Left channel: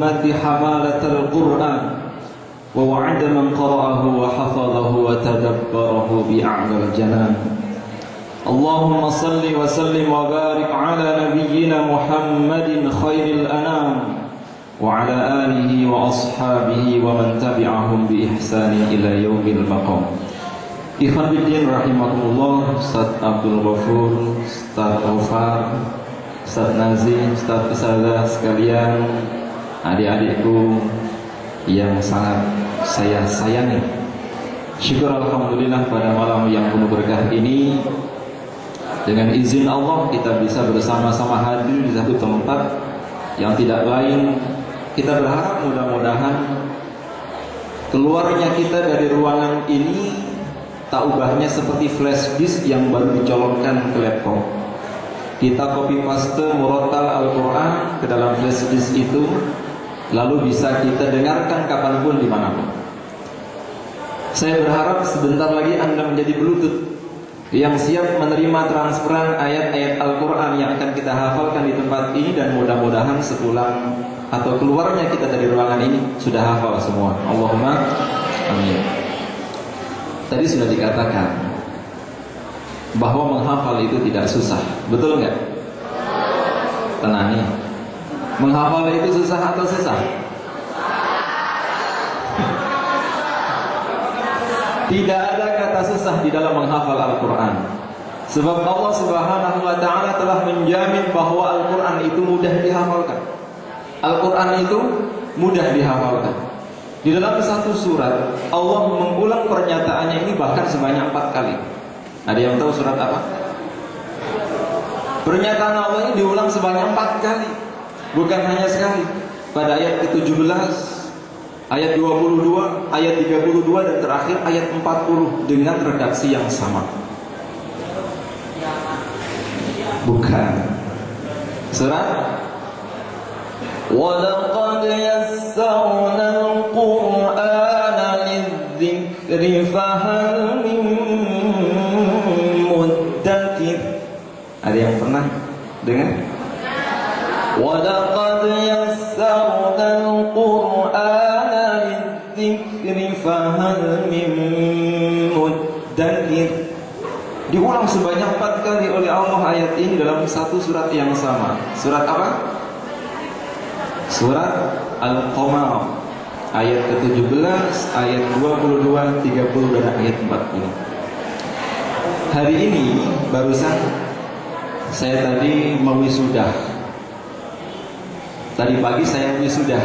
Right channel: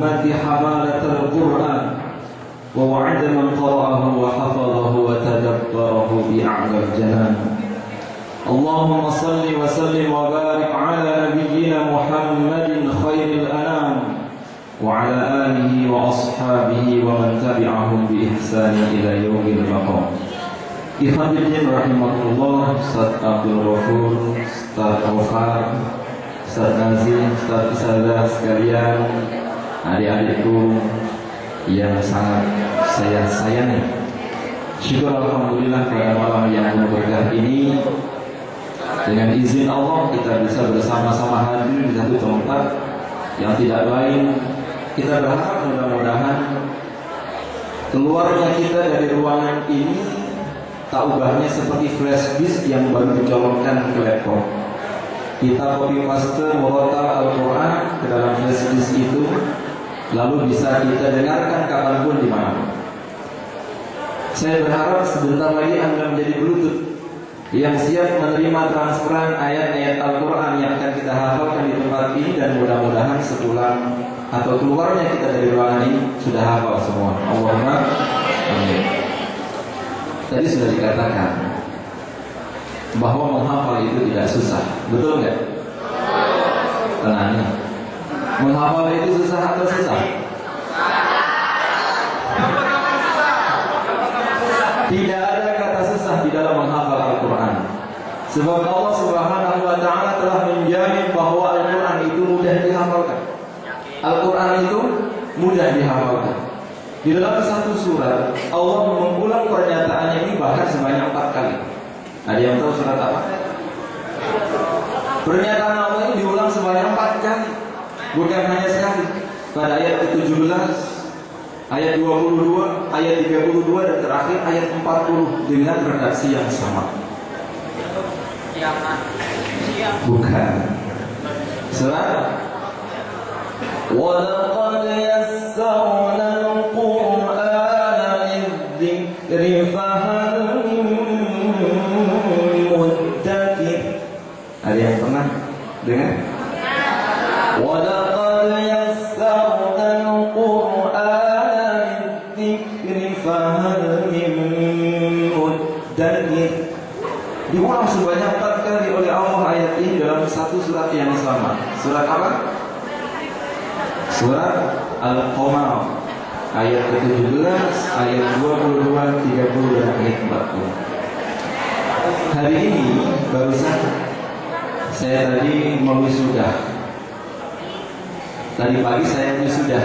الأمة حمالة القرآن ووعد من قرأه وحفظه وتدبره بأعلى الجنان. اللهم صل وسلم وبارك على نبينا محمد خير الأنام وعلى آله وأصحابه ومن تبعهم بإحسان إلى يوم المقام. Ikhwan fillah rahimahullah, Ustaz Abdul Ghafur, Ustaz Aufar, Ustaz Nazim, Ustaz Isadah sekalian, adik-adikku yang sangat saya sayangi. Syukur alhamdulillah pada malam yang penuh berkah ini, dengan izin Allah kita bisa bersama-sama hadir di satu tempat yang tidak lain. Kita berharap mudah-mudahan keluarnya kita dari ruangan ini tak ubahnya seperti flash disk yang baru dicolokkan ke laptop. Kita copy paste murotal Al-Quran ke dalam flash disk itu, lalu bisa kita dengarkan kapanpun dimanapun. Saya berharap sebentar lagi Anda menjadi Bluetooth yang siap menerima transferan ayat-ayat Al-Quran yang akan kita hafalkan di tempat ini, dan mudah-mudahan sepulang atau keluarnya kita dari ruangan ini sudah hafal semua. Allahumma amin. Tadi sudah dikatakan bahwa menghafal itu tidak susah, betul nggak? Tenang nih, menghafal itu susah atau susah? Tidak ada kata susah di dalam menghafal Al-Quran. Sebab Allah Subhanahu wa Ta'ala telah menjamin bahwa Al-Quran itu mudah dihafalkan. Al-Quran itu mudah dihafalkan. Di dalam satu surat Allah mengulang pernyataannya ini bahkan sebanyak 4 kali. Ada yang tahu surat apa? Pernyataan Allah ini diulang sebanyak 4 kali, bukan hanya sekali. Pada ayat ke-17, ayat 22, ayat 32, dan terakhir ayat 40 dengan redaksi yang sama. Bukan. Surat وَلَقَدْ يَسَّرْنَا الْقُرْآنَ لِلذِّكْرِ فَهَلْ مِن مُّدَّكِرٍ. Ada yang pernah dengar? وَلَقَدْ يَسَّرْنَا الْقُرْآنَ لِلذِّكْرِ فَهَلْ مِن مُّدَّكِرٍ. Diulang sebanyak 4 kali oleh Allah ayat ini dalam satu surat yang sama. Surat apa? Surat Al-Qamar ayat ke-17, ayat 22, 30, dan ayat 40. Hari ini barusan saya tadi mewisuda. Tadi pagi saya wisuda.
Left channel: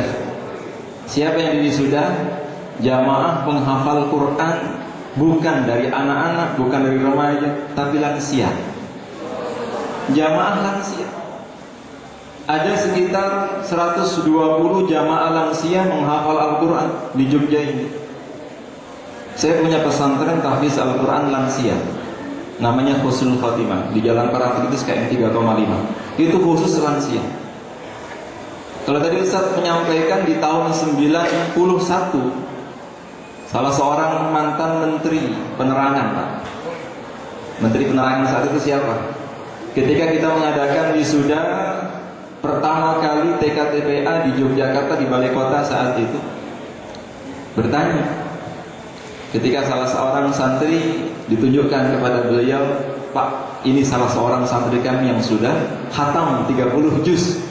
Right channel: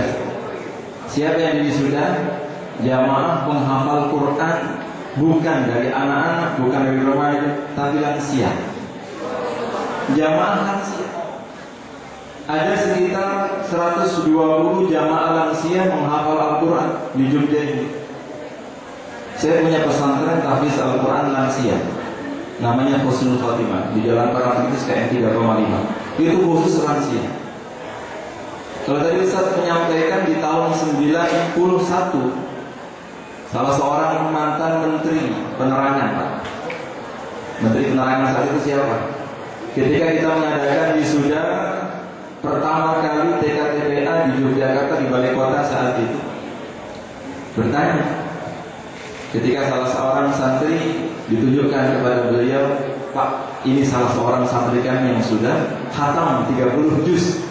Siapa yang diwisuda? Jamaah penghafal Quran, bukan dari anak-anak, bukan dari remaja, tapi lansia. Jamaah lansia. Ada sekitar 120 jamaah lansia menghafal Al-Quran di Jogja ini. Saya punya pesantren tahfiz Al-Quran lansia, namanya Husnul Khotimah, di Jalan Parangtritis KM 3,5. Itu khusus lansia. Kalau tadi Ustaz menyampaikan di tahun 91, salah seorang mantan menteri penerangan, Pak. Menteri penerangan saat itu siapa? Ketika kita mengadakan wisuda pertama kali TKTPA di Yogyakarta, di balai kota saat itu, bertanya, ketika salah seorang santri ditunjukkan kepada beliau, Pak, ini salah seorang santri kami yang sudah khatam 30 juz.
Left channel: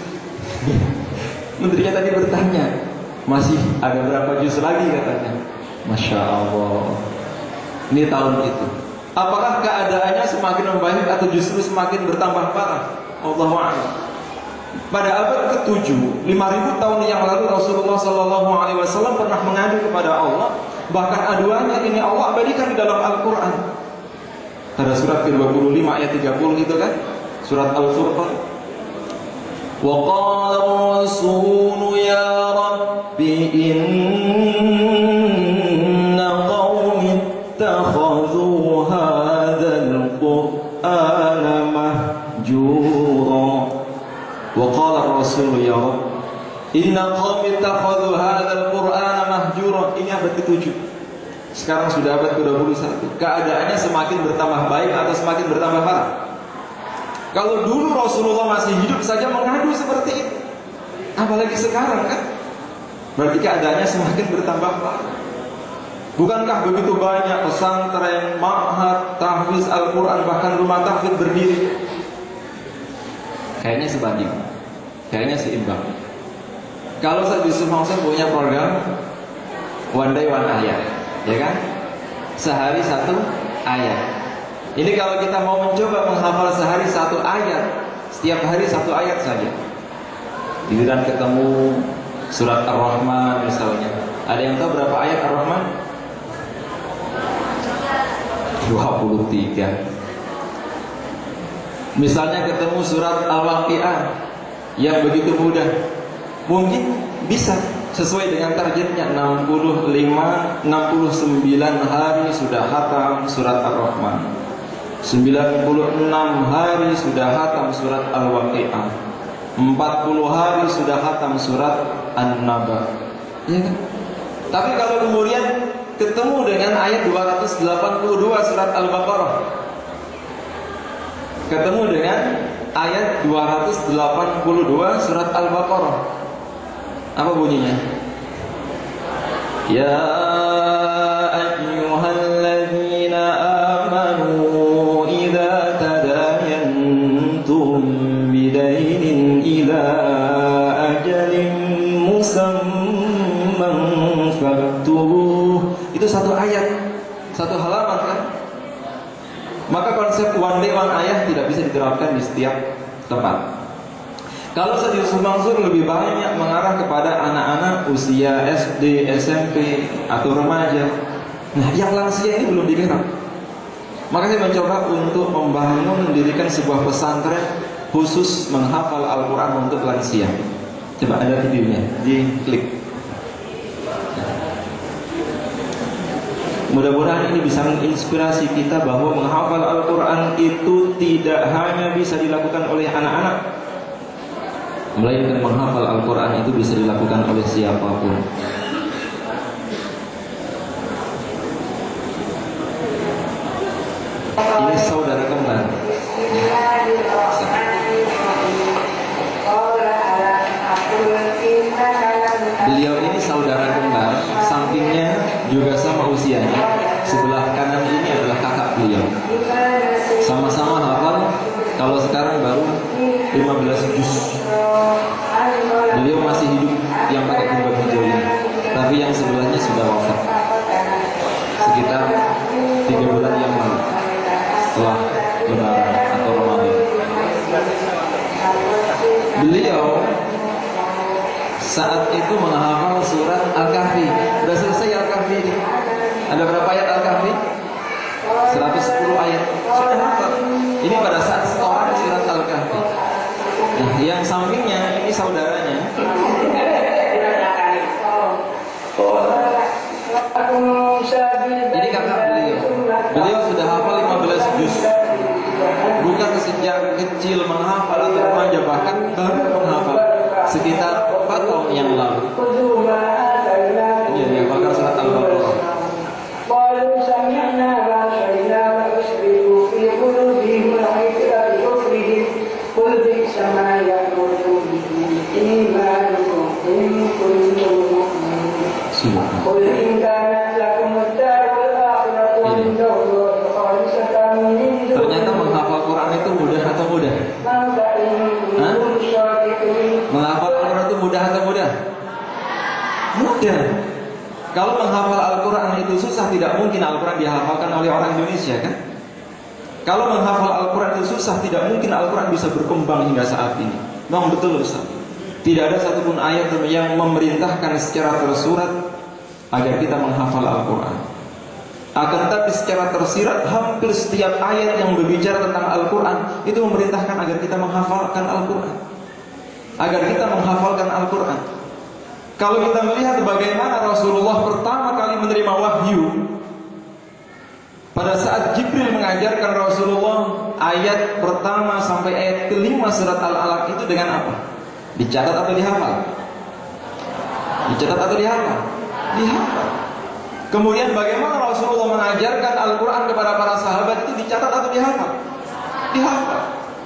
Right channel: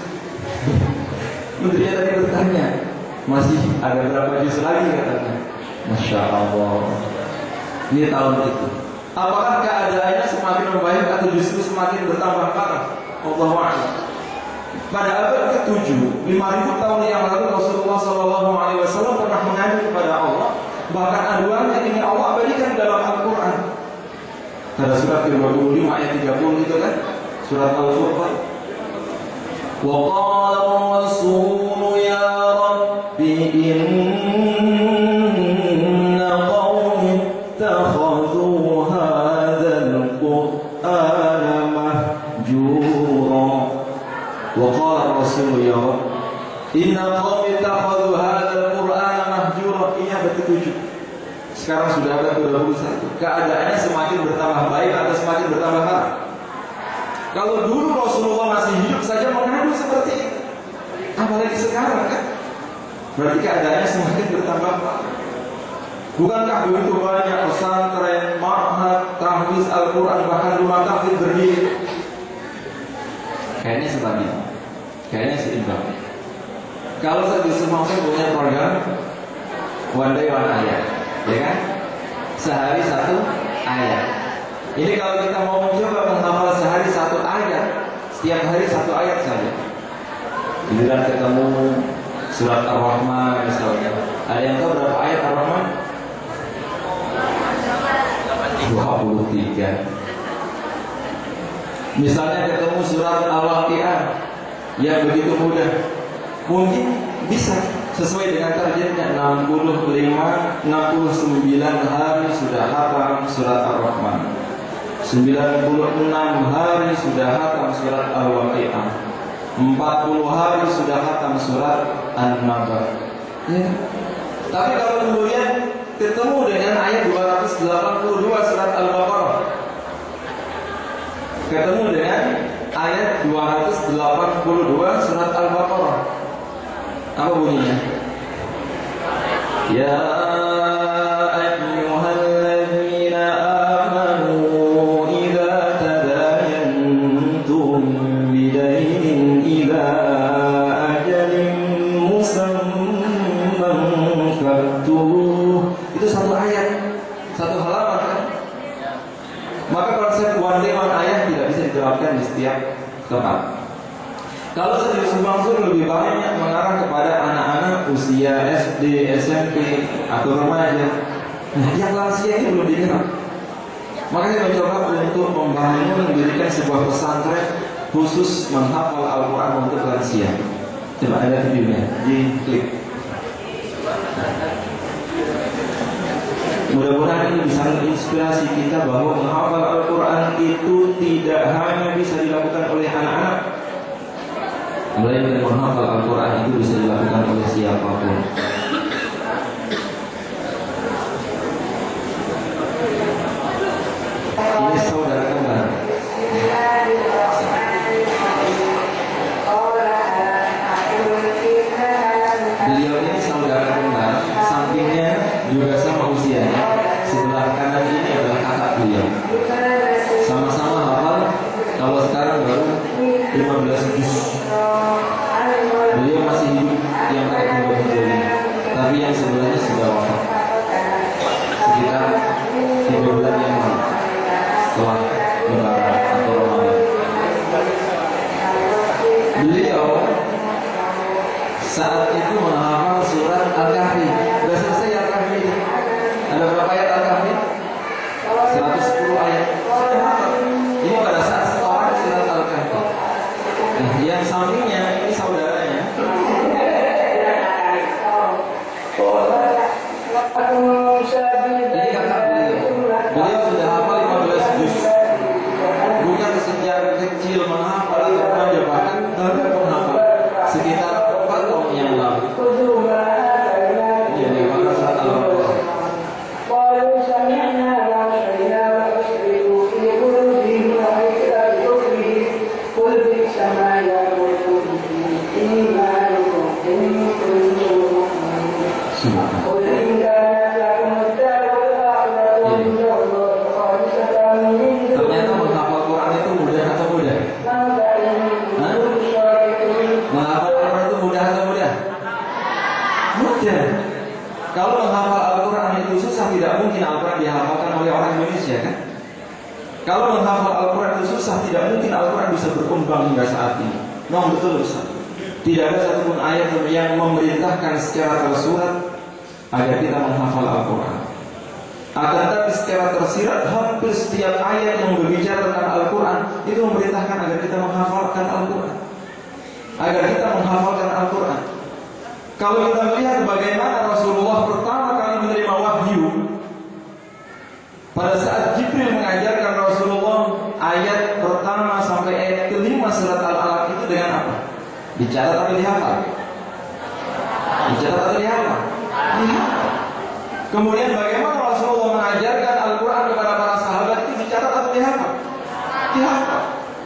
Menterinya tadi bertanya, masih ada berapa juz lagi katanya. Masya Allah. Ini tahun itu. Apakah keadaannya semakin membaik atau justru semakin bertambah parah? Allahu a'lam. Pada abad ke-7, 5.000 tahun yang lalu Rasulullah SAW pernah mengadu kepada Allah. Bahkan aduannya ini Allah abadikan di dalam Al-Quran. Pada surat ke-25 ayat 30 itu kan, surat Al-Furqan. Wa qala ar-rasulu ya rabbi inna qawmi ittakhadhu hadzal qur'ana mahjura. Wa qala ar-rasulu ya rabbi inna qawmi ittakhadhu hadzal qur'ana mahjura. Ini abad ke-7. Sekarang sudah abad ke-21. Keadaannya semakin bertambah baik atau semakin bertambah parah? Kalau dulu Rasulullah masih hidup saja mengadu seperti itu, apalagi sekarang kan? berarti keadaannya semakin bertambah parah. Bukankah begitu banyak pesantren, ma'had, tahfiz Al-Quran, bahkan rumah tahfiz berdiri? Kayaknya sebanding, kayaknya seimbang. Kalau saya bisa punya program One Day One Ayat, ya kan? Sehari satu ayat. Ini kalau kita mau mencoba menghafal sehari satu ayat, setiap hari satu ayat saja, giliran ketemu surat Ar-Rahman misalnya. Ada yang tahu berapa ayat Ar-Rahman? 23. Misalnya ketemu surat Al-Waqi'ah yang begitu mudah, mungkin bisa sesuai dengan targetnya 69 hari sudah hatam surat Ar-Rahman, 96 hari sudah hatam surat Al-Waqi'ah, 40 hari sudah hatam surat An-Naba, ya. Tapi kalau kemudian ketemu dengan ayat 282 surat Al-Baqarah, ketemu dengan ayat 282 surat Al-Baqarah, apa bunyinya? Ya ayyuhalladzina amanu idza tadayantum bidainin ila ajalin musamman faktubuh. Itu satu ayat, satu halaman kan? Maka konsep one day one ayat tidak bisa diterapkan di setiap tempat. Kalau Ustaz Mansur lebih banyak mengarah kepada anak-anak usia SD, SMP atau remaja. Nah, yang lansia ini belum dikenal. Maka saya mencoba untuk membangun mendirikan sebuah pesantren khusus menghafal Al-Quran untuk lansia. Coba ada videonya, diklik. Mudah-mudahan ini bisa menginspirasi kita bahwa menghafal Al-Quran itu tidak hanya bisa dilakukan oleh anak-anak, melainkan menghafal Al-Quran itu bisa dilakukan oleh siapapun. Ini saudara kembar. Beliau ini saudara kembar, sampingnya juga sama usianya. Sebelah kanan ini adalah kakak beliau. Sama-sama hafal. Kalau sekarang baru 15 juz. Beliau masih hidup yang pakai jubah hijau ini, tapi yang sebelahnya sudah wafat sekitar 3 bulan yang lalu setelah Lebaran atau Ramadan. Beliau saat itu menghafal surat Al-Kahfi. Sudah selesai Al-Kahfi ini. Ada berapa ayat Al-Kahfi? 110 ayat. Sudah hafal. Ini pada saat setoran surat Al-Kahfi. Nah, yang sampingnya ini saudaranya. Ini kakak beliau. Beliau sudah hafal 15 juz. Bukan sejak kecil menghafal atau remaja, bahkan baru menghafal sekitar 4 tahun yang lalu. Ini dia bakal surat Al-Baqarah. Ternyata menghafal Quran itu mudah atau mudah? Menghafal Quran itu mudah atau mudah? Mudah. Kalau menghafal Al-Quran itu susah, tidak mungkin Al-Quran dihafalkan oleh orang Indonesia, kan? Kalau menghafal Al-Quran itu susah, tidak mungkin Al-Quran bisa berkembang hingga saat ini. Memang betul Ustaz. Tidak ada satupun ayat yang memerintahkan secara tersurat agar kita menghafal Al-Quran. Akan tetapi secara tersirat hampir setiap ayat yang berbicara tentang Al-Quran itu memerintahkan agar kita menghafalkan Al-Quran, agar kita menghafalkan Al-Quran. Kalau kita melihat bagaimana Rasulullah pertama kali menerima wahyu, pada saat Jibril mengajarkan Rasulullah ayat pertama sampai ayat kelima surat Al-Alaq itu dengan apa? Dicatat atau dihafal? Dicatat atau dihafal? Dihafal. Kemudian bagaimana Rasulullah mengajarkan Al-Quran kepada para sahabat itu dicatat atau dihafal? Dihafal.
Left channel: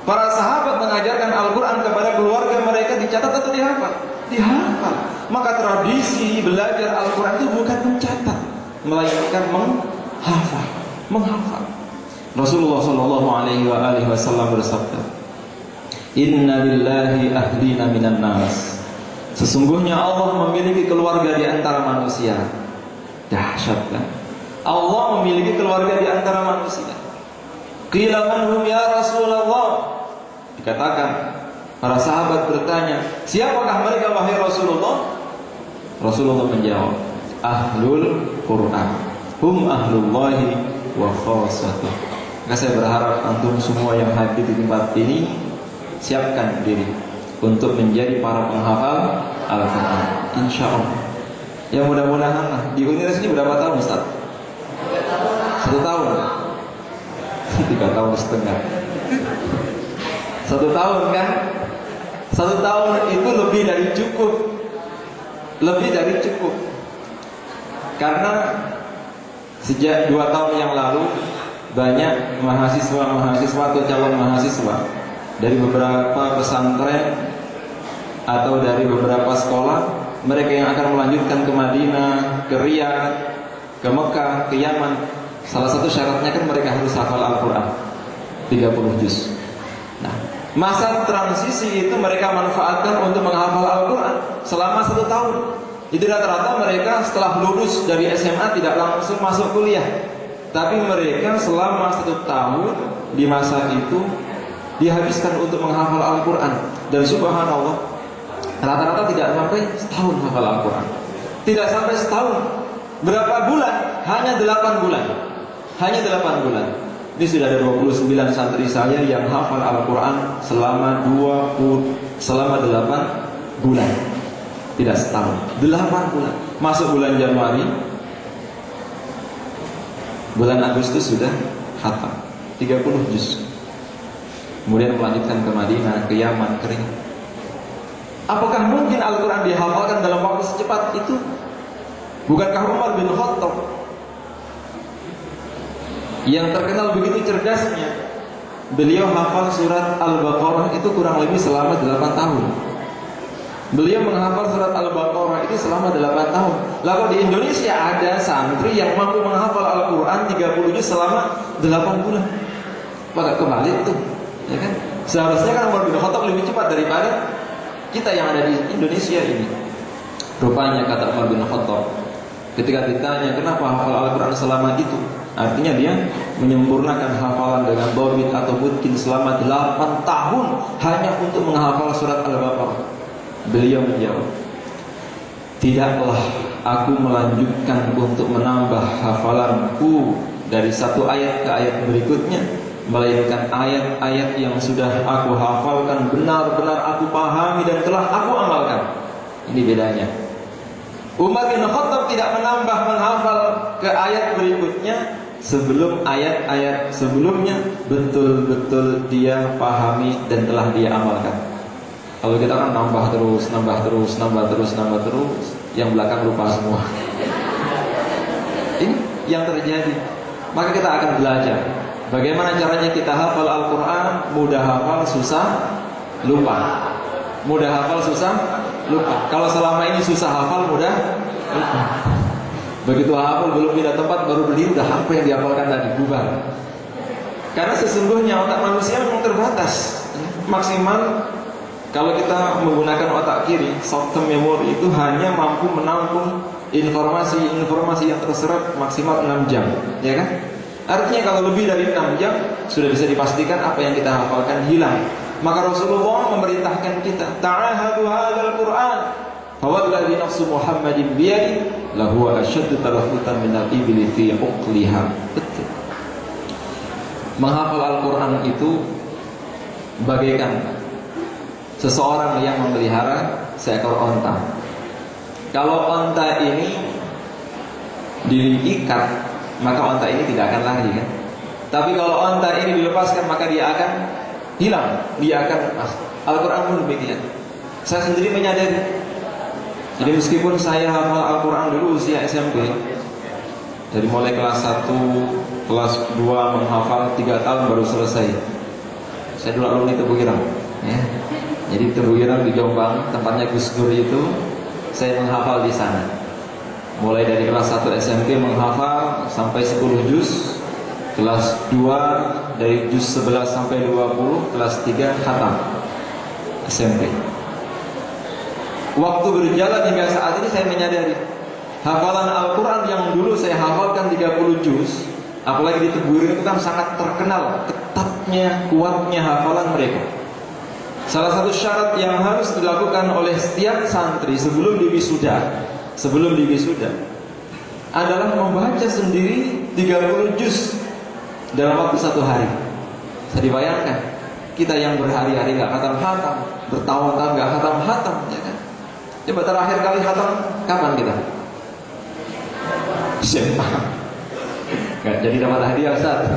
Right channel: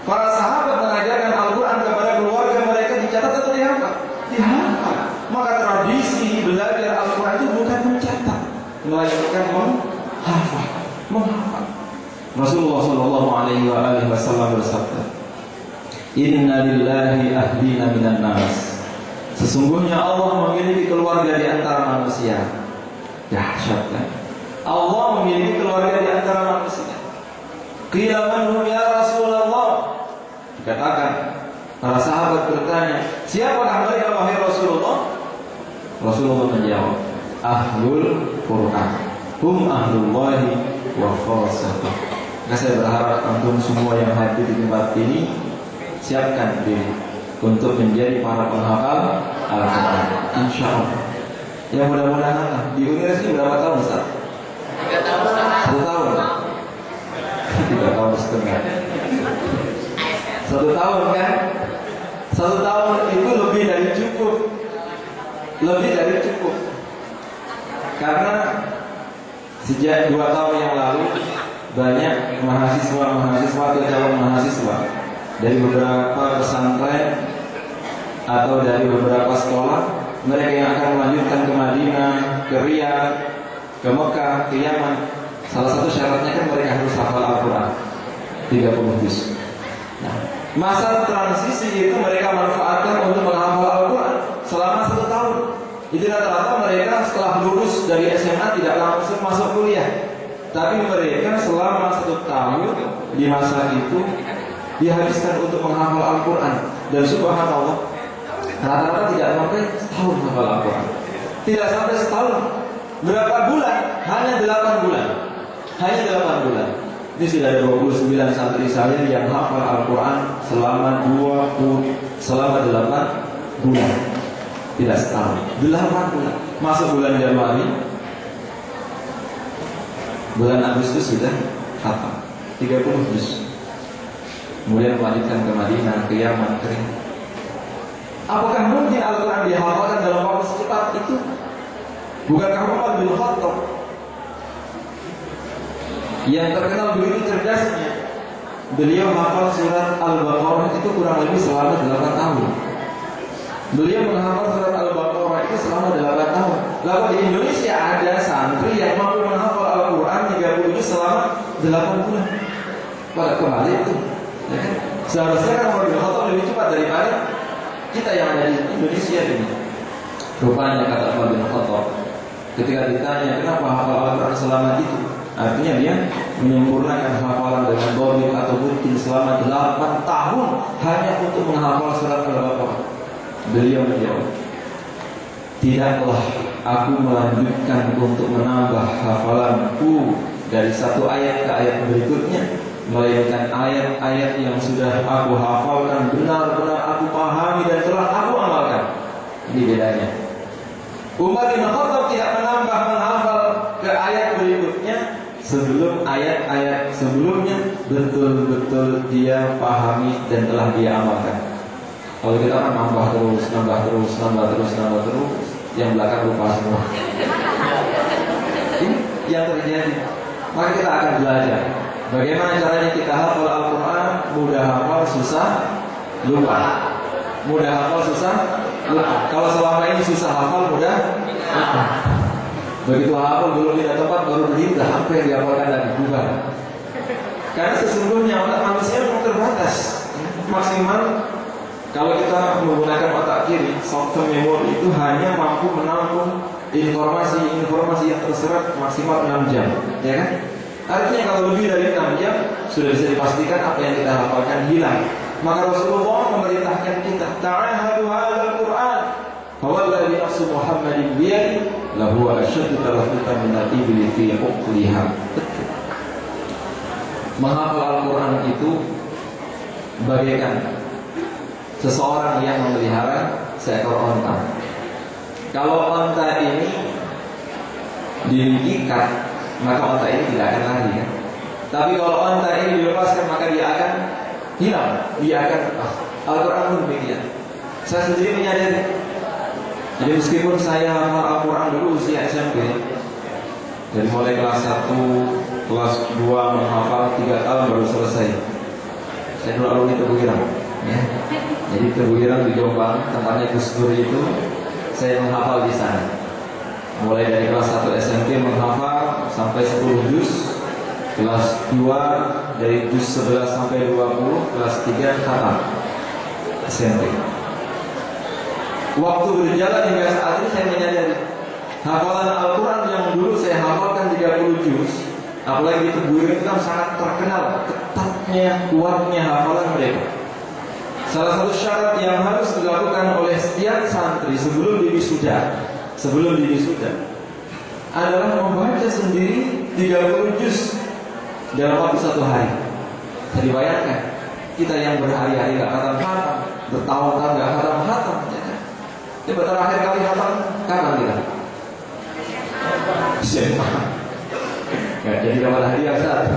Para sahabat mengajarkan Al-Quran kepada keluarga mereka dicatat atau dihafal? Dihafal. Maka tradisi diwasikan menghafal. Rasulullah Shallallahu Alaihi Wasallam bersabda, Inna lillahi ahlina minan nas. Sesungguhnya Allah memiliki keluarga di antara manusia. Dahsyat kan? Allah memiliki keluarga di antara manusia. Qila man hum ya Rasulullah. Dikatakan, para sahabat bertanya, siapakah mereka wahai Rasulullah? Rasulullah menjawab, Ahlul Quran, hum ahlullahi wa khassatuh. Maka saya berharap antum semua yang hadir di tempat ini siapkan diri untuk menjadi para penghafal Al-Quran, insyaallah. Ya mudah-mudahan. Di Uniras ini berapa tahun Ustaz? 1 tahun. 3 tahun setengah. 1 tahun kan? 1 tahun itu lebih dari cukup. Lebih dari cukup. Karena sejak 2 tahun yang lalu banyak mahasiswa atau calon mahasiswa dari beberapa pesantren atau dari beberapa sekolah, mereka yang akan melanjutkan ke Madinah, ke Riyadh, ke Mekah, ke Yaman. Salah satu syaratnya kan mereka harus hafal Al-Quran 30 juz. Nah, masa transisi itu mereka manfaatkan untuk menghafal Al-Quran selama 1 tahun. Itu rata-rata mereka setelah lulus dari SMA tidak langsung masuk kuliah, tapi mereka selama 1 tahun di masa itu dihabiskan untuk menghafal Al-Quran. Dan subhanallah, rata-rata tidak sampai setahun hafal Al-Quran. Tidak sampai setahun. Berapa bulan? Hanya 8 bulan. Hanya 8 bulan. Ini sudah ada 29 santri saya yang hafal Al-Quran selama 8 bulan. Tidak setahun, 8 bulan. Masuk bulan Januari, bulan Agustus sudah khatam 30 juz. Kemudian melanjutkan ke Madinah, ke Yaman, ke Riyadh. Apakah mungkin Al-Quran dihafalkan dalam waktu secepat itu? Bukankah Umar bin Khattab yang terkenal begitu cerdasnya, beliau hafal surat Al-Baqarah itu kurang lebih selama 8 tahun. Beliau menghafal surat Al-Baqarah itu selama 8 tahun. Lalu di Indonesia ada santri yang mampu menghafal Al-Quran 30 juz selama 8 bulan. Pada kembali itu, ya kan? Seharusnya kan Umar bin Khattab lebih cepat daripada kita yang ada di Indonesia ini. Rupanya kata Umar bin Khattab, ketika ditanya kenapa hafal Al-Quran selama itu, artinya dia menyempurnakan hafalan dengan dhabit atau mungkin selama 8 tahun hanya untuk menghafal surat Al-Baqarah. Beliau menjawab, tidaklah aku melanjutkan untuk menambah hafalanku dari satu ayat ke ayat berikutnya, melainkan ayat-ayat yang sudah aku hafalkan benar-benar aku pahami dan telah aku amalkan. Ini bedanya. Umar bin Khattab tidak menambah menghafal ke ayat berikutnya sebelum ayat-ayat sebelumnya betul-betul dia pahami dan telah dia amalkan. Kalau kita kan nambah terus, yang belakang lupa semua. Ini yang terjadi. Maka kita akan belajar bagaimana caranya kita hafal Al-Quran. Mudah hafal, susah lupa. Mudah hafal, susah lupa. Kalau selama ini susah hafal, mudah lupa. Begitu hafal belum pindah tempat baru berhenti apa yang dihafalkan tadi bubar. Karena sesungguhnya otak manusia memang terbatas. Maksimal kalau kita menggunakan otak kiri, short term memory itu hanya mampu menampung informasi yang terserap maksimal 6 jam, ya kan? Artinya kalau lebih dari 6 jam sudah bisa dipastikan apa yang kita hafalkan hilang. Maka Rasulullah memerintahkan kita, ta'ahadu hadzal Qur'an, fawalladzi nafsu Muhammadin biyadi lahu asyaddu talaffutan minal ibli fi uqliha. Menghafal Al-Quran itu bagaikan seseorang yang memelihara seekor onta. Kalau onta ini diikat, maka onta ini tidak akan lari kan? Tapi kalau onta ini dilepaskan, maka dia akan hilang. Dia akan Al-Quran pun demikian. Saya sendiri menyadari. Jadi meskipun saya hafal Al-Quran dulu usia SMP, dari mulai kelas 1, kelas 2 menghafal 3 tahun baru selesai. Saya dulu alumni Tebu Ireng, ya. Jadi Tebu Ireng di Jombang, tempatnya Gus Dur itu, saya menghafal di sana. mulai dari kelas 1 SMP menghafal sampai 10 juz, kelas 2 dari juz 11 sampai 20, kelas 3 khatam SMP. Waktu berjalan hingga saat ini saya menyadari hafalan Al-Quran yang dulu saya hafalkan 30 juz, apalagi di Tebuireng itu kan sangat terkenal ketatnya, kuatnya hafalan mereka. Salah satu syarat yang harus dilakukan oleh setiap santri sebelum diwisuda adalah membaca sendiri 30 juz dalam waktu 1 hari. Bisa dibayangkan, kita yang berhari-hari gak khatam-khatam, bertahun-tahun gak khatam-khatam, ya kan? Coba terakhir kali khatam kapan kita? SMA. Gak jadi dapat hadiah Ustaz.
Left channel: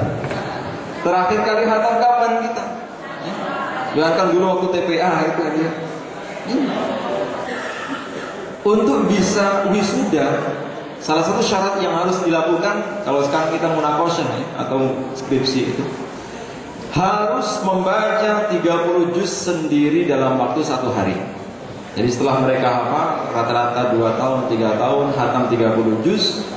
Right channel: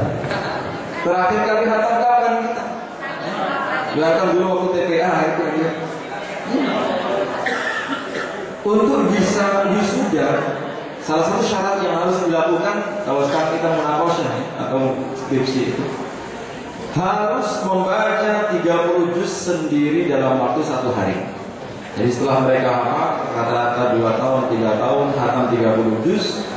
Terakhir kali khatam kapan kita? Biarkan dulu waktu TPA itu aja. Untuk bisa wisuda, salah satu syarat yang harus dilakukan kalau sekarang kita munaqasyah atau skripsi itu, harus membaca 30 juz sendiri dalam waktu 1 hari. Jadi setelah mereka hafal rata-rata 2 tahun, 3 tahun khatam 30 juz,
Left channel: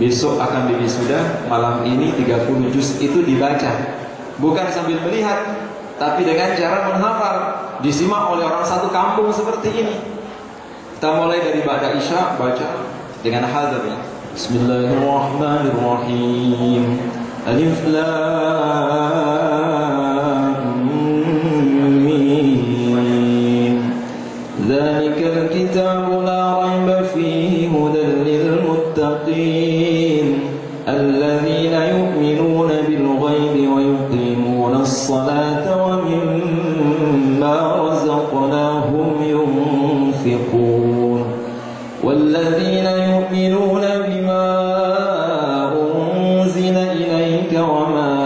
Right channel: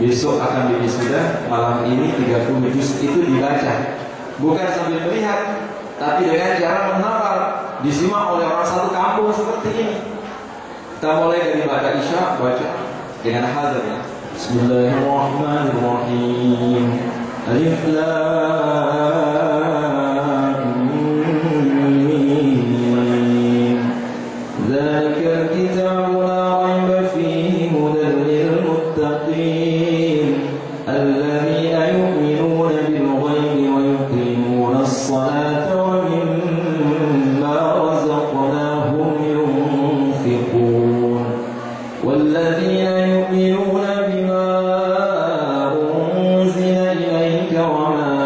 besok akan diwisuda, malam ini 30 juz itu dibaca. Bukan sambil melihat, tapi dengan cara menghafal, disimak oleh orang satu kampung seperti ini. Kita mulai dari ba'da isya baca dengan hazar ya. Bismillahirrahmanirrahim. Alif lam mim. Dzalikal kitabu la raiba fihi hudan lil muttaqin alladzina yu'minuna bil ghaibi wa yuqimuna as-salata wa mimma razaqnahum yunfiqun. والذين يؤمنون بما أنزل إليك وما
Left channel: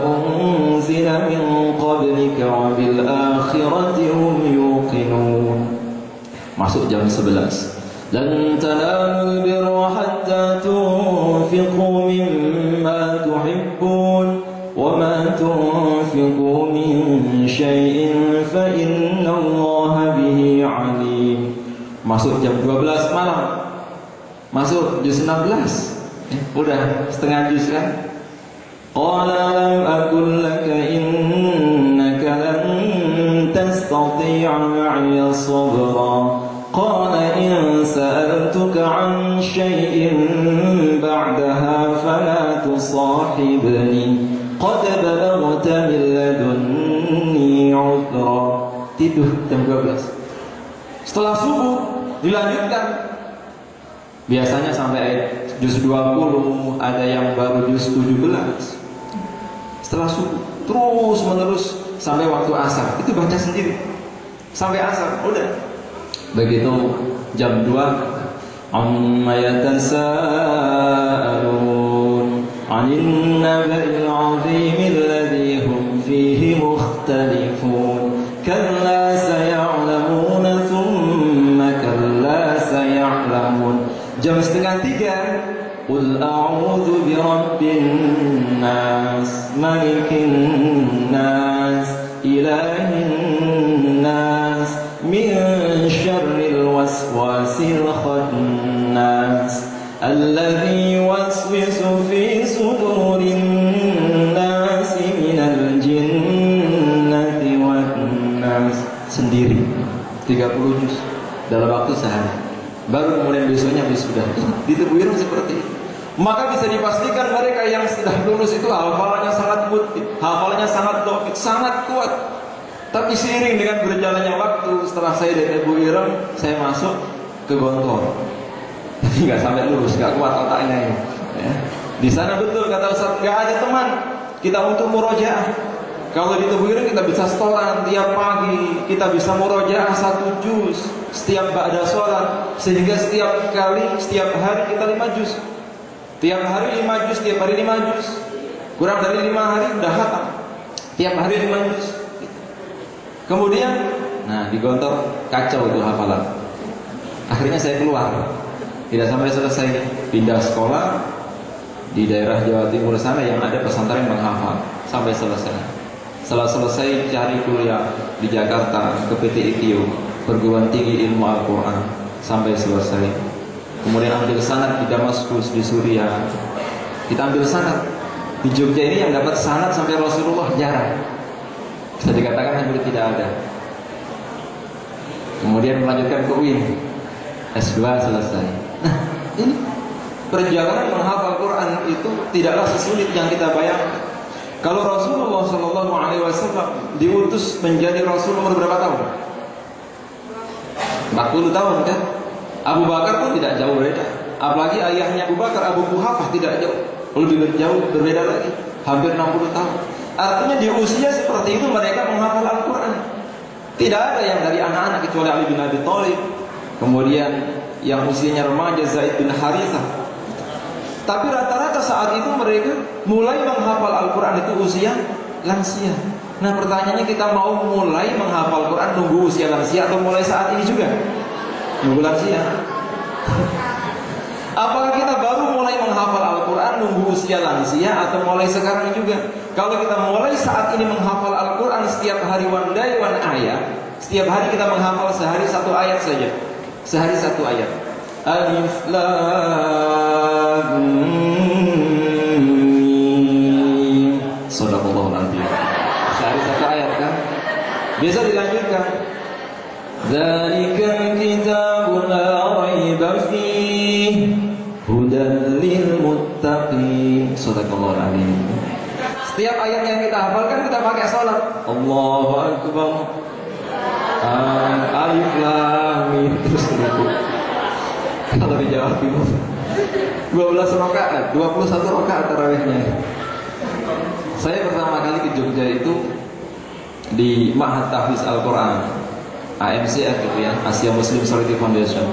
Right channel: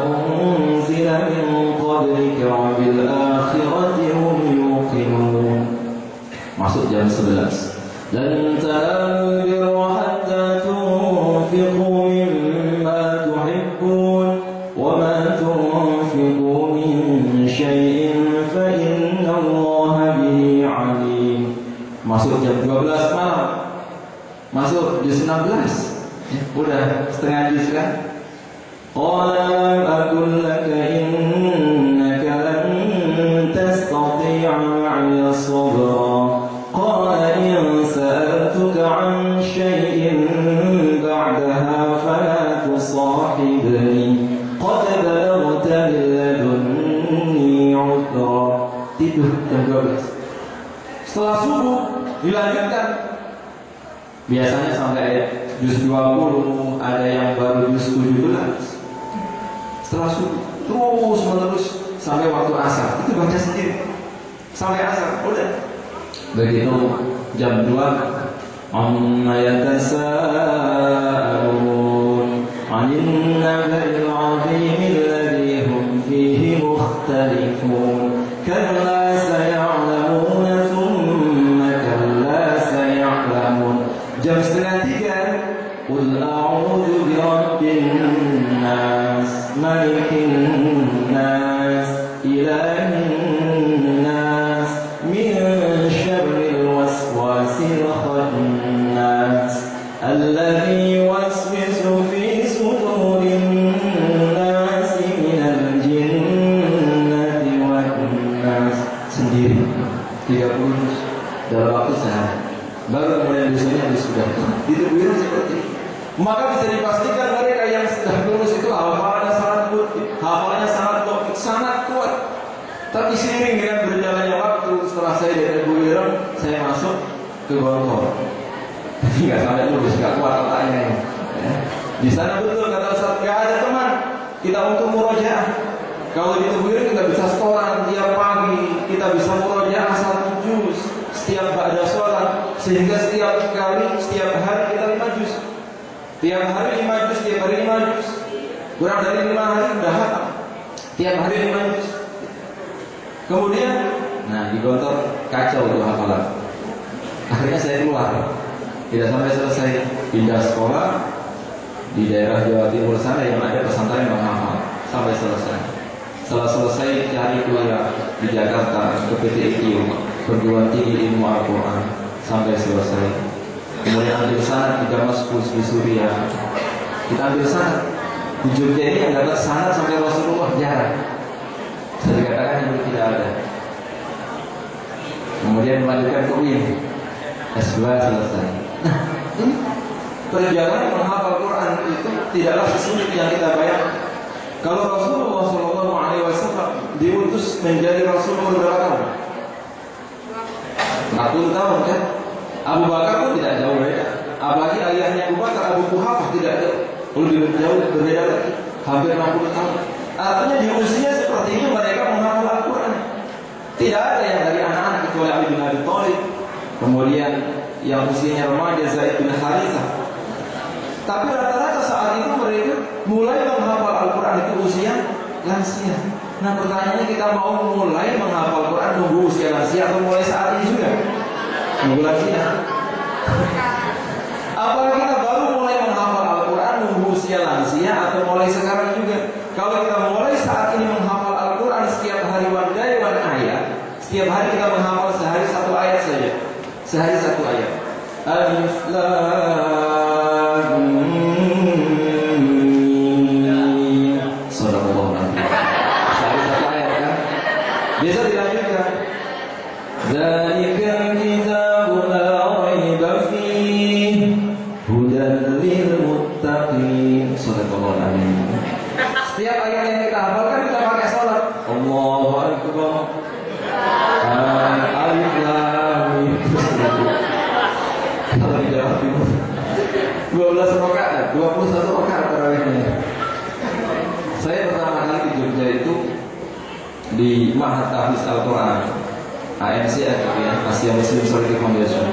أنزل من قبلك وبالآخرة هم يوقنون. Masuk jam 11. لن تنالوا البر حتى تنفقوا مما تحبون وما تنفقوا من شيء فإن الله به عليم. Masuk jam 12 malam. Masuk juz 16. Udah setengah juz kan? Qala lam aqul laka innaka lan tastati'a ma'iya sabra. Qala in sa'altuka 'an shay'in ba'daha fala tusahibni. Qad balaghta min ladunni 'udra. Tidur jam 12. Setelah subuh dilanjutkan. Biasanya sampai ayat juz 20, ada yang baru juz 17. Setelah subuh terus menerus sampai waktu asar. Itu baca sendiri sampai asar. Udah. Begitu jam 2, amma yatasaalun 'anil naba'il 'azim alladhi hum fihi mukhtalifun. Kalla saya'lamuna thumma kalla saya'lamun. Jam setengah 3, qul a'udzu birabbin nas, malikin nas, ilahin nas, min syarril waswasil khannas, alladzi yuwaswisu fi sudurin nas minal jinnati wan nas. Sendiri 30 juz dalam waktu sehari. Baru kemudian besoknya sudah di Tebuireng seperti itu. Maka bisa dipastikan mereka yang sudah lulus itu hafalannya sangat mutlak, hafalannya sangat dokit, sangat kuat. Tapi seiring dengan berjalannya waktu, setelah saya dari Tebuireng, saya masuk ke Gontor. Tapi nggak sampai lulus, nggak kuat otaknya. Ya. Di sana betul kata Ustaz, nggak ada teman kita untuk murojaah. Kalau di Tebuireng kita bisa setoran tiap pagi, kita bisa murojaah 1 juz setiap ba'da sholat, sehingga setiap hari kita 5 juz. Tiap hari 5 juz, tiap hari 5 juz. Kurang dari 5 hari sudah khatam. Tiap hari 5 juz. Kemudian, di Gontor kacau itu hafalan. Akhirnya saya keluar. Tidak sampai selesai, pindah sekolah di daerah Jawa Timur sana yang ada pesantren menghafal sampai selesai. Setelah selesai cari kuliah di Jakarta ke PT ITIU, perguruan tinggi ilmu Al-Quran, sampai selesai. kemudian ambil sanad di Damaskus, di Suriah. Kita ambil sanad. Di Jogja ini yang dapat sanad sampai Rasulullah jarang. Bisa dikatakan hampir tidak ada. Kemudian melanjutkan ke UIN, S2 selesai. Nah, ini perjalanan menghafal Quran itu tidaklah sesulit yang kita bayangkan. Kalau Rasulullah SAW diutus menjadi Rasul umur berapa tahun? 40 tahun kan? Abu Bakar pun tidak jauh beda. Apalagi ayahnya Abu Bakar, Abu Quhafah, tidak jauh, lebih jauh berbeda lagi, hampir 60 tahun. Artinya di usia seperti itu mereka menghafal Al-Quran. Tidak ada yang dari anak-anak kecuali Ali bin Abi Thalib, kemudian yang usianya remaja Zaid bin Harithah. Tapi rata-rata saat itu mereka mulai menghafal Al-Quran itu usia lansia. Nah pertanyaannya, kita mau mulai menghafal Quran nunggu usia lansia atau mulai saat ini juga? Nunggu lansia. Apakah kita baru mulai menghafal Al-Quran nunggu usia lansia atau mulai sekarang juga? Kalau kita mulai saat ini menghafal Al-Quran setiap hari one day one ayat, setiap hari kita menghafal sehari satu ayat saja, sehari satu ayat. Alif Lam Mim. Sadaqallahu al-azim. Sehari satu ayat kan? Bisa dilanjutkan. Dzalikal kitabu la raiba fihi hudan lil muttaqin. Sadaqallahu al-azim. Setiap ayat yang kita hafalkan kita pakai salat. Allahu akbar. Alif Lam Mim. Terus itu. Kalau di Jawa Timur 12 rakaat, 21 rakaat tarawihnya. Saya pertama kali ke Jogja itu di Ma'had Tahfiz Al-Quran, AMCF gitu ya, Asia Muslim Charity Foundation.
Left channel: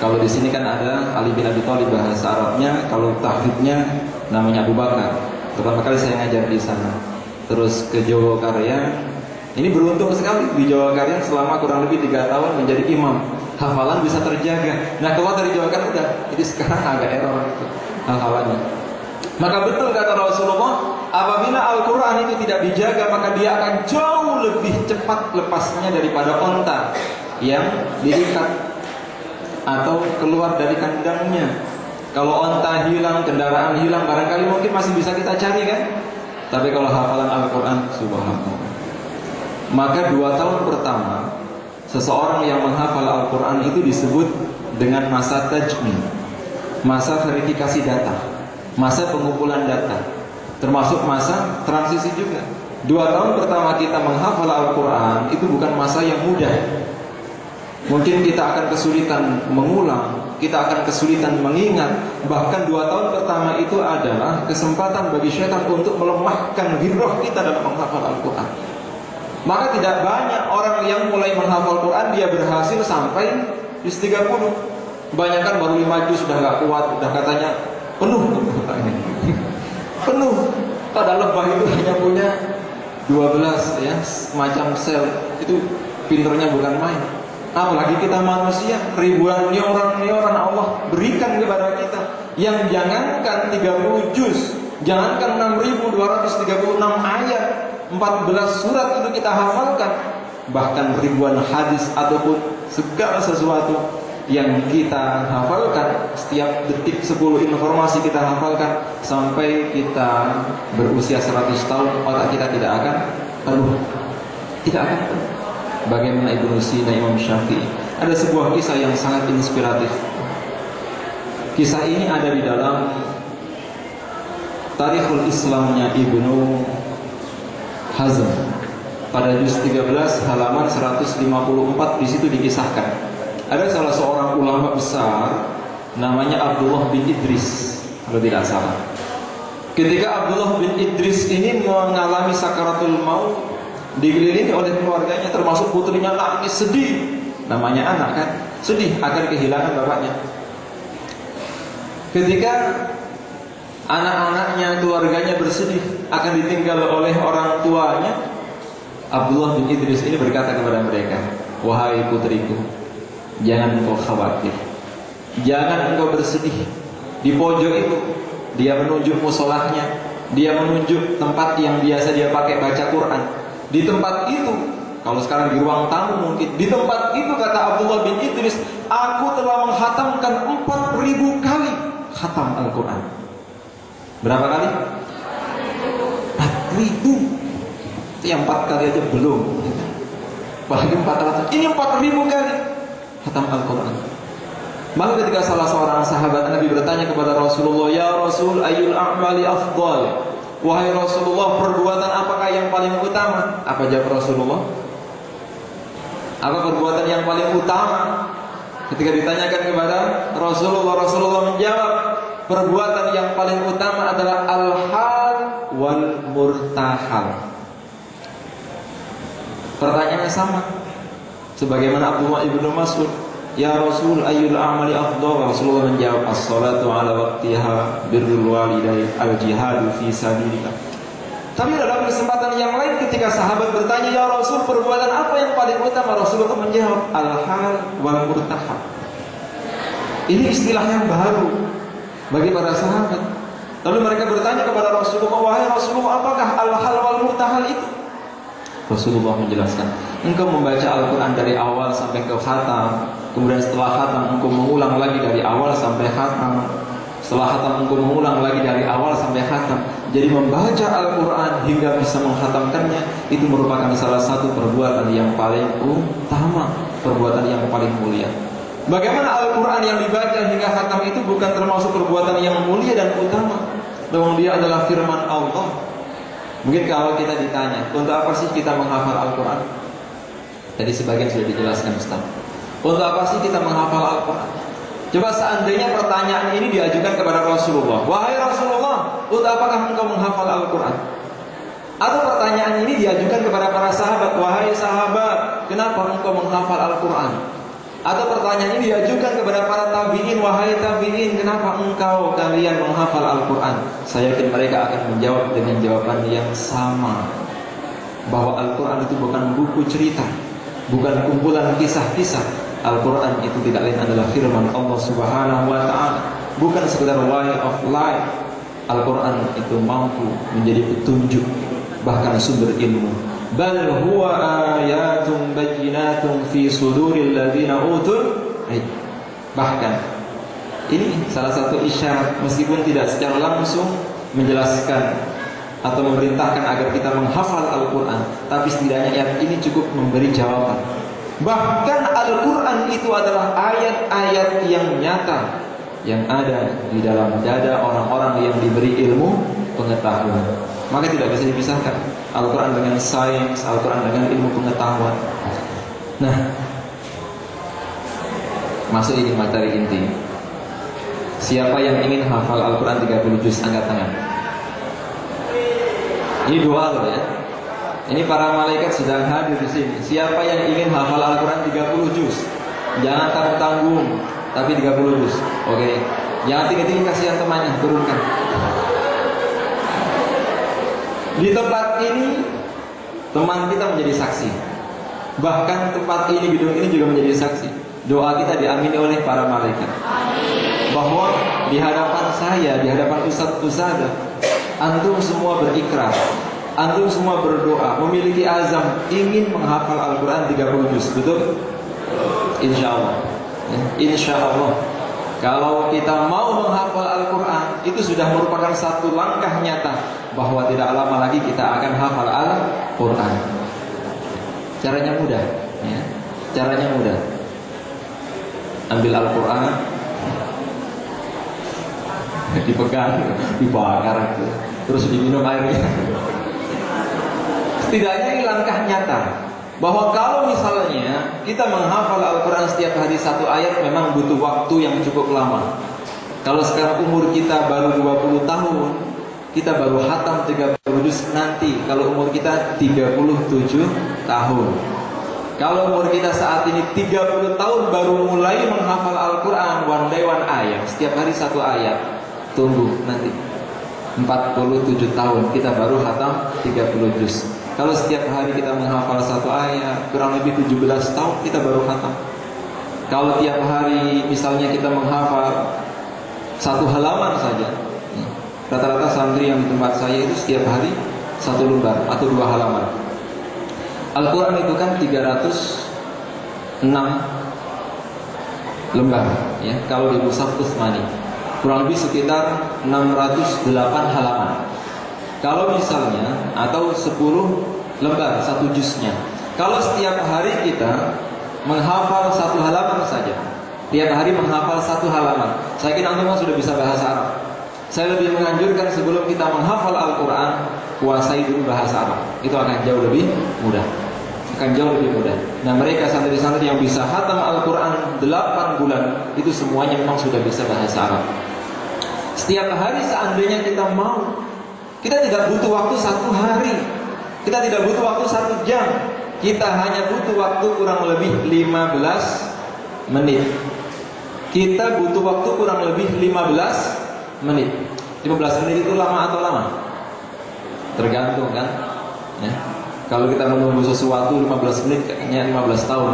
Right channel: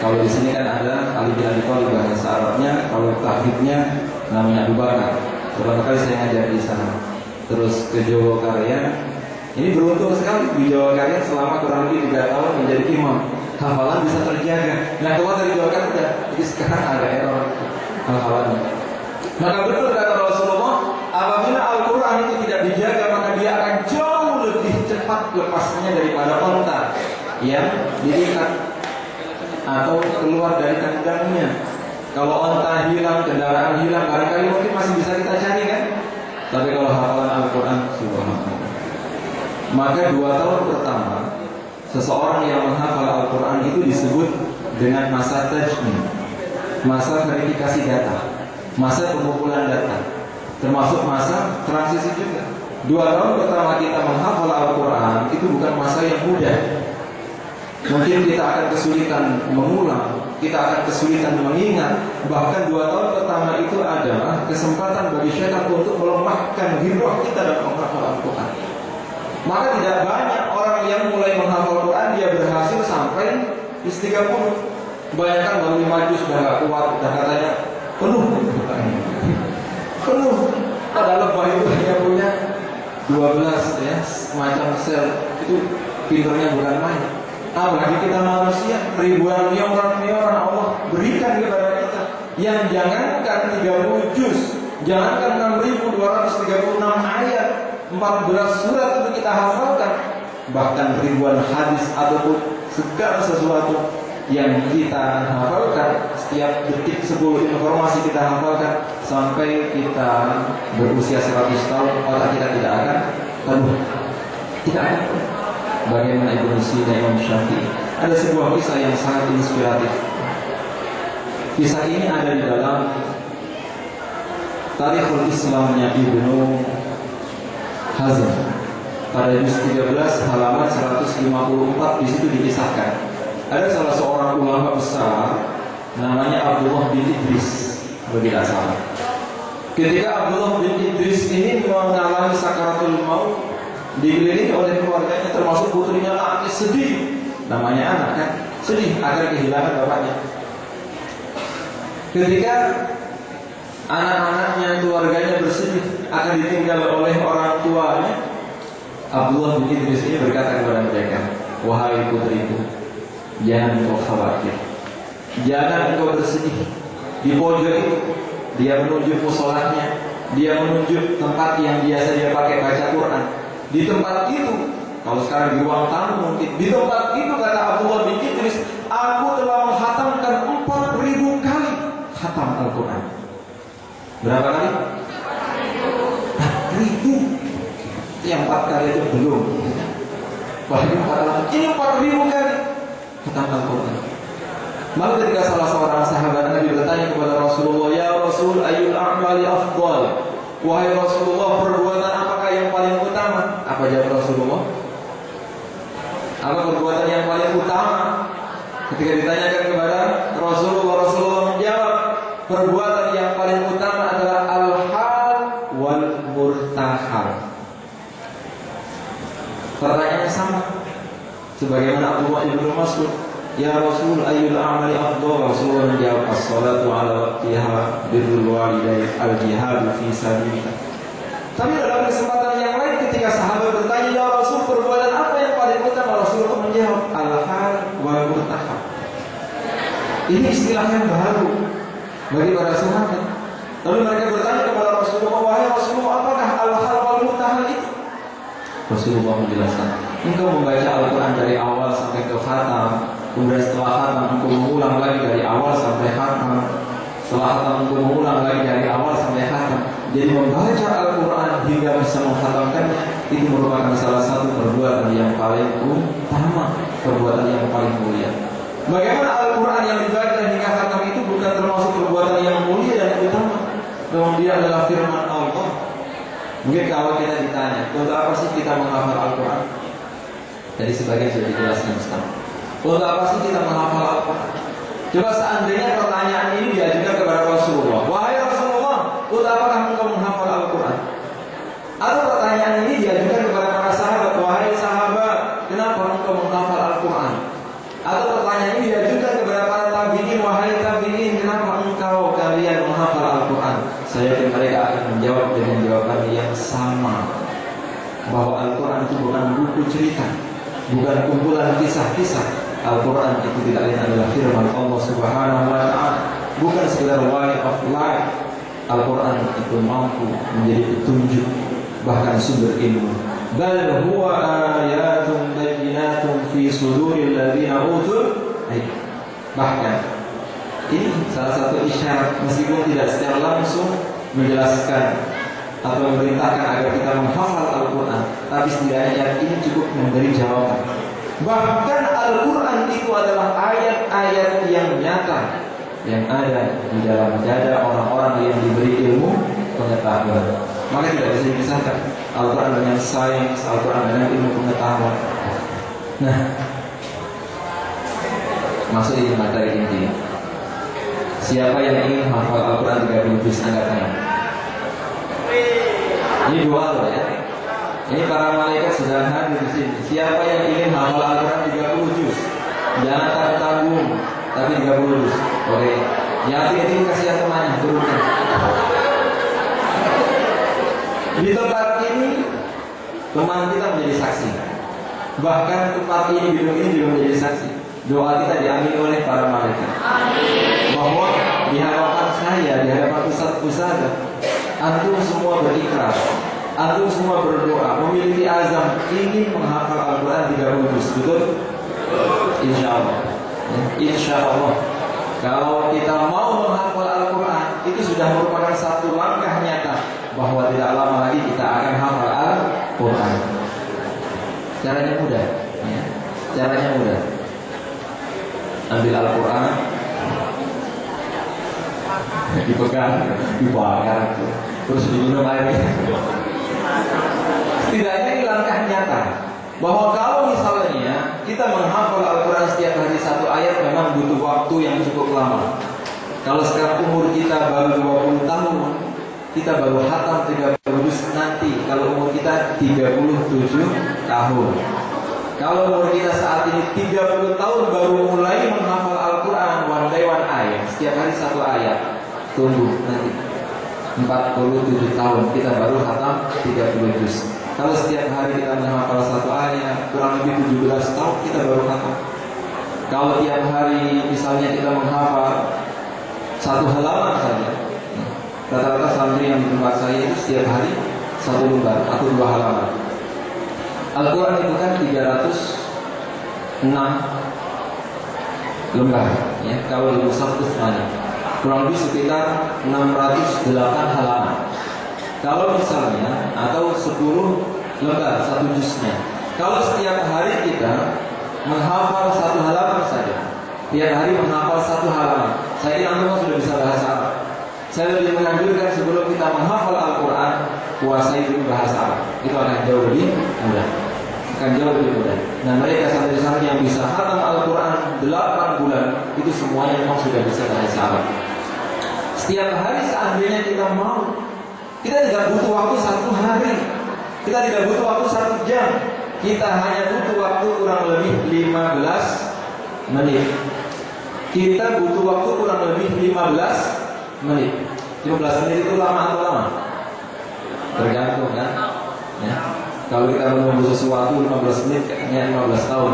Kalau di sini kan ada Ali bin Abi Thalib, bahasa Arabnya, kalau tahfidnya namanya Abu Bakar. Pertama kali saya ngajar di sana. Terus ke Jogokarya. Ini beruntung sekali di Jogokarya selama kurang lebih 3 tahun menjadi imam. Hafalan bisa terjaga. Nah keluar dari Jogokarya udah, jadi sekarang agak error hafalannya. Maka betul kata Rasulullah, apabila Al-Quran itu tidak dijaga, maka dia akan jauh lebih cepat lepasnya daripada onta yang diikat atau keluar dari kandangnya. Kalau onta hilang, kendaraan hilang, barangkali mungkin masih bisa kita cari kan. Tapi kalau hafalan Al-Quran, subhanallah. Maka 2 tahun pertama seseorang yang menghafal Al-Quran itu disebut dengan masa tajmin, masa verifikasi data, masa pengumpulan data, termasuk masa transisi juga. 2 tahun pertama kita menghafal Al-Quran itu bukan masa yang mudah. Mungkin kita akan kesulitan mengulang, kita akan kesulitan mengingat. Bahkan 2 tahun pertama itu adalah kesempatan bagi syaitan untuk melemahkan giroh kita dalam menghafal Al-Quran. Maka tidak banyak orang yang mulai menghafal Quran dia berhasil sampai juz 30. Kebanyakan baru 5 juz sudah gak kuat, sudah katanya penuh. Penuh. Pada lebah itu hanya punya 12 ya, semacam sel. Itu pinternya bukan main. Apalagi kita manusia, ribuan neuron Allah berikan kepada kita. Yang jangankan 30 juz, jangankan 6.236 ayat, 14 surat itu kita hafalkan, bahkan ribuan hadis ataupun segala sesuatu yang kita hafalkan, setiap detik 10 informasi kita hafalkan sampai kita berusia 100 tahun, otak kita tidak akan penuh. Tidak akan penuh. Bagaimana Ibnu Sina, Imam Syafi'i. Ada sebuah kisah yang sangat inspiratif. Kisah ini ada di dalam Tarikhul Islamnya Ibnu Hazm pada juz 13 halaman 154. Di situ dikisahkan ada salah seorang ulama besar namanya Abdullah bin Idris, kalau tidak salah. Ketika Abdullah bin Idris ini mengalami sakaratul maut, dikelilingi oleh keluarganya, termasuk putrinya nangis sedih. Namanya anak kan, sedih akan kehilangan bapaknya. Ketika anak-anaknya, keluarganya bersedih akan ditinggal oleh orang tuanya, Abdullah bin Idris ini berkata kepada mereka, wahai putriku, jangan engkau khawatir, jangan engkau bersedih. Di pojok itu dia menunjuk musolahnya, dia menunjuk tempat yang biasa dia pakai baca Quran. Di tempat itu, kalau sekarang di ruang tamu mungkin, di tempat itu kata Abdullah bin Idris, aku telah menghatamkan 4.000 khatam Al-Quran. Berapa kali? 4.000. Itu yang 4 kali aja belum. Apalagi 400. Ini 4.000 kali khatam Al-Quran. Maka ketika salah seorang sahabat Nabi bertanya kepada Rasulullah, "Ya Rasul, ayyul a'mali afdal?" Wahai Rasulullah, perbuatan apakah yang paling utama? Apa jawab Rasulullah? Apa perbuatan yang paling utama? Ketika ditanyakan kepada Rasulullah, Rasulullah menjawab, perbuatan yang paling utama adalah al-hal wal murtahal. Pertanyaannya sama sebagaimana Abdullah ibnu Mas'ud, "Ya Rasul, ayyul a'mali afdal?" Rasulullah menjawab, "As-salatu ala waqtiha, birrul walidain, al-jihadu fi sabilillah." Tapi dalam kesempatan yang lain ketika sahabat bertanya, "Ya Rasul, perbuatan apa yang paling utama?" Rasulullah menjawab, "Al-hal wal murtahal." Ini istilah yang baru bagi para sahabat. Lalu mereka bertanya kepada Rasulullah, "Wahai Rasulullah, apakah al-hal wal murtahal itu?" Rasulullah menjelaskan, "Engkau membaca Al-Quran dari awal sampai ke khatam, kemudian setelah khatam engkau mengulang lagi dari awal sampai khatam, setelah khatam engkau mengulang lagi dari awal sampai khatam. Jadi membaca Al-Quran hingga bisa menghatamkannya itu merupakan salah satu perbuatan yang paling utama, perbuatan yang paling mulia." Bagaimana Al-Quran yang dibaca hingga khatam itu bukan termasuk perbuatan yang mulia dan utama, namun dia adalah firman Allah. Mungkin kalau kita ditanya, untuk apa sih kita menghafal Al-Quran? Tadi sebagian sudah dijelaskan Ustaz. Untuk apa sih kita menghafal Al-Quran? Coba seandainya pertanyaan ini diajukan kepada Rasulullah, "Wahai Rasulullah, untuk apakah engkau menghafal Al-Quran?" Atau pertanyaan ini diajukan kepada para sahabat, "Wahai sahabat, kenapa engkau menghafal Al-Quran?" Atau pertanyaan ini diajukan kepada para tabi'in, "Wahai tabi'in, kenapa kalian menghafal Al-Quran?" Saya yakin mereka akan menjawab dengan jawaban yang sama, bahwa Al-Quran itu bukan buku cerita, bukan kumpulan kisah-kisah. Al-Quran itu tidak lain adalah firman Allah Subhanahu wa ta'ala, bukan sekedar way of life. Al-Quran itu mampu menjadi petunjuk, bahkan sumber ilmu. Bal huwa ayatun bayyinatun fi suduril ladzina utul ilm. Bahkan ini salah satu isyarat, meskipun tidak secara langsung menjelaskan atau memerintahkan agar kita menghafal Al-Quran, tapi setidaknya ayat ini cukup memberi jawaban. Bahkan Al-Quran itu adalah ayat-ayat yang nyata yang ada di dalam dada orang-orang yang diberi ilmu pengetahuan. Maka tidak bisa dipisahkan Al-Quran dengan sains, Al-Quran dengan ilmu pengetahuan. Nah, masuk ini materi inti. Siapa yang ingin hafal Al-Quran 30 juz, angkat tangan. Ini dua loh ya. Ini para malaikat sudah hadir di sini. Siapa yang ingin hafal Al-Quran 30 juz? Jangan tanggung-tanggung, tapi 30 juz. Oke. Yang tinggi-tinggi kasihan temannya, turunkan. Di tempat ini teman kita menjadi saksi. Bahkan tempat ini, gedung ini juga menjadi saksi. Doa kita diamini oleh para malaikat. Bahwa di hadapan saya, di hadapan ustaz-ustazah, antum semua berikrar, antum semua berdoa, memiliki azam ingin menghafal Al-Quran 30 juz. Betul? Insya Allah. Insya Allah. Kalau kita mau menghafal Al-Quran, itu sudah merupakan satu langkah nyata bahwa tidak lama lagi kita akan hafal Al-Quran. Caranya mudah ya. Caranya mudah. Ambil Al-Quran, dipegang, dibakar, terus diminum airnya. Setidaknya ini langkah nyata bahwa kalau misalnya kita menghafal Al-Quran setiap hari satu ayat, memang butuh waktu yang cukup lama. Kalau sekarang umur kita baru 20 tahun, kita baru khatam 30 juz nanti kalau umur kita 37 tahun. Kalau umur kita saat ini 30 tahun baru mulai menghafal Al-Quran, one day one ayat, setiap hari satu ayat. Tunggu nanti 47 tahun kita baru khatam 30 juz. Kalau setiap hari kita menghafal satu ayat, kurang lebih 17 tahun kita baru khatam. Kalau tiap hari misalnya kita menghafal satu halaman saja, rata-rata santri yang di tempat saya itu setiap hari satu lembar atau 2 halaman. Al-Quran itu kan 306 lembar ya, kalau di mushaf Utsmani. kurang lebih sekitar 608 halaman. Kalau misalnya atau 10 lembar satu juznya. Kalau setiap hari kita menghafal 1 halaman saja, tiap hari menghafal 1 halaman, saya kira antum sudah bisa bahasa Arab. Saya lebih menganjurkan sebelum kita menghafal Al-Quran, kuasai dulu bahasa Arab. Itu akan jauh lebih mudah. Nah, mereka santri-santri yang bisa khatam Al-Quran 8 bulan, itu semuanya memang sudah bisa bahasa Arab. Setiap hari seandainya kita mau, kita tidak butuh waktu 1 hari, kita tidak butuh waktu 1 jam, kita hanya butuh waktu kurang lebih 15 menit. Kita butuh waktu kurang lebih 15 menit. 15 menit itu lama atau lama? Tergantung kan ya. Kalau kita menunggu sesuatu 15 menit kayaknya 15 tahun.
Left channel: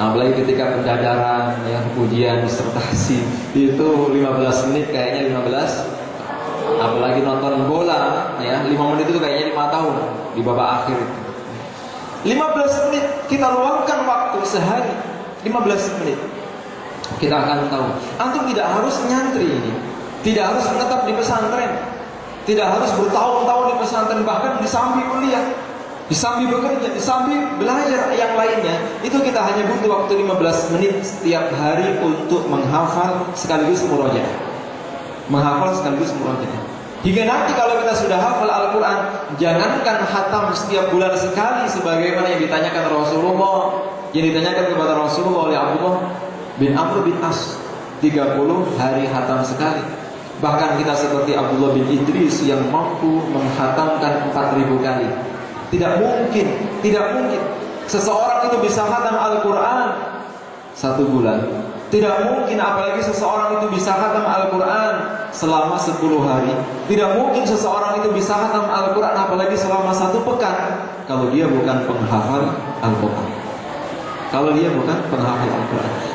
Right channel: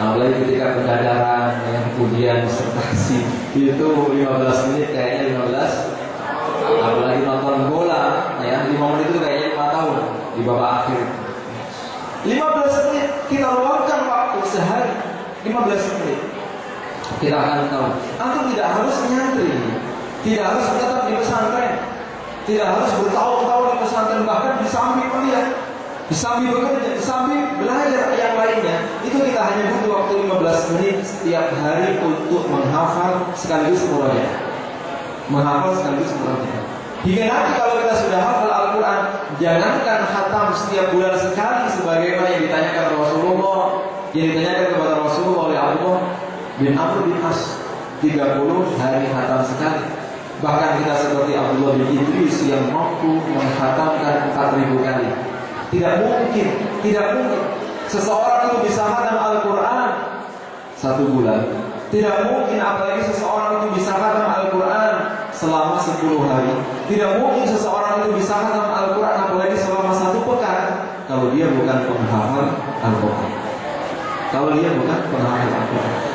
Apalagi ketika pendadaran ya, ujian disertasi itu 15 menit kayaknya 15. Apalagi nonton bola ya, 5 menit itu kayaknya 5 tahun di babak akhir. 15 menit kita luangkan waktu sehari, 15 menit. Kita akan tahu. Antum tidak harus nyantri ini, tidak harus menetap di pesantren, tidak harus bertahun-tahun di pesantren, bahkan di samping kuliah, di samping bekerja, di samping belajar yang lainnya. Itu kita hanya butuh waktu 15 menit setiap hari untuk menghafal sekaligus murojaah. Hingga nanti kalau kita sudah hafal Al-Quran, jangankan khatam setiap bulan sekali sebagaimana yang ditanyakan Rasulullah, yang ditanyakan kepada Rasulullah oleh Abdullah bin Amr bin As, 30 hari khatam sekali. Bahkan kita seperti Abdullah bin Idris yang mampu menghatamkan 4.000 kali. Tidak mungkin seseorang itu bisa khatam Al-Quran 1 bulan. Tidak mungkin apalagi seseorang itu bisa khatam Al-Quran selama 10 hari. Tidak mungkin seseorang itu bisa khatam Al-Quran apalagi selama 1 pekan kalau dia bukan penghafal Al-Quran.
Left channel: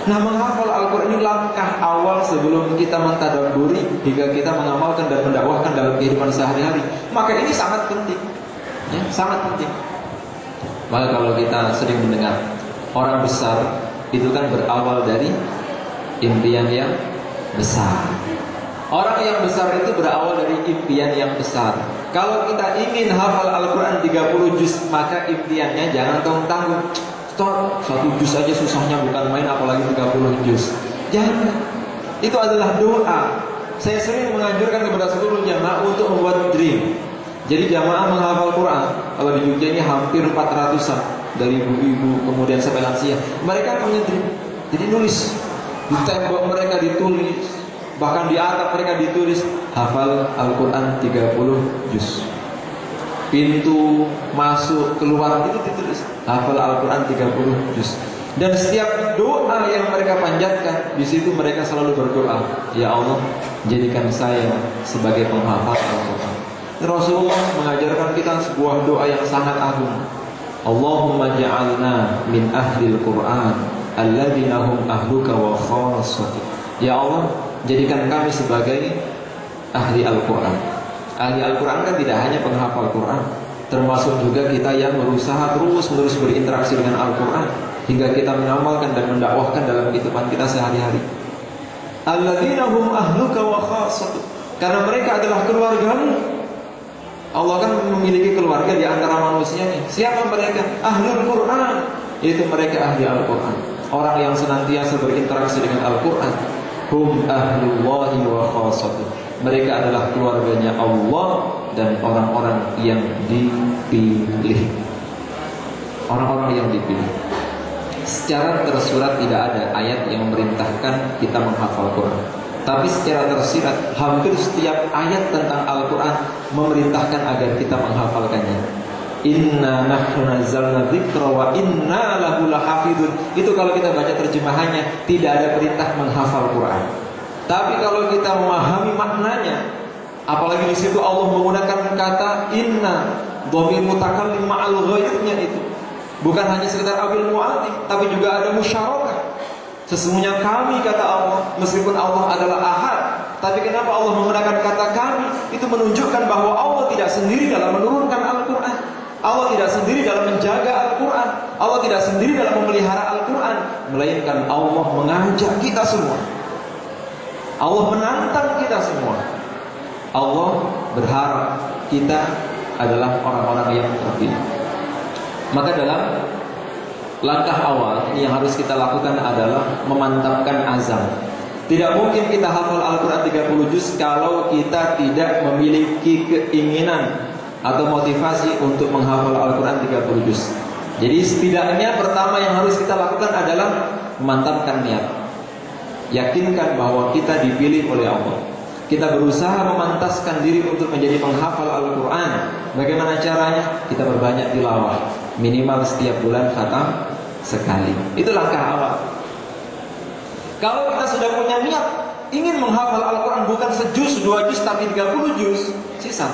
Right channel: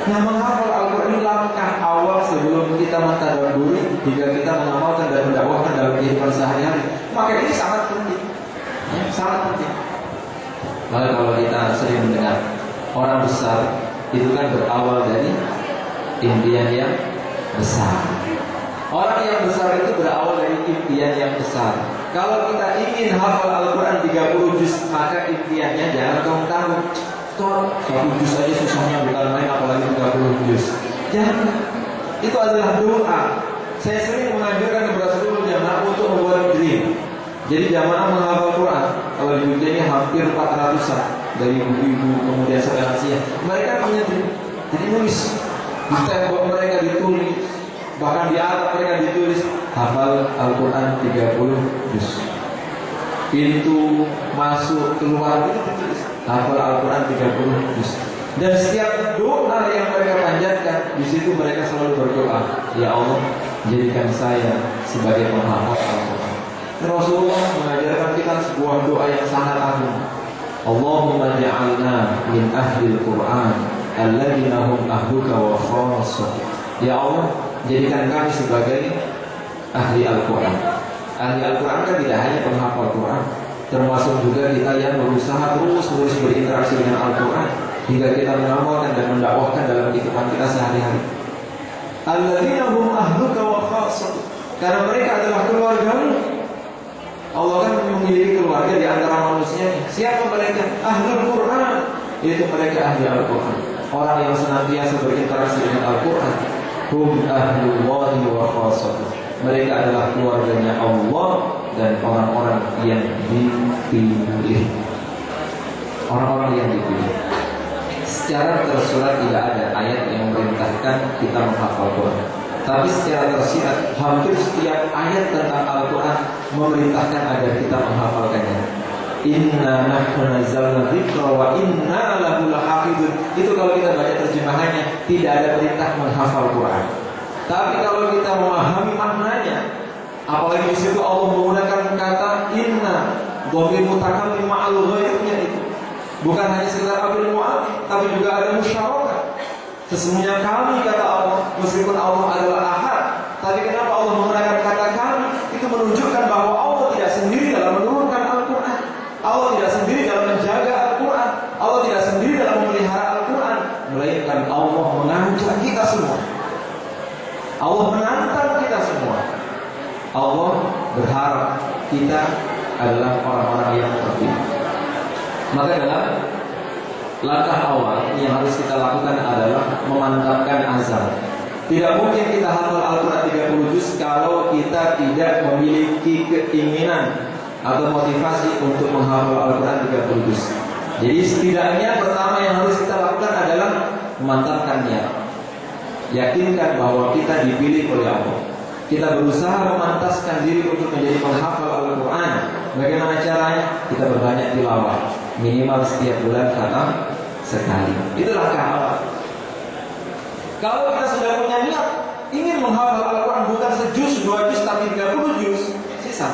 Nah, menghafal Al-Quran ini langkah awal sebelum kita mentadabburi hingga kita mengamalkan dan mendakwahkan dalam kehidupan sehari-hari. Maka ini sangat penting ya, sangat penting. Maka kalau kita sering mendengar orang besar itu kan berawal dari impian yang besar. Orang yang besar itu berawal dari impian yang besar. Kalau kita ingin hafal Al-Quran 30 juz, maka impiannya jangan tanggung-tanggung. 1 juz aja susahnya bukan main, apalagi 30 juz. Jangan. Itu adalah doa. Saya sering menganjurkan kepada seluruh jamaah untuk membuat dream. Jadi jamaah menghafal Quran, kalau di Jogja ini hampir 400-an, dari ibu-ibu kemudian sampai lansia. Mereka punya dream. Jadi nulis di tembok mereka ditulis, bahkan di atap mereka ditulis hafal Al-Quran 30 juz. Pintu masuk keluar itu ditulis hafal Al-Quran 30 juz. Dan setiap doa yang mereka panjatkan, di situ mereka selalu berdoa, ya Allah, jadikan saya sebagai penghafal Al-Quran. Rasulullah mengajarkan kita sebuah doa yang sangat agung. Allahumma ja'alna min ahlil Quran alladzina hum ahluka wa khassatuka. Ya Allah, jadikan kami sebagai ahli Al-Quran. Ahli Al-Quran kan tidak hanya penghafal Quran, termasuk juga kita yang berusaha terus-menerus berinteraksi dengan Al-Quran hingga kita mengamalkan dan mendakwahkan dalam kehidupan kita sehari-hari. Alladzina hum ahluka wa khassatuka, karena mereka adalah keluargamu. Allah kan memiliki keluarga di antara manusia. Siapa mereka? Ahlul Quran. Itu mereka ahli Al-Quran, orang yang senantiasa berinteraksi dengan Al-Quran. Hum ahlullahi wa khassatuh. Mereka adalah keluarganya Allah dan orang-orang yang dipilih. Orang-orang yang dipilih. Secara tersurat tidak ada ayat yang memerintahkan kita menghafal Quran, tapi secara tersirat hampir setiap ayat tentang Al-Quran memerintahkan agar kita menghafalkannya. Inna nahnu nazzalna dzikra wa inna lahu lahafidun. Itu kalau kita baca terjemahannya, tidak ada perintah menghafal Quran. Tapi kalau kita memahami maknanya, apalagi di situ Allah menggunakan kata inna, dhamir mutakallim ma'al ghairnya itu. Bukan hanya sekedar ambil mu'atif, tapi juga ada musyarakah. Sesungguhnya kami, kata Allah, meskipun Allah adalah ahad, tapi kenapa Allah menggunakan kata kami? Itu menunjukkan bahwa Allah tidak sendiri dalam menurunkan Al-Quran, Allah tidak sendiri dalam menjaga Al-Quran, Allah tidak sendiri dalam memelihara Al-Quran, melainkan Allah mengajak kita semua. Allah menantang kita semua. Allah berharap kita adalah orang-orang yang terpilih. Maka dalam langkah awal yang harus kita lakukan adalah memantapkan azam. Tidak mungkin kita hafal Al-Quran 30 juz kalau kita tidak memiliki keinginan atau motivasi untuk menghafal Al-Quran 30 juz. Jadi setidaknya pertama yang harus kita lakukan adalah memantapkan niat. Yakinkan bahwa kita dipilih oleh Allah. Kita berusaha memantaskan diri untuk menjadi penghafal Al-Quran. Bagaimana caranya? Kita berbanyak tilawah. Minimal setiap bulan khatam sekali. Itu langkah awal. Kalau kita sudah punya niat ingin menghafal Al-Quran bukan sejuz, 2 juz, tapi 30 juz, sisa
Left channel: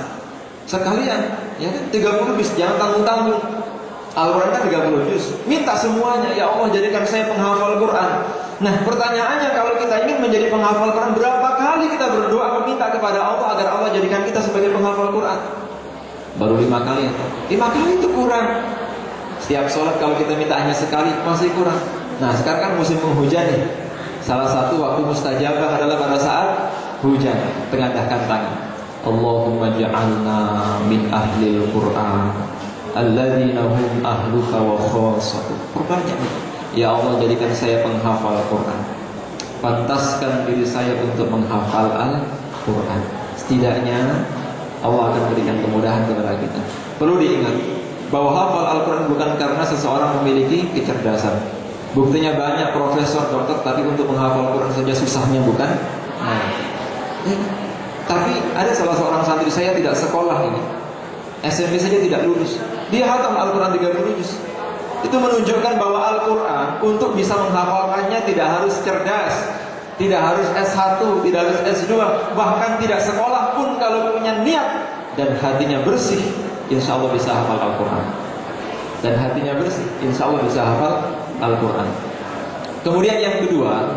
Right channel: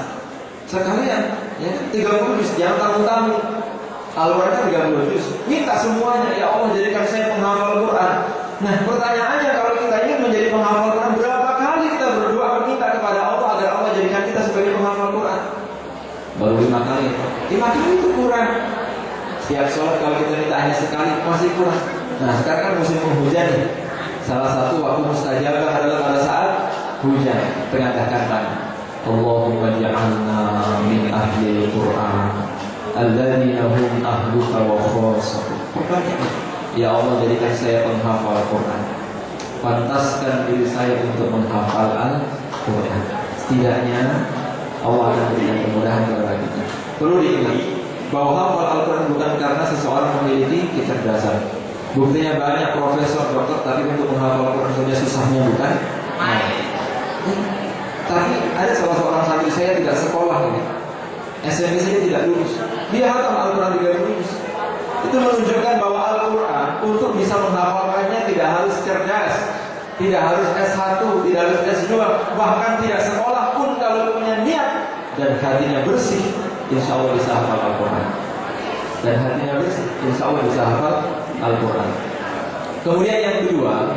sekalian, ya 30 juz, jangan tanggung-tanggung. Al-Quran kan 30 juz, minta semuanya, ya Allah jadikan saya penghafal Quran. Nah pertanyaannya, kalau kita ingin menjadi penghafal Quran, berapa kali kita berdoa meminta kepada Allah agar Allah jadikan kita sebagai penghafal Quran? Baru 5 kali. 5 kali itu kurang. Setiap sholat kalau kita minta hanya sekali masih kurang. Nah sekarang kan musim penghujan nih. Salah satu waktu mustajabah adalah pada saat hujan. Tengahkan tangan. Allahumma ja'alna min ahlil Qur'an alladzina hum ahluka wa khassatuh. Perbanyak. Ya Allah jadikan saya penghafal Quran. Pantaskan diri saya untuk menghafal Al-Quran. Setidaknya Allah akan berikan kemudahan kepada kita. Perlu diingat bahwa hafal Al-Quran bukan karena seseorang memiliki kecerdasan. Buktinya banyak profesor, dokter, tapi untuk menghafal Al-Quran saja susahnya, bukan? Nah, tapi ada salah seorang santri saya tidak sekolah ini, SMP saja tidak lulus. Dia hafal Al-Quran 30 juz. Itu menunjukkan bahwa Al-Quran untuk bisa menghafalkannya tidak harus cerdas, tidak harus S1, tidak harus S2, bahkan tidak sekolah pun kalau punya niat dan hatinya bersih, insya Allah bisa hafal Al-Quran. Dan hatinya bersih, insya Allah bisa hafal Al-Quran. Kemudian yang kedua,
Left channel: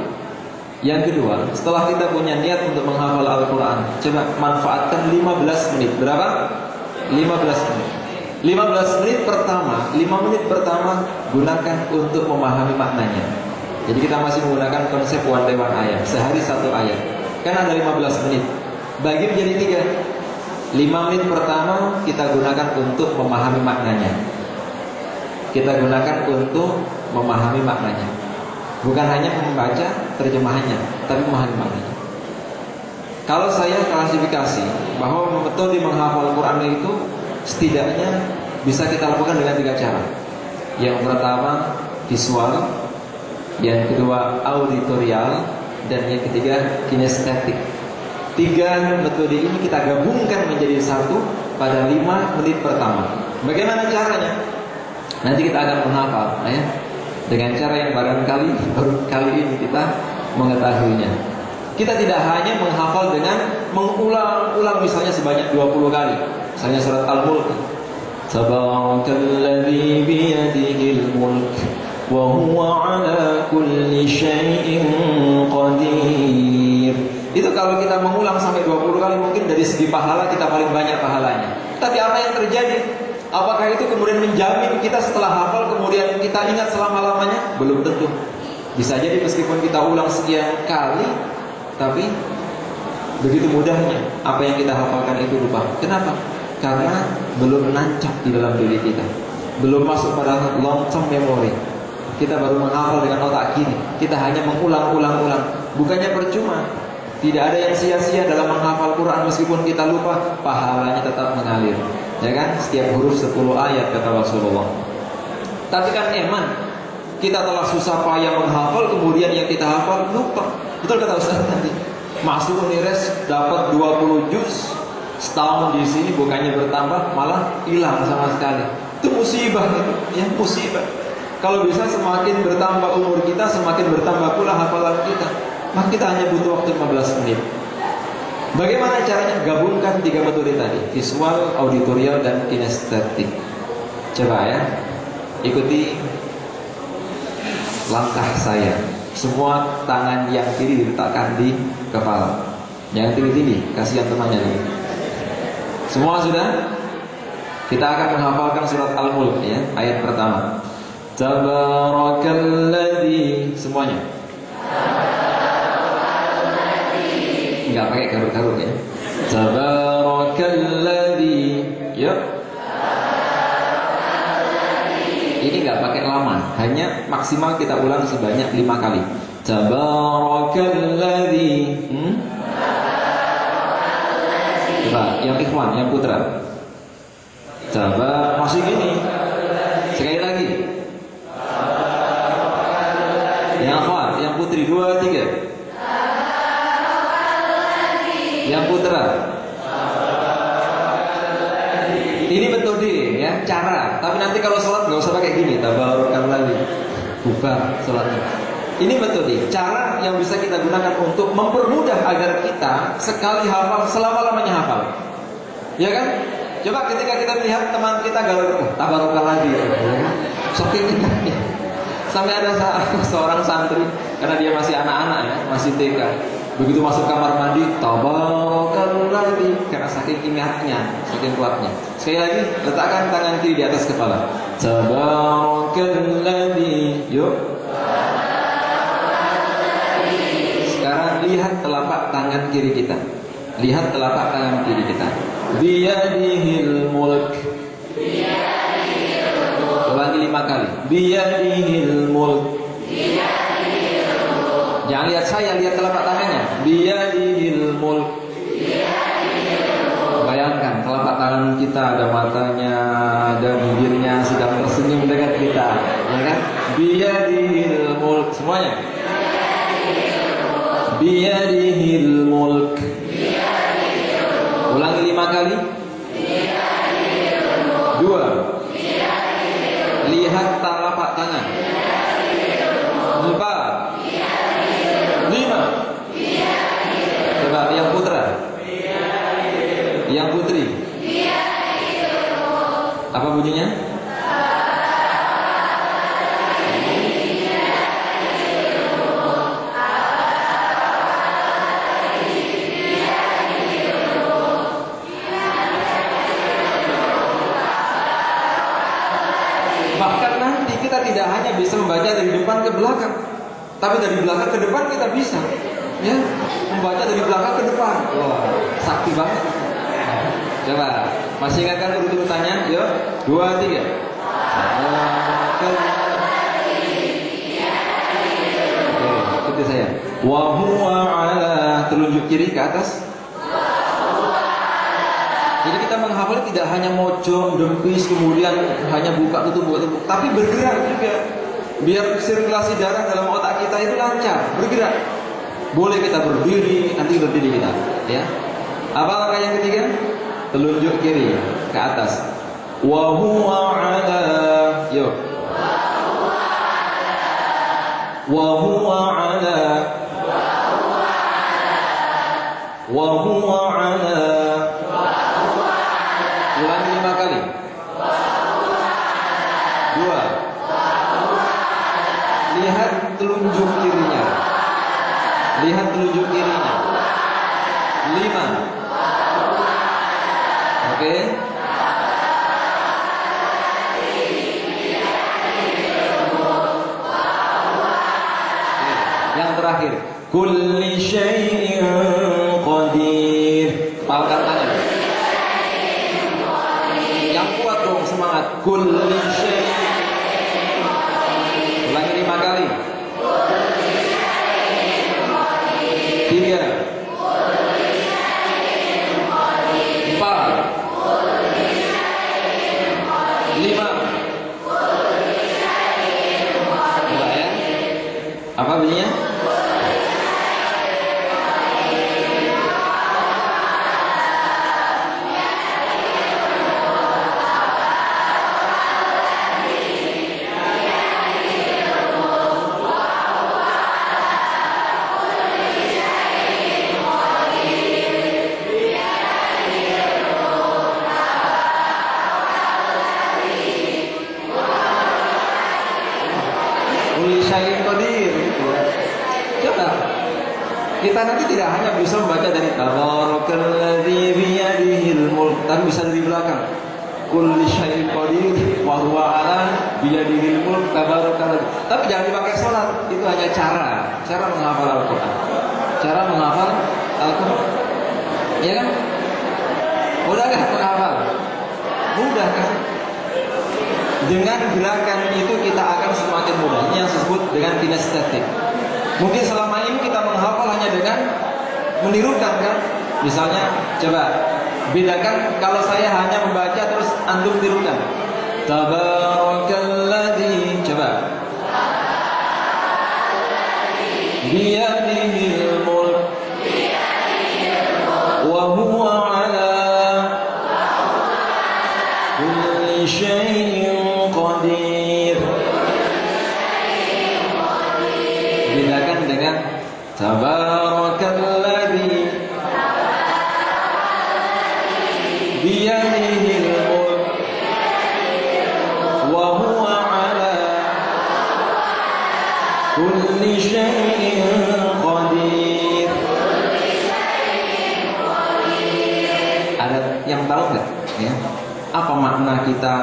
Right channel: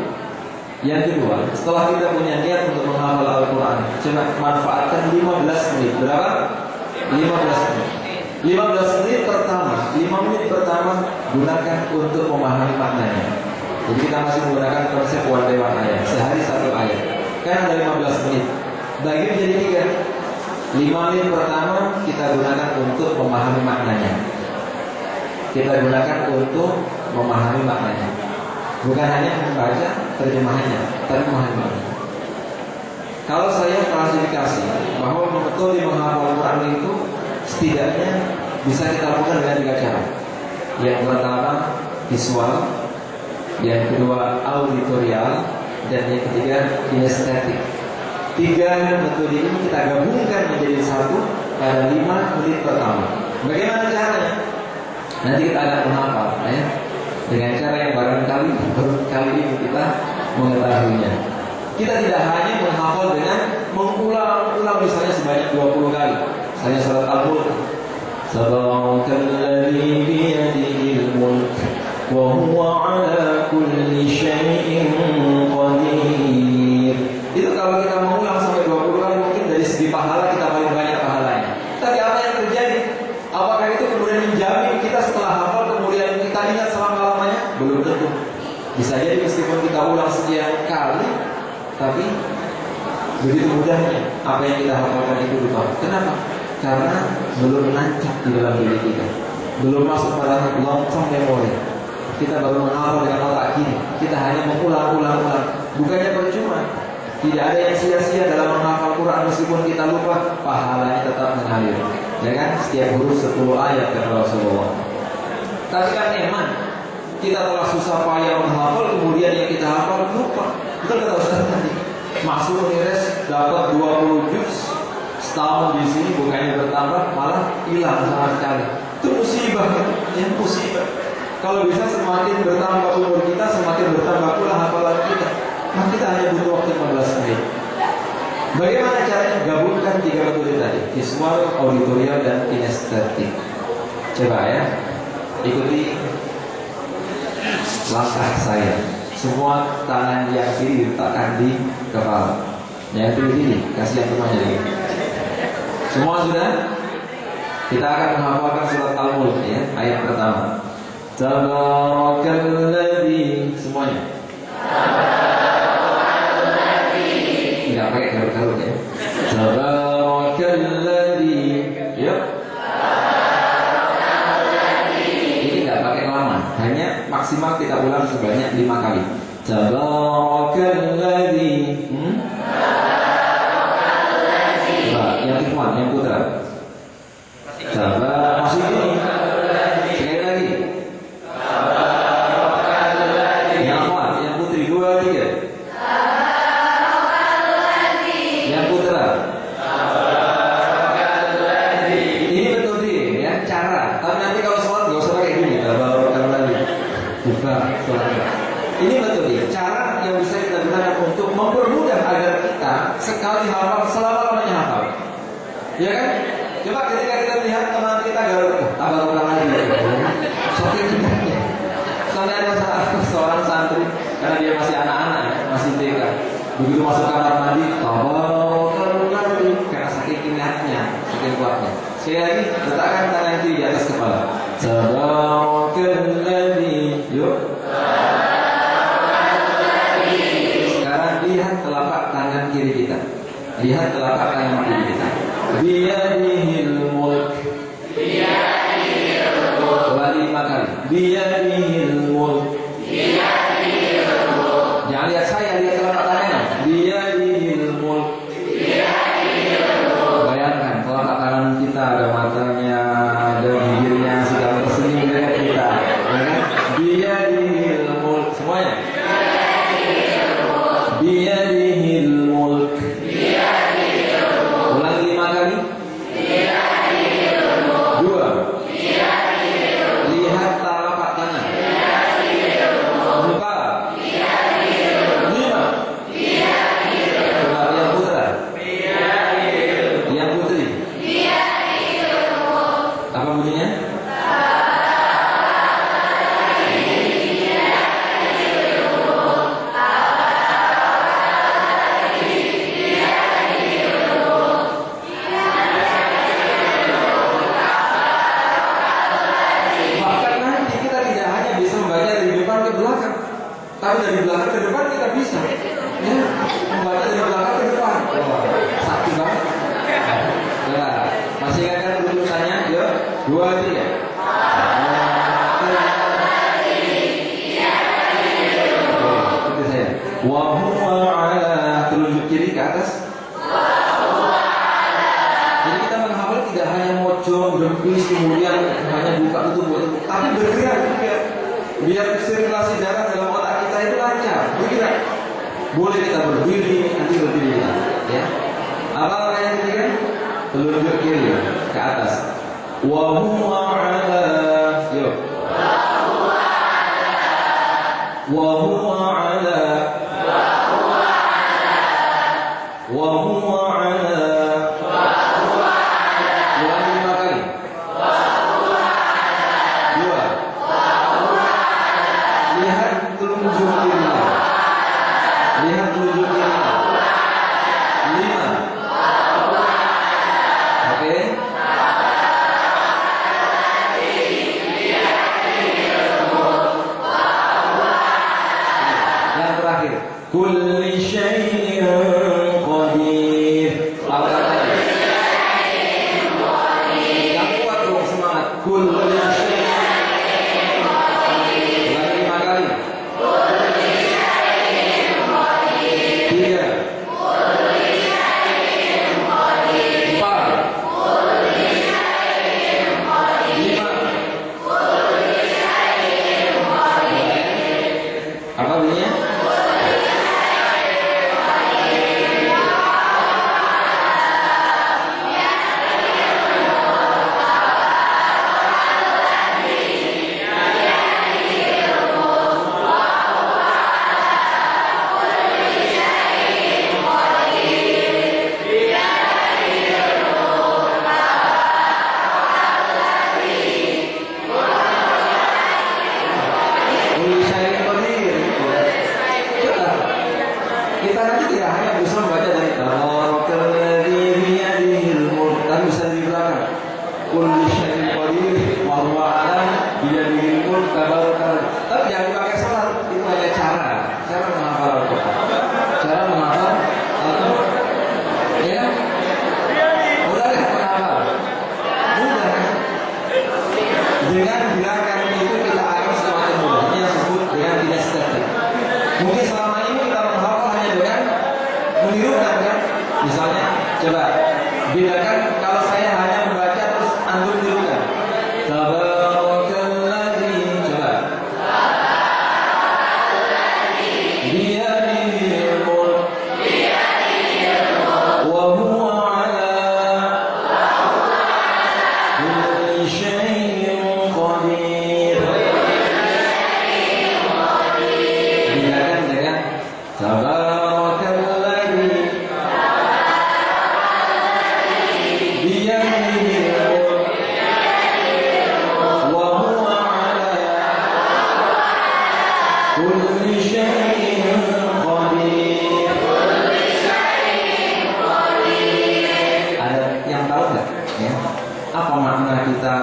setelah kita punya niat untuk menghafal Al-Quran, coba manfaatkan 15 menit. Berapa? 15 menit. 15 menit pertama, 5 menit pertama gunakan untuk memahami maknanya. Jadi kita masih menggunakan konsep one day one ayat, sehari 1 ayat. Kan ada 15 menit, bagi menjadi 3. 5 menit pertama kita gunakan untuk memahami maknanya. Kita gunakan untuk memahami maknanya. Bukan hanya membaca terjemahannya, tapi memahami maknanya. Kalau saya klasifikasi bahwa betul di menghafal Quran itu setidaknya bisa kita lakukan dengan 3 cara. Yang pertama visual, yang kedua auditorial, dan yang ketiga kinestetik. 3 metode ini kita gabungkan menjadi satu pada 5 menit pertama. Bagaimana caranya? Nanti kita akan menghafal, ya, dengan cara yang barangkali baru kali ini kita mengetahuinya. Kita tidak hanya menghafal dengan mengulang-ulang misalnya sebanyak 20 kali. Misalnya surat Al-Mulk. Tabarakalladzi biyadihil mulk wa huwa ala kulli syai'in qadir. Itu kalau kita mengulang sampai 20 kali mungkin dari segi pahala kita paling banyak pahalanya. Tapi apa yang terjadi? Apakah itu kemudian menjamin kita setelah hafal kemudian kita ingat selama-lamanya? Belum tentu. Bisa jadi meskipun kita ulang sekian kali, tapi begitu mudahnya apa yang kita hafalkan itu lupa. Kenapa? Karena belum nancap di dalam diri kita, belum masuk pada long term memory. Kita baru menghafal dengan otak kiri. Kita hanya mengulang-ulang-ulang. Bukannya percuma. Tidak ada yang sia-sia dalam menghafal Quran. Meskipun kita lupa, pahalanya tetap mengalir. Ya kan? Setiap huruf 10 ayat kata Rasulullah. Tapi kan emang kita telah susah payah menghafal, kemudian yang kita hafal lupa. Betul kata Ustaz tadi. Masuk Unires dapat 20 juz, setahun di sini bukannya bertambah malah hilang sama sekali. Itu musibah, ya musibah. Kalau bisa semakin bertambah umur kita, semakin bertambah pula hafalan kita. Maka kita hanya butuh waktu 15 menit. Bagaimana caranya? Gabungkan 3 metode tadi: visual, auditorial, dan kinestetik. Coba ya, ikuti langkah saya. Semua tangan yang kiri diletakkan di kepala, yang kiri kasih yang temannya lagi. Semua sudah? Kita akan menghafalkan surat Al-Mulk, ya, ayat pertama. Tabarakalladzi, semuanya. hanya maksimal kita ulang sebanyak 5 kali. Tabarakalladzi. Nah, yang ikhwan, yang putra. Masih gini. Sekali lagi. Yang ikhwan, yang putri 2, 3. Yang putra. Ini betul diri ya, cara. Tapi nanti kalau sholat nggak usah pakai gini. Tabarakalladzi. Bukan sholatnya. Ini betul nih, cara yang bisa kita gunakan untuk mempermudah agar kita sekali hafal, selama-lamanya hafal. Ya kan? Coba ketika kita melihat teman kita galau, tabarokah lagi. Saking indahnya. Sampai ada seorang santri, karena dia masih anak-anak, masih TK. Begitu masuk kamar mandi, tabarokah lagi. Karena saking ingatnya, saking kuatnya. Sekali lagi, letakkan tangan kiri di atas kepala. Tabarokah lagi. Yuk. Lihat telapak tangan kiri kita. Lihat telapak tangan kiri kita. Biyadihil mulk. Ulangi 5 kali. Biyadihil mulk. Jangan lihat saya, lihat telapak tangannya. Biyadihil mulk. Bayangkan telapak tangan kita ada matanya, ada bibirnya sedang tersenyum dengan kita. Ya kan? Biyadihil mulk. Semuanya. Biyadihil mulk. Ulangi 5 kali. 2. Lihat telapak tangan. 4. 5. Coba yang putra. Yang putri. Apa bunyinya? Tapi dari belakang ke depan kita bisa, ya, membaca dari belakang ke depan. Wah, sakti banget. Coba, masih ingat kan urutannya? Yuk, 2, 3. Oke, ikuti saya. Wa huwa ala, telunjuk kiri ke atas. Jadi kita menghafal tidak hanya mojong, dempis, kemudian hanya buka tutup, tapi bergerak juga. Biar sirkulasi darah dalam otak kita itu lancar, bergerak. Boleh kita berdiri, nanti berdiri kita, ya. Apa langkah yang ketiga? Telunjuk kiri ke atas. Wa huwa ala, yuk. Wa huwa ala. Wa huwa ala. Ulangi 5 kali. 2. Lihat telunjuk kirinya. Lihat telunjuk kirinya. 5. Oke. Yang terakhir, kulli syai'in qadir. Pangkat tangan. Yang kuat dong, semangat. Kulli syai'in. Ulangi 5 kali. 3. 4. 5. Apa bunyinya? Kita nanti tidak hanya bisa membaca dari Tabarakalladzi biyadihil mulk, tapi bisa dari belakang. Kulli syai'in qadir wa huwa 'ala biyadihil mulk tabarakalladzi. Tapi jangan dipakai salat, itu hanya cara menghafal Al-Qur'an. Cara menghafal Al-Qur'an. Ya kan? Mudah enggak menghafal? Mudah kan? Dengan gerakan itu kita akan semakin Bayangkan kalau saya hanya membaca terus antum tirukan. Tabarakalladzi, coba. Biyadihil mulk wa huwa ala kulli syai'in qadir. Bedakan dengan tabarakalladzi biyadihil mulk wa huwa ala kulli syai'in qadir. Ada yang tahu nggak? Ya. Apa makna kita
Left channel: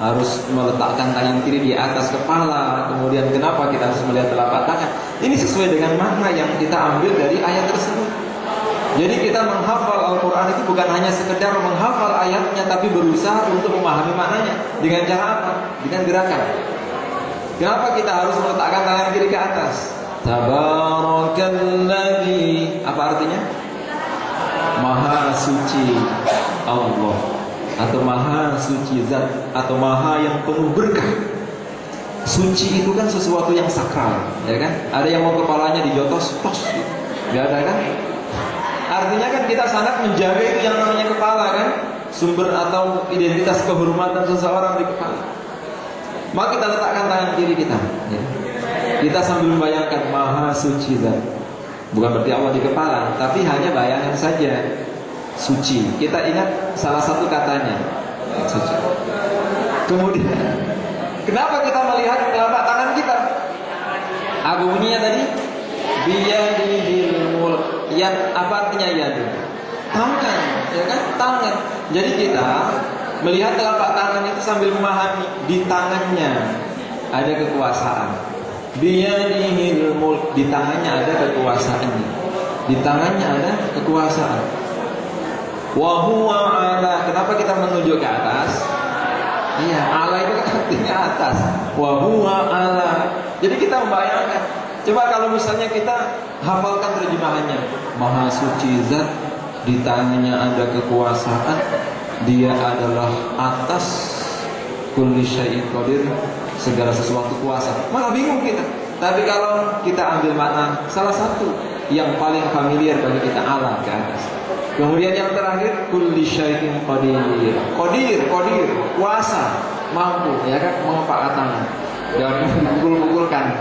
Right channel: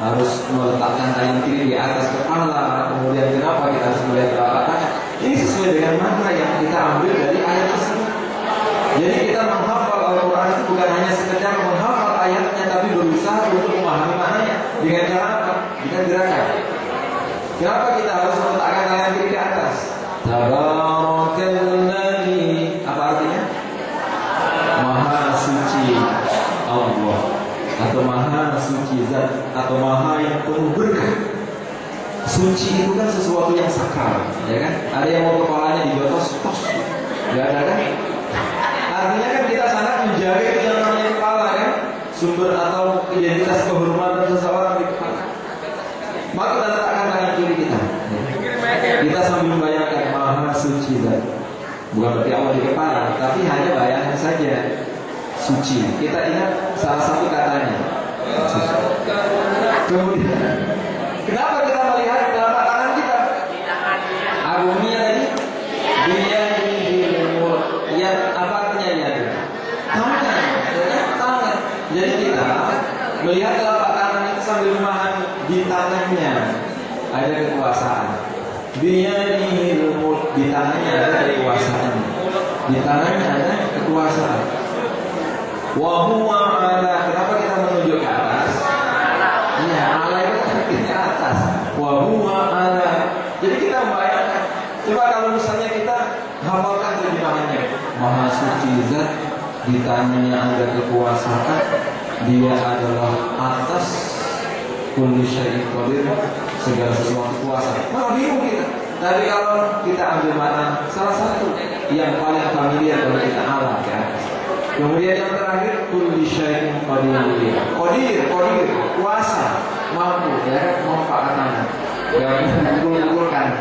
harus meletakkan tangan kiri di atas kepala? Kemudian kenapa kita harus melihat telapak tangan? Ini sesuai dengan makna yang kita ambil dari ayat tersebut. Jadi kita menghafal Al-Quran itu bukan hanya sekedar menghafal ayatnya, tapi berusaha untuk memahami maknanya. Dengan cara apa? Dengan gerakan. Kenapa kita harus meletakkan tangan kiri ke atas? Tabarakalladzi, apa artinya? Maha suci Allah, atau maha suci zat, atau maha yang penuh berkah. Suci itu kan sesuatu yang sakral, ya kan? Ada yang mau kepalanya dijotos, tos, nggak ada kan? Artinya kan kita sangat menjaga itu yang namanya kepala kan, sumber atau identitas kehormatan seseorang di kepala. Maka kita letakkan tangan kiri kita, ya. Kita sambil membayangkan maha suci zat. Bukan berarti Allah di kepala, tapi hanya bayangan saja. Suci. Kita ingat salah satu katanya, suci. Kemudian kenapa kita melihat telapak tangan kita? Agungnya tadi dia dimul. Yang apa artinya ya? Tangan, ya kan? Tangan. Jadi kita melihat telapak tangan itu sambil memahami di tangannya ada kekuasaan. Dia dimul, di tangannya ada kekuasaan. Di tangannya ada kekuasaan. Wa huwa ala. Kenapa kita menunjuk ke atas? Iya, ala itu artinya atas. Wa huwa ala. Jadi kita membayangkan. Coba kalau misalnya kita hafalkan terjemahannya. Maha suci zat, di tangannya ada kekuasaan. Dia adalah atas kulli syai'in qadir, segala sesuatu kuasa. Malah bingung kita. Tapi kalau kita ambil makna salah satu yang paling familiar bagi kita, Allah ke atas. Kemudian yang terakhir kulli syai'in qadir. Qadir, kuasa, mampu, ya kan, memanfaatkan. Dan mengumpulkan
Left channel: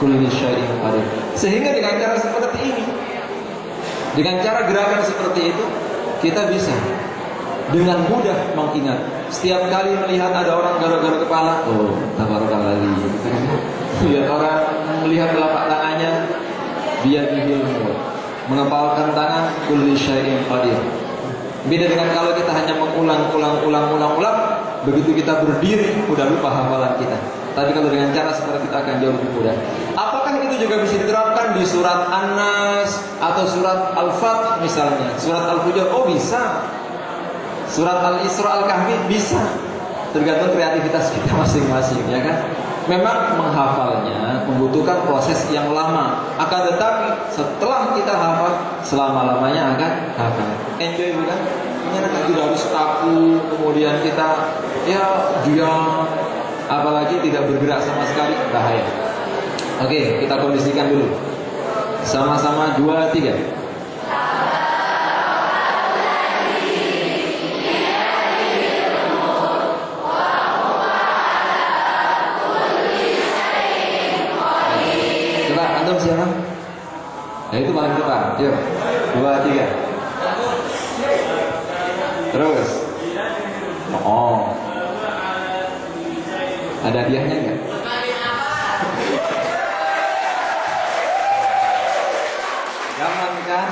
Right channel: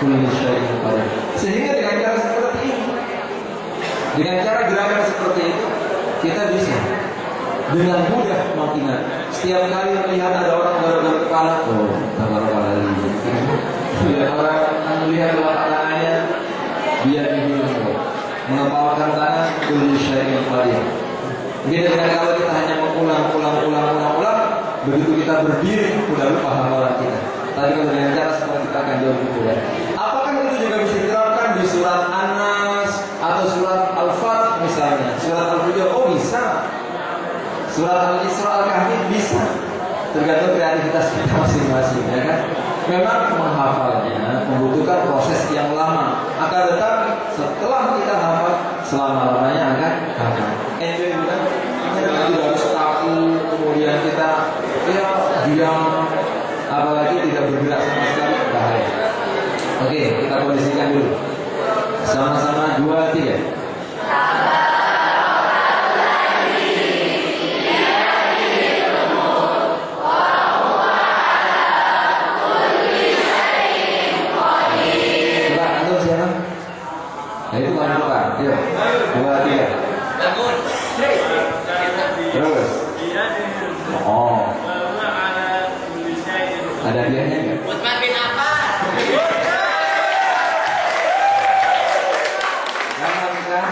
kulli syai'in qadir. Sehingga dengan cara seperti ini, dengan cara gerakan seperti itu, kita bisa dengan mudah mengingat. Setiap kali melihat ada orang garuk-garuk kepala, oh, tabarakalladzi. Lihat orang melihat telapak tangannya, biar mengepalkan tangan, kulli syai'in qadir. Beda dengan kalau kita hanya mengulang, begitu kita berdiri sudah lupa hafalan kita. Tapi kalau dengan cara seperti kita akan jauh lebih mudah. Apakah itu juga bisa diterapkan di surat An-Nas atau surat Al-Fatih misalnya, surat Al-Fujur? Oh bisa. Surat Al-Isra, Al-Kahfi bisa. Tergantung kreativitas kita masing-masing, ya kan? Memang menghafalnya membutuhkan proses yang lama. Akan tetapi setelah kita hafal, selama-lamanya akan hafal. Enjoy bukan? Tidak harus kaku, kemudian kita diam, apalagi tidak bergerak sama sekali, bahaya. Oke, kita kondisikan dulu. Sama-sama 2, 3. Nah itu paling depan. Yuk, 2, 3. Terus. Oh. Ada hadiahnya nggak? Jangan kan?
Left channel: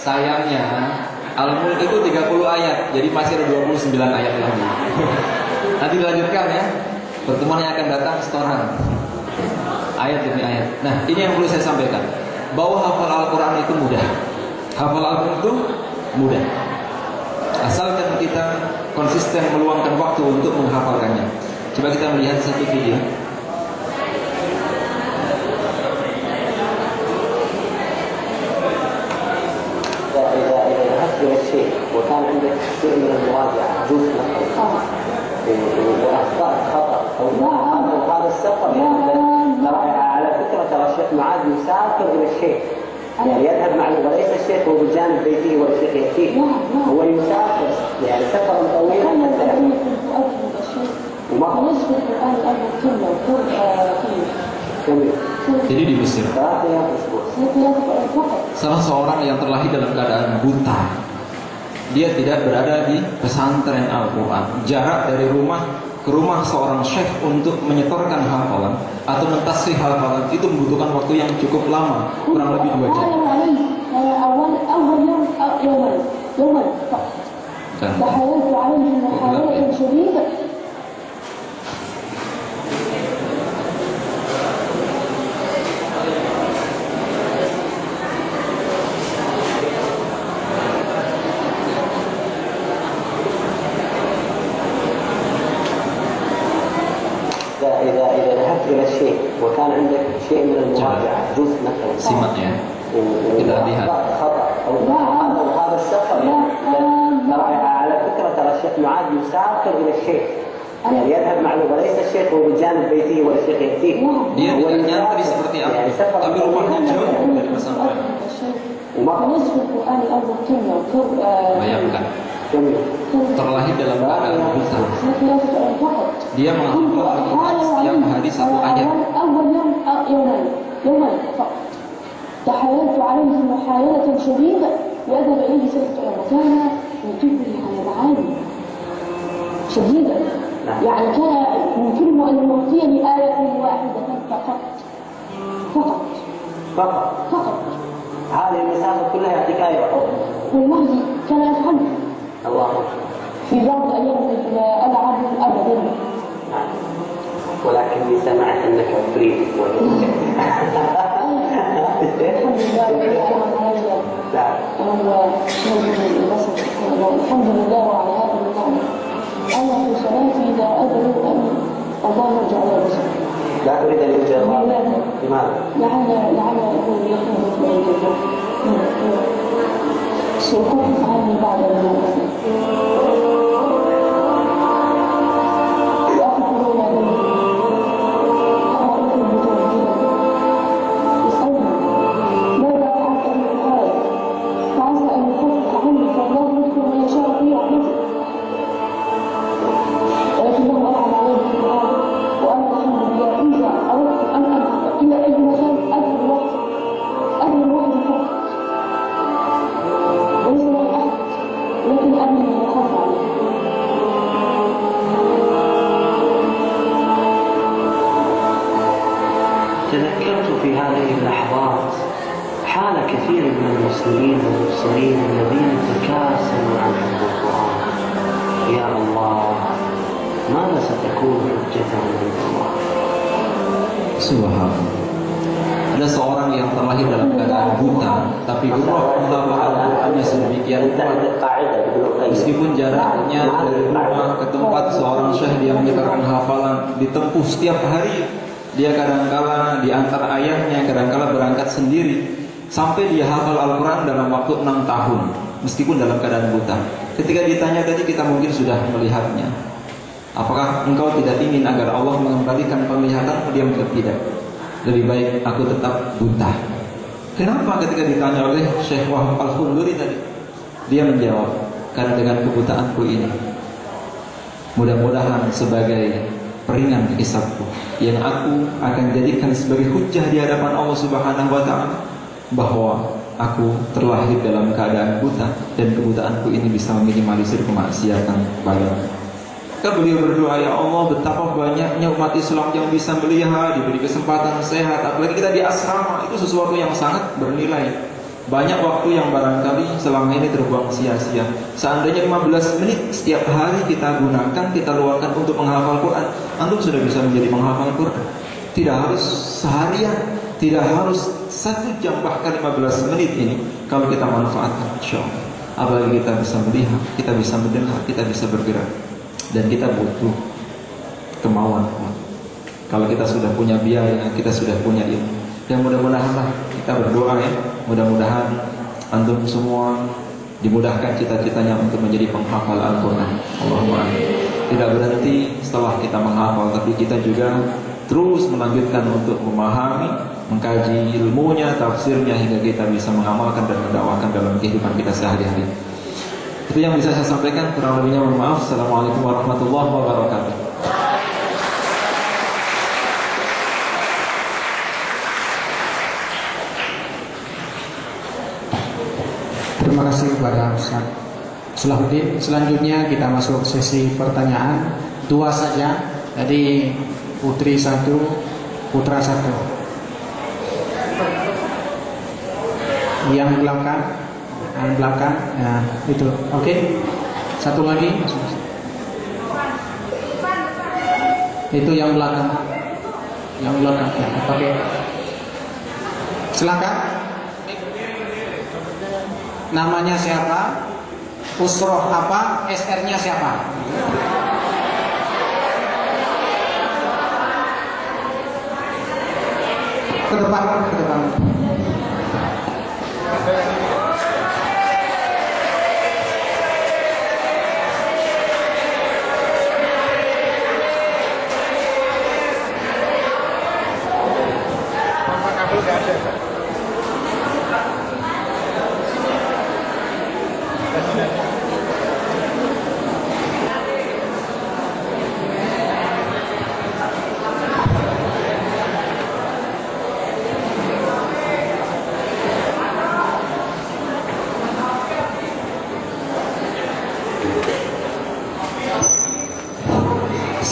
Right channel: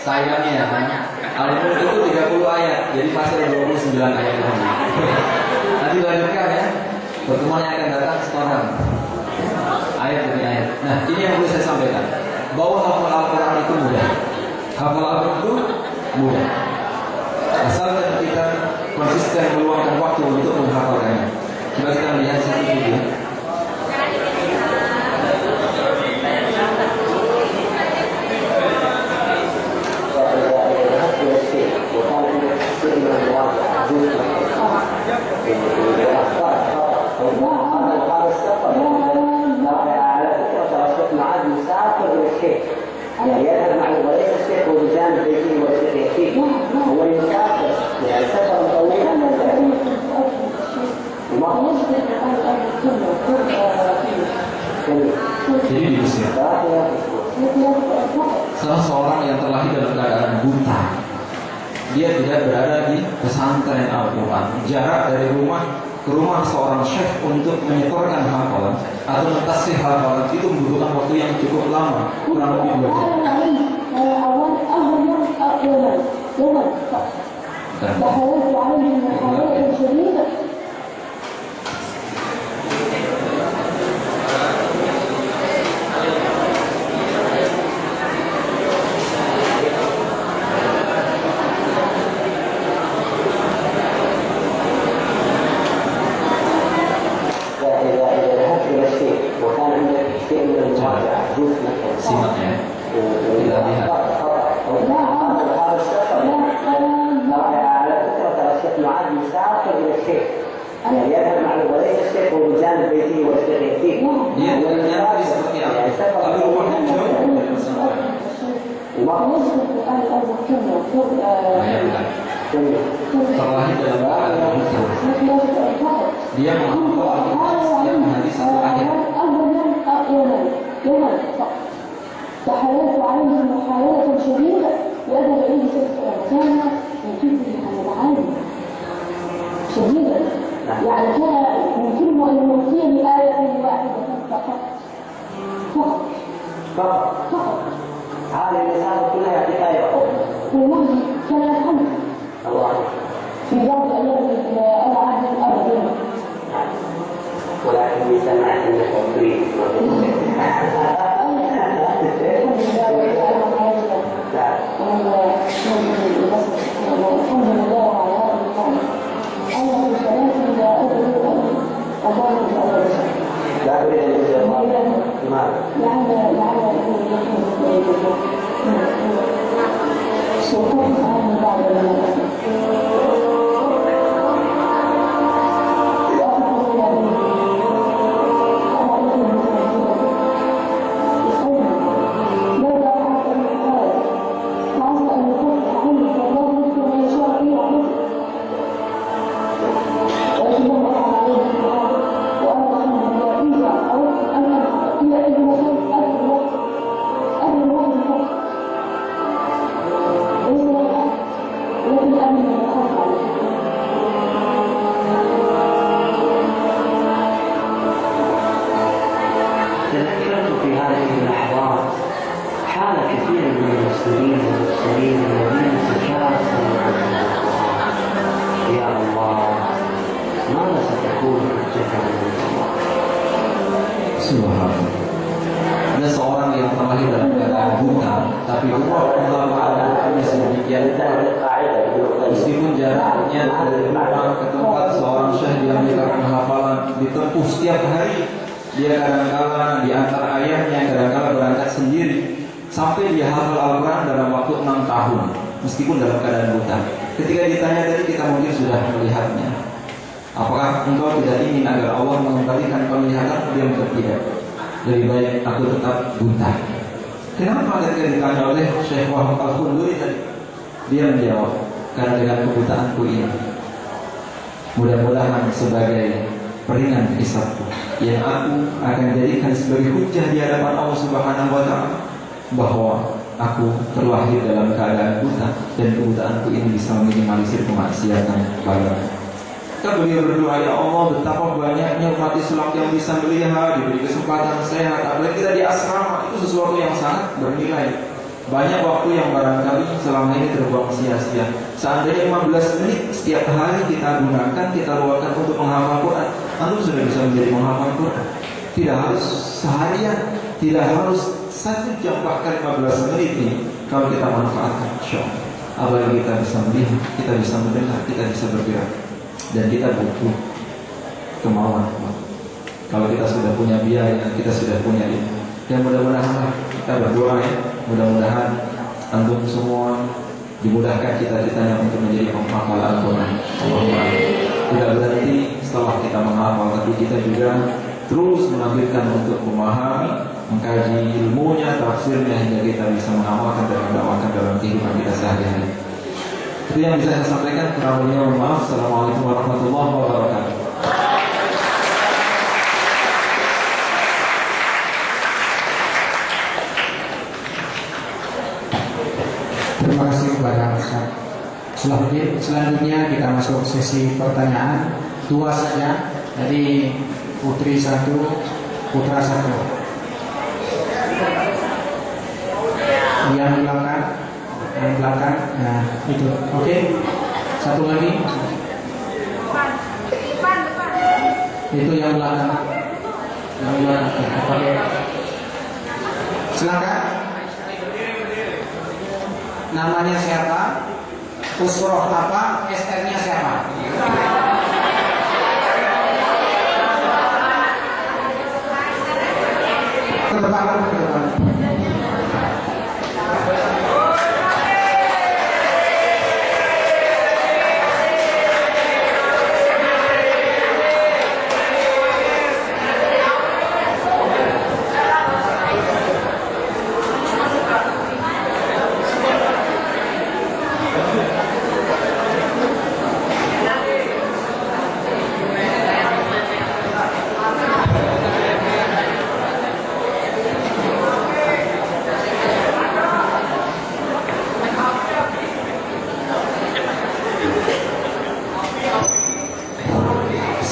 Sayangnya Al-Mulk itu 30 ayat. Jadi masih ada 29 ayat lagi. Nanti lanjutkan ya. Pertemuan yang akan datang setoran ayat demi ayat. Nah ini yang perlu saya sampaikan, bahwa hafal Al-Quran itu mudah. Hafal Al-Quran itu mudah, asalkan kita konsisten meluangkan waktu untuk menghafalkannya. Coba kita melihat satu video. شيء من المراجعة جزء هذا السفر على فكرة ترى الشيخ معاذ يسافر إلى الشيخ يعني يذهب معه وليس الشيخ هو بجانب بيته والشيخ يأتيه هو يسافر يعني سفر طويل Jadi di Mesir salah seorang yang terlahir dalam keadaan buta, dia tidak berada di pesantren Al-Quran. Jarak dari rumah ke rumah seorang syekh untuk menyetorkan hafalan atau mentasih hafalan itu membutuhkan waktu yang cukup lama, kurang lebih 2 jam. Simak ya, kita lihat. هذا السفر على فكرة ترى الشيخ معاذ يسافر إلى الشيخ يعني يذهب معه وليس الشيخ هو بجانب بيته والشيخ يأتيه. Dia tidak nyantri seperti apa, tapi rumahnya jauh dari pesantren. Bayangkan, terlahir dalam keadaan buta. Dia menghafal Al-Quran setiap hari 1 ayat. تحايلت عليه محاولة شديدة يذهب إليه شيخ وكان يجبني على معاني شديدة يعني كان يمكنه أن يعطيني آية واحدة فقط هذه المسافة كلها يعطيك آية والله كان يفهمه الله في بعض أيام الألعاب أبدا ولكني سمعت أنك تريد الحمد لله على هذا النعم. أنا في صلاتي لا أدري أن الله يجعل رزقي. لا أريد أن يجعل الله. لماذا؟ لعل يكون يكون في الجنة. سقوط عني بعد الموت. تذكرت في هذه اللحظات حال كثير من المسلمين والمرسلين الذين تكاسلوا عن القرآن. يا الله ماذا ستكون حجتهم عند الله؟ Subhanallah. Ada seorang yang terlahir dalam keadaan buta, tapi Allah Al-Qurannya sedemikian kuat. Meskipun jaraknya dari rumah ke tempat seorang syekh yang menyetorkan hafalan ditempuh setiap hari, dia kadang-kala diantar ayahnya, kadang-kala berangkat sendiri, sampai dia hafal Al-Quran dalam waktu 6 tahun, meskipun dalam keadaan buta. Ketika ditanya tadi, kita mungkin sudah melihatnya. Apakah engkau tidak ingin agar Allah mengembalikan penglihatanmu? Dia mengatakan tidak. Lebih baik aku tetap buta. Kenapa? Ketika ditanya oleh Syekh Wahab Al-Khunduri tadi, dia menjawab, karena dengan kebutaanku ini, mudah-mudahan sebagai peringan hisabku yang aku akan jadikan sebagai hujjah di hadapan Allah Subhanahu wa Ta'ala, bahwa aku terlahir dalam keadaan buta dan kebutaanku ini bisa meminimalisir kemaksiatan bagiku. Kan beliau berdoa, ya Allah, betapa banyaknya umat Islam yang bisa melihat, diberi kesempatan sehat, apalagi kita di asrama, itu sesuatu yang sangat bernilai. Banyak waktu yang barangkali selama ini terbuang sia-sia. Seandainya 15 menit setiap hari kita gunakan, kita luangkan untuk menghafal Quran, antum sudah bisa menjadi menghafal Quran. Tidak harus seharian, tidak harus 1 jam, bahkan 15 menit ini kalau kita manfaatkan, insya Allah. Apalagi kita bisa melihat, kita bisa mendengar, kita bisa bergerak. Dan kita butuh kemauan kuat. Kalau kita sudah punya biaya, kita sudah punya ilmu. Dan mudah-mudahan kita berdoa ya, mudah-mudahan antum semua dimudahkan cita-citanya untuk menjadi penghafal Al-Quran. Allahumma amin. Tidak berhenti setelah kita menghafal, tapi kita juga terus melanjutkan untuk memahami, mengkaji ilmunya, tafsirnya, hingga kita bisa mengamalkan dan mendakwakan dalam kehidupan kita sehari-hari. Itu yang bisa saya sampaikan. Kurang lebihnya mohon maaf. Assalamualaikum warahmatullahi wabarakatuh. Terima kasih kepada Ustaz Salahuddin. Selanjutnya kita masuk sesi pertanyaan, 2 saja. Jadi putri 1, putra 1. Yang belakang, nah itu. Oke. Satu lagi. Itu yang belakang. Oke. Silakan. Namanya siapa? Usroh apa? SR-nya siapa? Ke depan.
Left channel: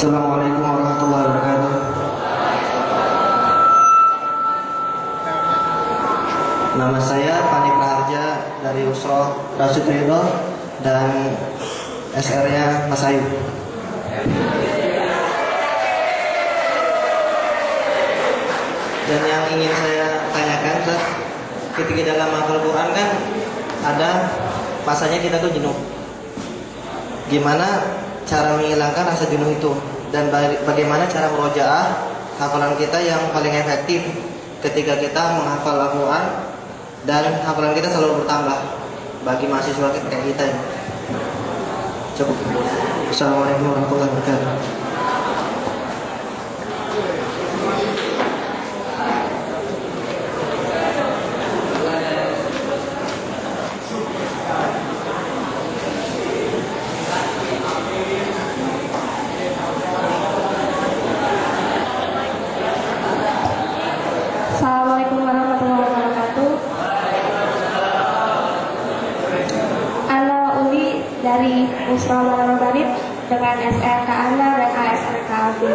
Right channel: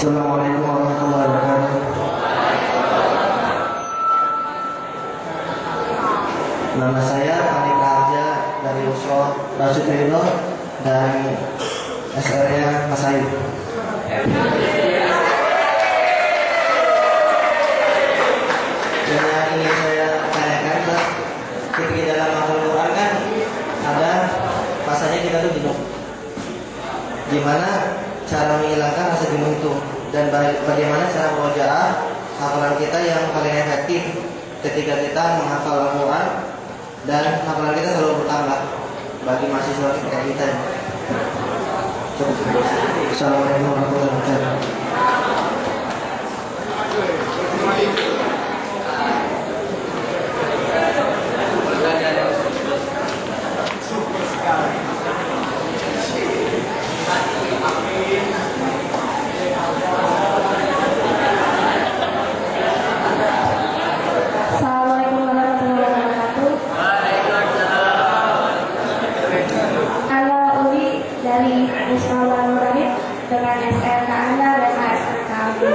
Assalamualaikum warahmatullahi wabarakatuh. Nama saya Panik Raharja dari Usroh Rasyid Ridho dan SR-nya Mas Ayu. Dan yang ingin saya tanyakan, Ustaz, ketika dalam hafal Quran kan ada masanya kita tuh jenuh. Gimana cara menghilangkan rasa jenuh itu, dan bagaimana cara murojaah hafalan kita yang paling efektif ketika kita menghafal Al-Quran dan hafalan kita selalu bertambah bagi mahasiswa kayak kita. Cukup. Assalamualaikum warahmatullahi wabarakatuh. dengan SRK Anda dan ASRK Abi.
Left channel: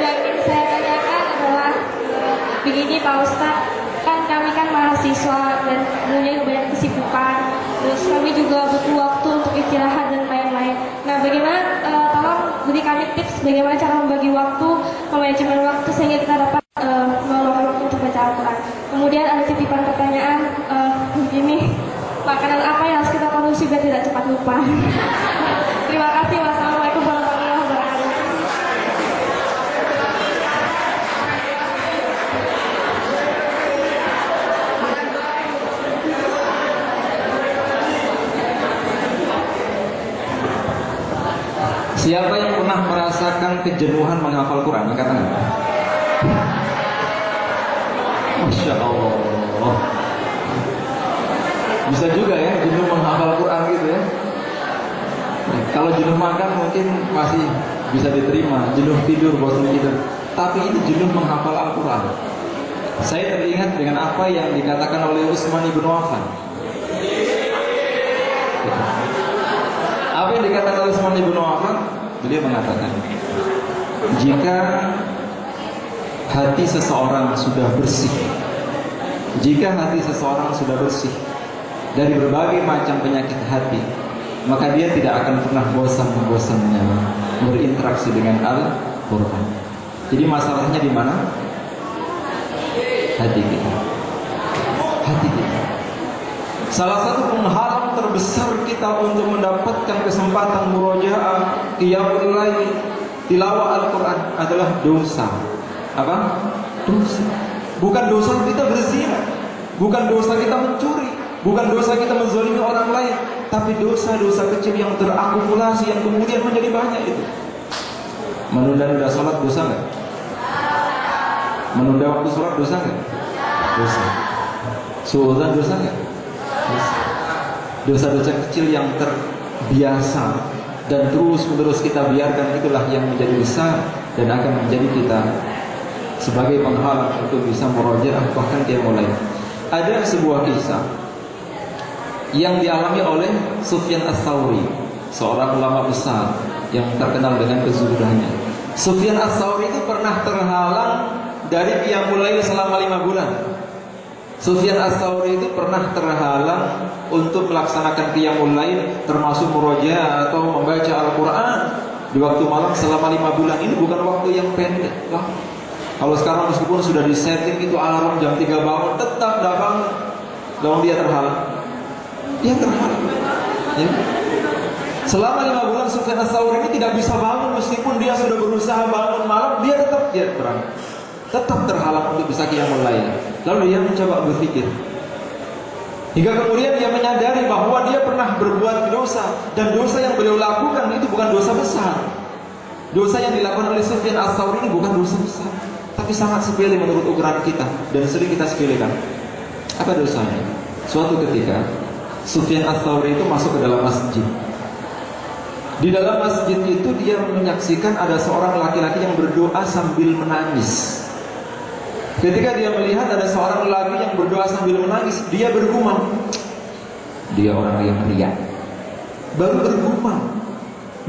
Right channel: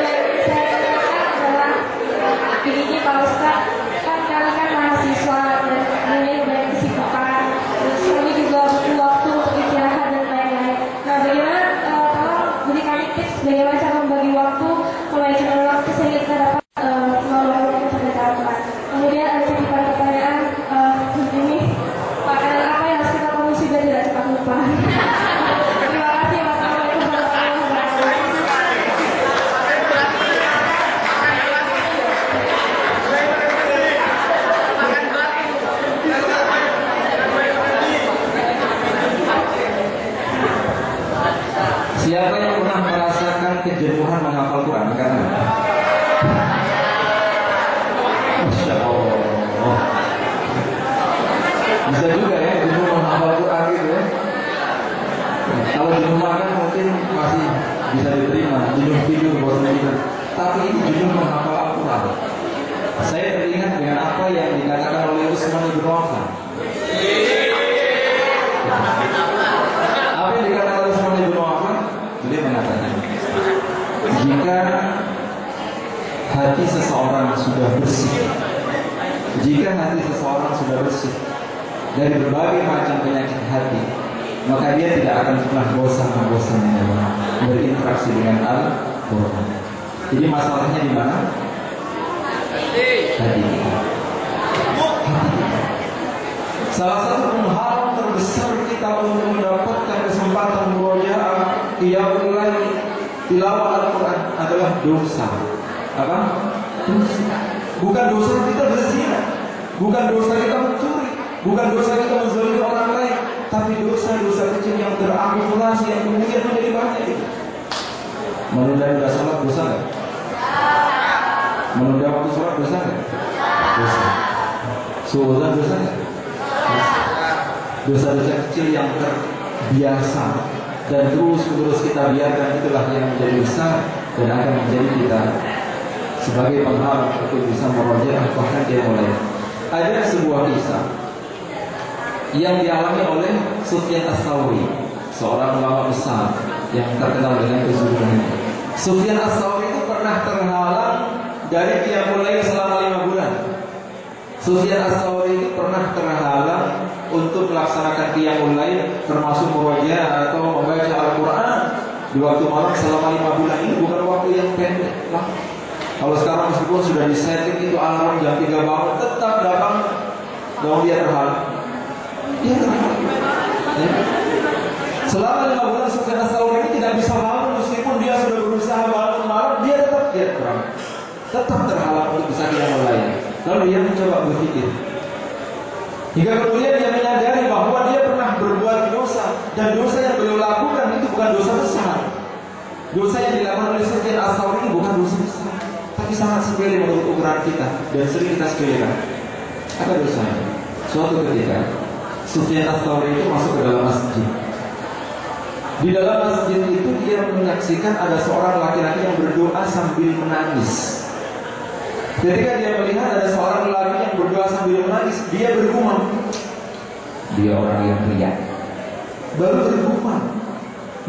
Dan saya tanyakan adalah begini Pak Ustaz, kan kami kan mahasiswa dan punya banyak kesibukan, terus kami juga butuh waktu untuk istirahat dan lain-lain. Nah, bagaimana tolong beri kami tips bagaimana cara membagi waktu, manajemen waktu sehingga kita dapat meluangkan waktu untuk baca Al-Quran. Kemudian ada titipan pertanyaan begini, makanan apa yang harus kita konsumsi biar tidak cepat lupa? Terima kasih. Wassalamualaikum warahmatullahi wabarakatuh. Siapa yang pernah merasakan kejenuhan menghafal Quran? Angkat tangan. Masya Allah. Bisa juga ya jenuh menghafal Quran gitu ya. Kalau jenuh makan mungkin masih bisa diterima, jenuh tidur, bosan tidur. Tapi ini jenuh menghafal Al-Quran. Saya teringat dengan apa yang dikatakan oleh Utsman ibn Affan. Apa yang dikatakan oleh Utsman ibn Affan? Beliau mengatakan, jika hati seseorang sudah bersih, dari berbagai macam penyakit hati, maka dia tidak akan pernah bosan-bosannya berinteraksi dengan Al-Quran. Jadi masalahnya di mana? Hati kita. Salah satu penghalang terbesar kita untuk mendapatkan kesempatan murojaah, qiyamul lail, tilawah Al-Quran adalah dosa. Apa? Dosa. Bukan dosa kita berzina, bukan dosa kita mencuri, bukan dosa kita menzalimi orang lain, tapi dosa-dosa kecil yang terakumulasi yang kemudian menjadi banyak itu. Menunda-nunda salat dosa nggak? Menunda waktu salat dosa nggak? Dosa. Suudzon dosa nggak? Dosa-dosa kecil yang terbiasa dan terus-menerus kita biarkan, itulah yang menjadi besar dan akan menjadi kita sebagai penghalang untuk bisa murojaah bahkan dia mulai. Ada sebuah kisah yang dialami oleh Sufyan Ats-Tsauri, seorang ulama besar yang terkenal dengan kezuhudannya. Sufyan Ats-Tsauri itu pernah terhalang dari qiyamul lail selama 5 bulan. Sufyan Ats-Tsauri itu pernah terhalang untuk melaksanakan qiyamul lail, termasuk murojaah atau membaca Al-Quran di waktu malam selama 5 bulan. Ini bukan waktu yang pendek lah. Kalau sekarang meskipun sudah disetting itu alarm jam 3 bangun, tetap datang, dong dia terhalang. Dia terhalang. Ya. Selama 5 bulan Sufyan Ats-Tsauri ini tidak bisa bangun, meskipun dia sudah berusaha bangun malam, dia tetap terhalang untuk bisa qiyamul lail. Lalu dia mencoba berpikir, hingga kemudian dia menyadari bahwa dia pernah berbuat dosa, dan dosa yang beliau lakukan itu bukan dosa besar. Dosa yang dilakukan oleh Sufyan Ats-Tsauri ini bukan dosa besar, tapi sangat sepele menurut ukuran kita dan sering kita sepelekan. Apa dosanya? Suatu ketika Sufyan Ats-Tsauri itu masuk ke dalam masjid. Di dalam masjid itu dia menyaksikan ada seorang laki-laki yang berdoa sambil menangis. Ketika dia melihat ada seorang lelaki yang berdoa sambil menangis, dia bergumam, dia orang yang riya. Baru bergumam,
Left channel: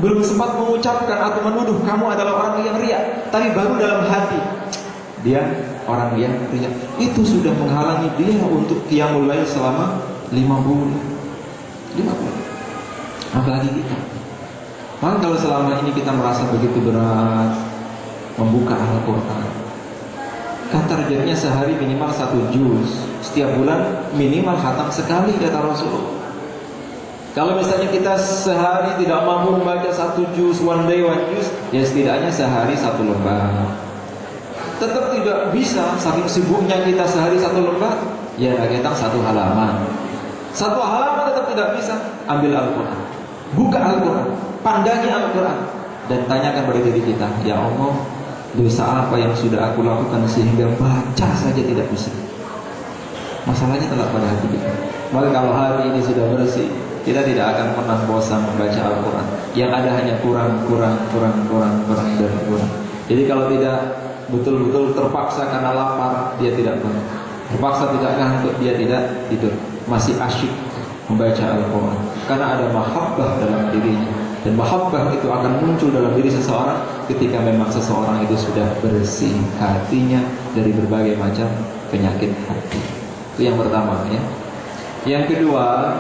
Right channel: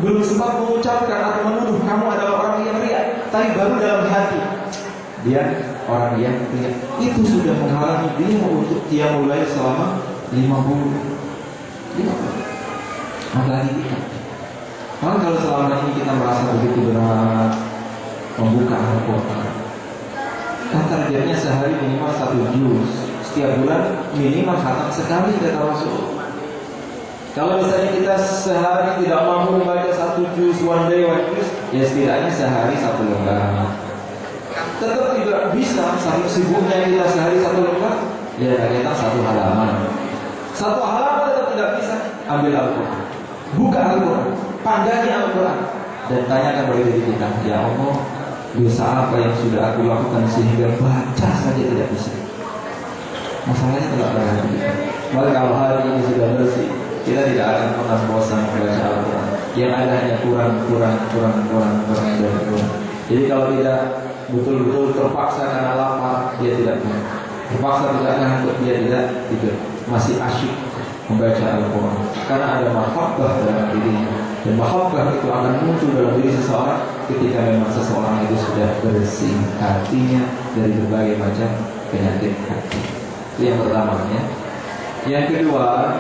belum sempat mengucapkan atau menuduh kamu adalah orang yang riya, tapi baru dalam hati dia orang yang riya. Itu sudah menghalangi dia untuk qiyamul lail selama 5 bulan. Apalagi kita. Maka kalau selama ini kita merasa begitu berat membuka Al-Quran, kan targetnya sehari minimal 1 juz, setiap bulan minimal khatam sekali kata Rasul. Kalau misalnya kita sehari tidak mampu membaca 1 juz, one day one juz, ya setidaknya sehari 1 lembar. Tetap tidak bisa, saking sibuknya kita sehari 1 lembar, ya kita 1 halaman. 1 halaman tetap tidak bisa. Ambil Al-Quran, buka Al-Quran, pandangi Al-Quran, dan tanyakan pada diri kita, ya Allah, dosa apa yang sudah aku lakukan sehingga baca saja tidak bisa. Masalahnya tetap pada hati kita. Maka kalau hati ini sudah bersih, kita tidak akan pernah bosan membaca Al-Quran. Yang ada hanya kurang. Jadi kalau tidak betul-betul terpaksa karena lapar, dia tidak pernah. Terpaksa tidak ngantuk, dia tidak tidur. Masih asyik membaca Al-Quran karena ada mahabbah dalam dirinya. Dan mahabbah itu akan muncul dalam diri seseorang ketika memang seseorang itu sudah bersih hatinya dari berbagai macam penyakit hati. Itu yang pertama ya. Yang kedua,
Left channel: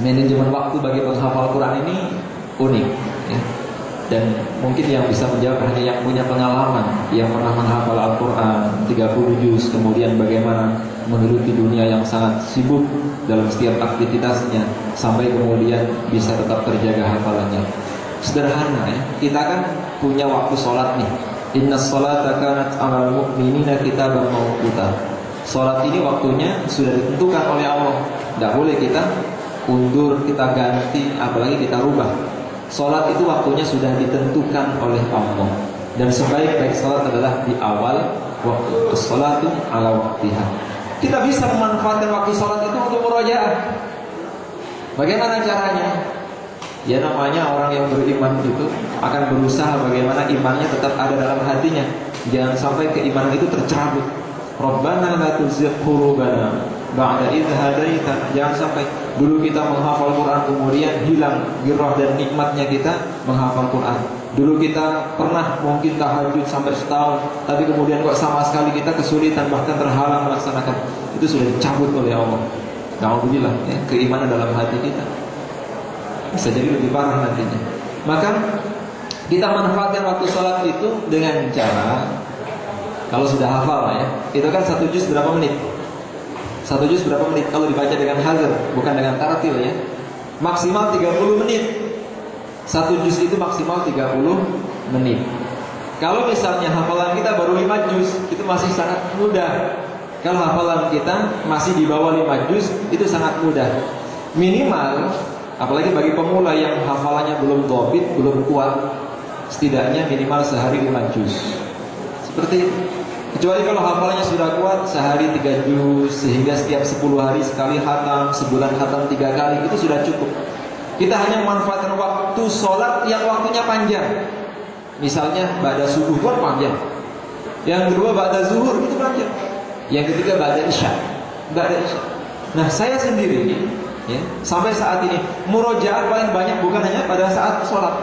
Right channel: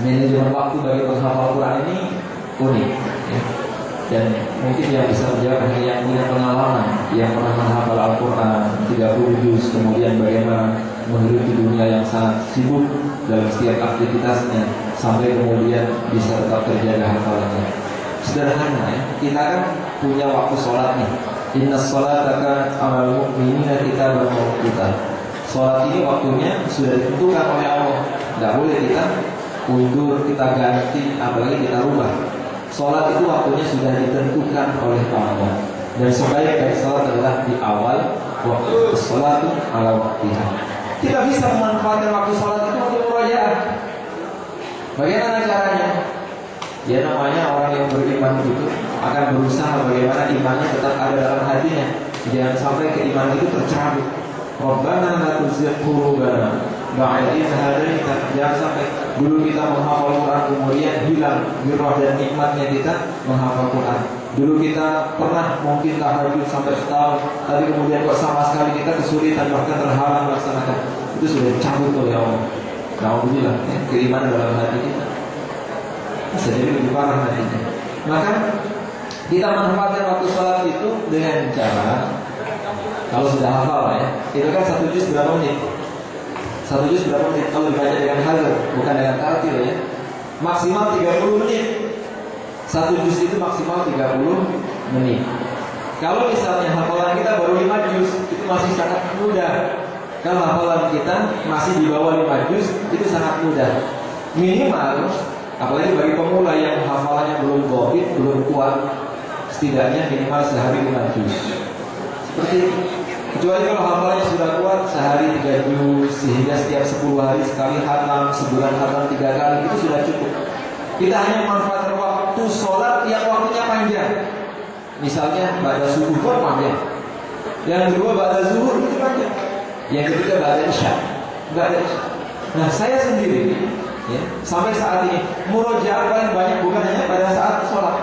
manajemen waktu bagi penghafal Quran ini unik ya. Dan mungkin yang bisa menjawab hanya yang punya pengalaman, yang pernah menghafal Al-Quran 30 juz, kemudian bagaimana menghidupi dunia yang sangat sibuk dalam setiap aktivitasnya, sampai kemudian bisa tetap terjaga hafalannya. Sederhana ya, kita kan punya waktu sholat nih. Innas sholata kanat 'alal mu'minina kitaban mawquta. Sholat ini waktunya sudah ditentukan oleh Allah, tidak boleh kita undur, kita ganti, apalagi kita rubah. Sholat itu waktunya sudah ditentukan oleh Allah, dan sebaik-baik sholat adalah di awal waktu. Sholatu ala waktiha. Kita bisa memanfaatkan waktu sholat itu untuk murojaah. Bagaimana caranya? Ya namanya orang yang beriman itu akan berusaha bagaimana imannya tetap ada dalam hatinya. Jangan sampai keimanan itu tercerabut. Rabbana la tuzigh qulubana ba'da idh hadaitana. Jangan sampai dulu kita menghafal Quran kemudian hilang girah dan nikmatnya kita menghafal Quran. Dulu kita pernah mungkin tahajud sampai setahun, tapi kemudian kok sama sekali kita kesulitan, bahkan terhalang melaksanakan. Itu sudah dicabut oleh Allah. Alhamdulillah ya, keimanan dalam hati kita bisa jadi lebih parah nantinya. Maka kita manfaatkan waktu sholat itu dengan cara, kalau sudah hafal ya, itu kan 1 juz berapa menit? 1 juz berapa menit? Kalau dibaca dengan hazar, bukan dengan tartil ya, maksimal 30 menit. 1 juz itu maksimal 30 menit. Kalau misalnya hafalan kita baru 5 juz, itu masih sangat mudah. Kalau hafalan kita masih di bawah 5 juz, itu sangat mudah. Minimal, apalagi bagi pemula yang hafalannya belum dhabit, belum kuat, setidaknya minimal sehari 5 juz. Seperti kecuali kalau hafalannya sudah kuat, sehari 3 juz, sehingga setiap 10 hari sekali khatam, sebulan khatam 3 kali, itu sudah cukup. Kita hanya memanfaatkan waktu sholat yang waktunya panjang. Misalnya ba'da subuh pun panjang. Yang kedua ba'da zuhur itu panjang. Yang ketiga ba'da isya. Nah, saya sendiri ya, sampai saat ini murojaah paling banyak bukan hanya pada saat sholat.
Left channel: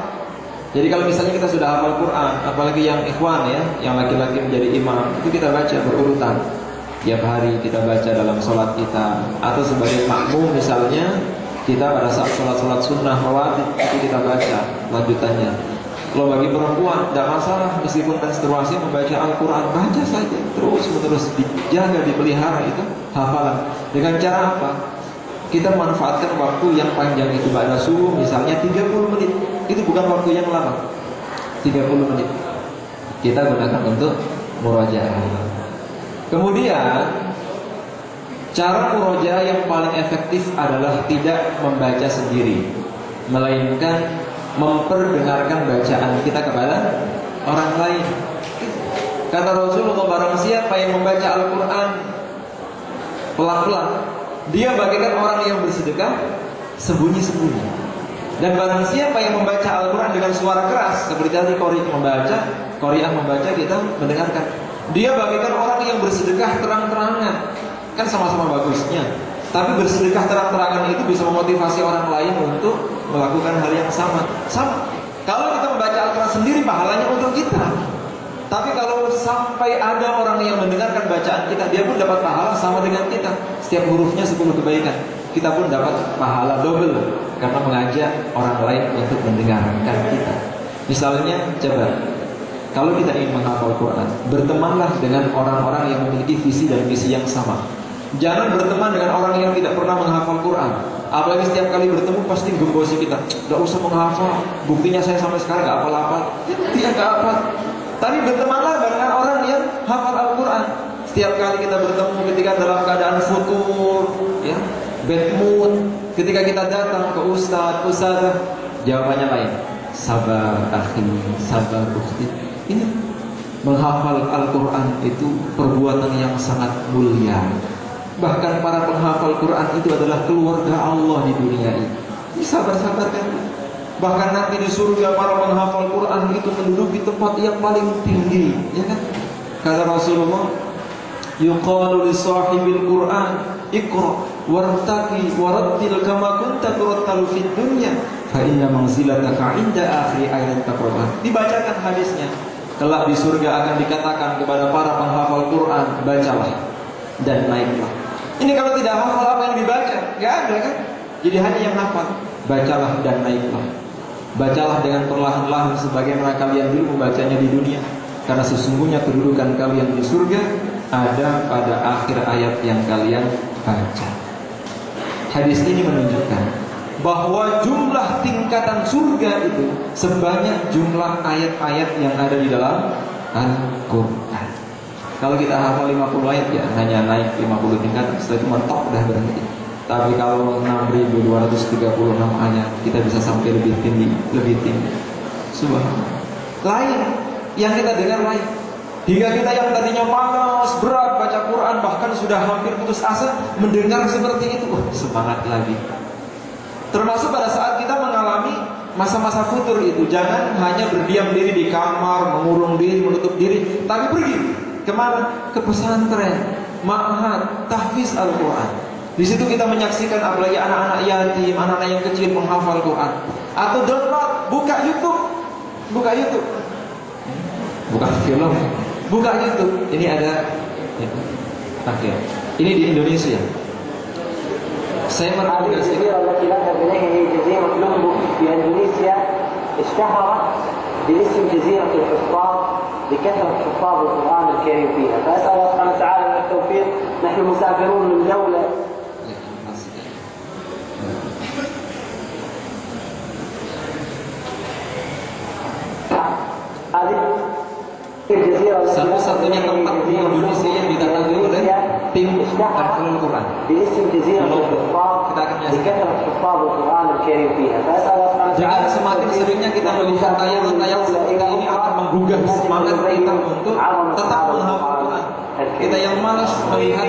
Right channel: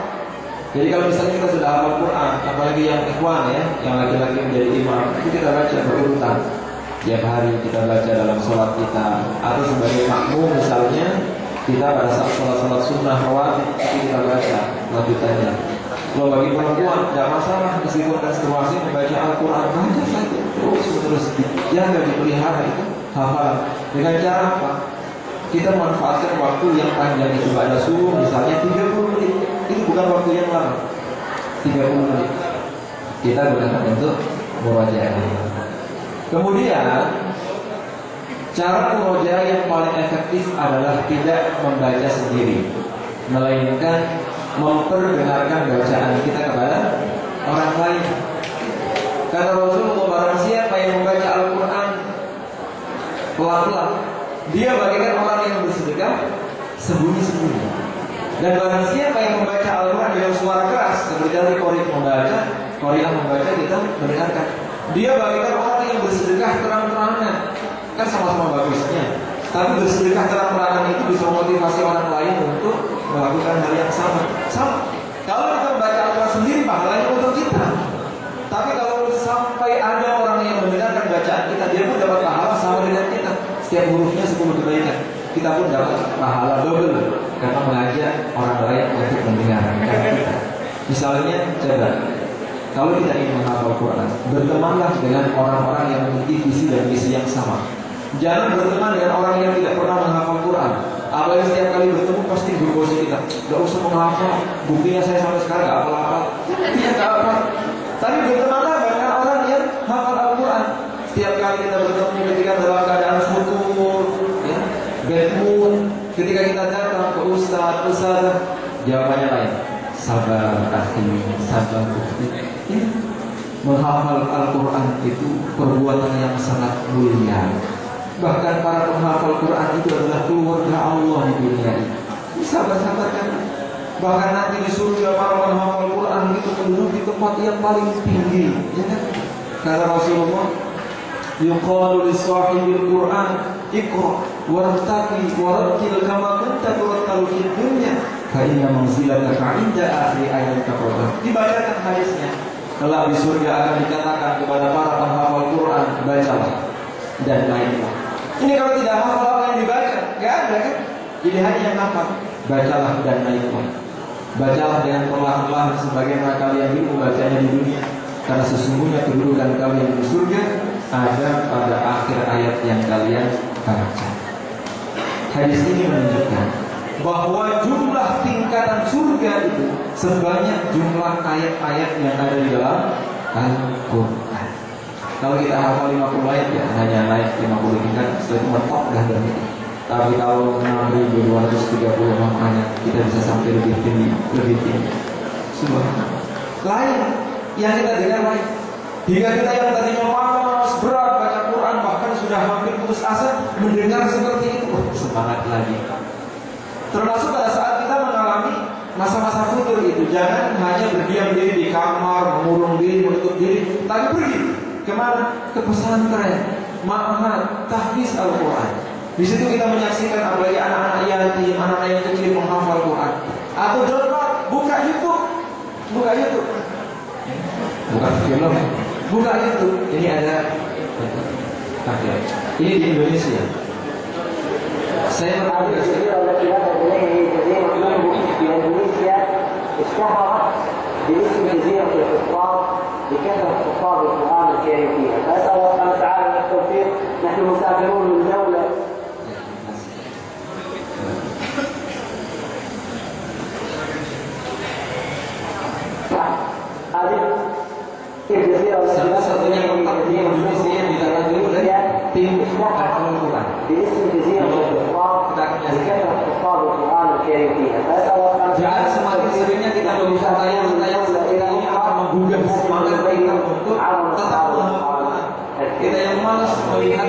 Jadi kalau misalnya kita sudah hafal Quran, apalagi yang ikhwan ya, yang laki-laki menjadi imam, itu kita baca berurutan. Tiap hari kita baca dalam sholat kita. Atau sebagai makmum misalnya, kita pada saat sholat sunnah rawatib itu kita baca lanjutannya. Kalau bagi perempuan tidak masalah, meskipun menstruasi membaca Al-Quran, baca saja terus dijaga, dipelihara itu hafalan. Dengan cara apa? Kita manfaatkan waktu yang panjang itu pada subuh misalnya 30 menit. Itu bukan waktu yang lama, 30 menit kita gunakan untuk murojaah. Kemudian cara murojaah yang paling efektif adalah tidak membaca sendiri, melainkan memperdengarkan bacaan kita kepada orang lain. Kata Rasulullah, barang siapa yang membaca Al-Quran pelan-pelan, dia bagaikan orang yang bersedekah sembunyi-sembunyi. Dan barang siapa yang membaca Al-Quran dengan suara keras, seperti tadi Qari'ah membaca, kita mendengarkan, dia bagaikan orang yang bersedekah terang-terangan. Kan sama-sama bagusnya. Tapi bersedekah terang-terangan itu bisa memotivasi orang lain untuk melakukan hal yang sama. Kalau kita membaca Al-Quran sendiri, pahalanya untuk kita. Tapi kalau sampai ada orang yang mendengarkan bacaan kita, dia pun dapat pahala sama dengan kita. Setiap hurufnya 10 kebaikan. Kita pun dapat pahala double karena mengajak orang lain untuk mendengarkan kita. Misalnya, coba kalau kita ingin menghafal Quran, bertemanlah dengan orang-orang yang memiliki visi dan misi yang sama. Jangan berteman dengan orang yang tidak pernah menghafal Quran. Apalagi setiap kali bertemu pasti genggosi kita. Gak usah menghafal. Buktinya saya sampai sekarang gak hafal-hafal. Dia gak hafal. Tapi bertemanlah dengan orang yang hafal Al-Quran. Setiap kali kita bertemu ketika dalam keadaan futur, ya, bad mood, ketika kita datang ke ustaz, jawabannya lain. Sabar akhi, sabar ukhti. Ini menghafal Al-Quran itu perbuatan yang sangat mulia. Bahkan para penghafal Quran itu adalah keluarga Allah di dunia ini. Sabar-sabar kan. Bahkan nanti di surga para penghafal Quran itu menduduki tempat yang paling tinggi, ya kan? Kata Rasulullah, yuqalu li sahibil Quran, iqra wartaqi warattil kama kunta turattalu fid dunya, fa inna manzilataka 'inda akhir ayat taqra'ah. Dibacakan hadisnya. Kelak di surga akan dikatakan kepada para penghafal Quran, bacalah dan naiklah. Ini kalau tidak hafal apa yang dibaca, nggak ada kan? Jadi hanya yang hafal, bacalah dan naiklah. Bacalah dengan perlahan-lahan sebagaimana kalian dulu membacanya di dunia. Karena sesungguhnya kedudukan kalian di surga ada pada akhir ayat yang kalian baca. Hadis ini menunjukkan bahwa jumlah tingkatan surga itu sebanyak jumlah ayat-ayat yang ada di dalam Al-Quran. Kalau kita hafal 50 ayat ya hanya naik 50 tingkat, setelah itu mentok dah berhenti. Tapi kalau 6.236 ayat kita bisa sampai lebih tinggi. Subhanallah. Lain yang kita dengar lain. Hingga kita yang tadinya malas berat baca Quran, bahkan sudah hampir putus asa, mendengar seperti itu, semangat lagi. Termasuk pada saat kita mengalami masa-masa futur itu, jangan hanya berdiam diri di kamar, mengurung diri, menutup diri, tapi pergi. Kemana? Ke pesantren, ma'had, tahfiz Al-Quran. Di situ kita menyaksikan apalagi anak-anak yatim, anak-anak yang kecil menghafal Quran. Atau download, buka YouTube, buka film, buka YouTube. Ini ada takdir. Ini di Indonesia. Saya merekomendasikan. باسم جزيرة الحفاظ لكثرة حفاظ القرآن الكريم فيها، فأسأل الله سبحانه وتعالى من التوفيق. نحن مسافرون من دولة هذه Satu-satunya tempat di Indonesia yang didatangi oleh tim Al Quran. Jangan semakin seringnya kita melihat tayangan-tayangan seperti ini akan menggugah semangat kita untuk tetap menghafal Quran. Kita yang malas melihat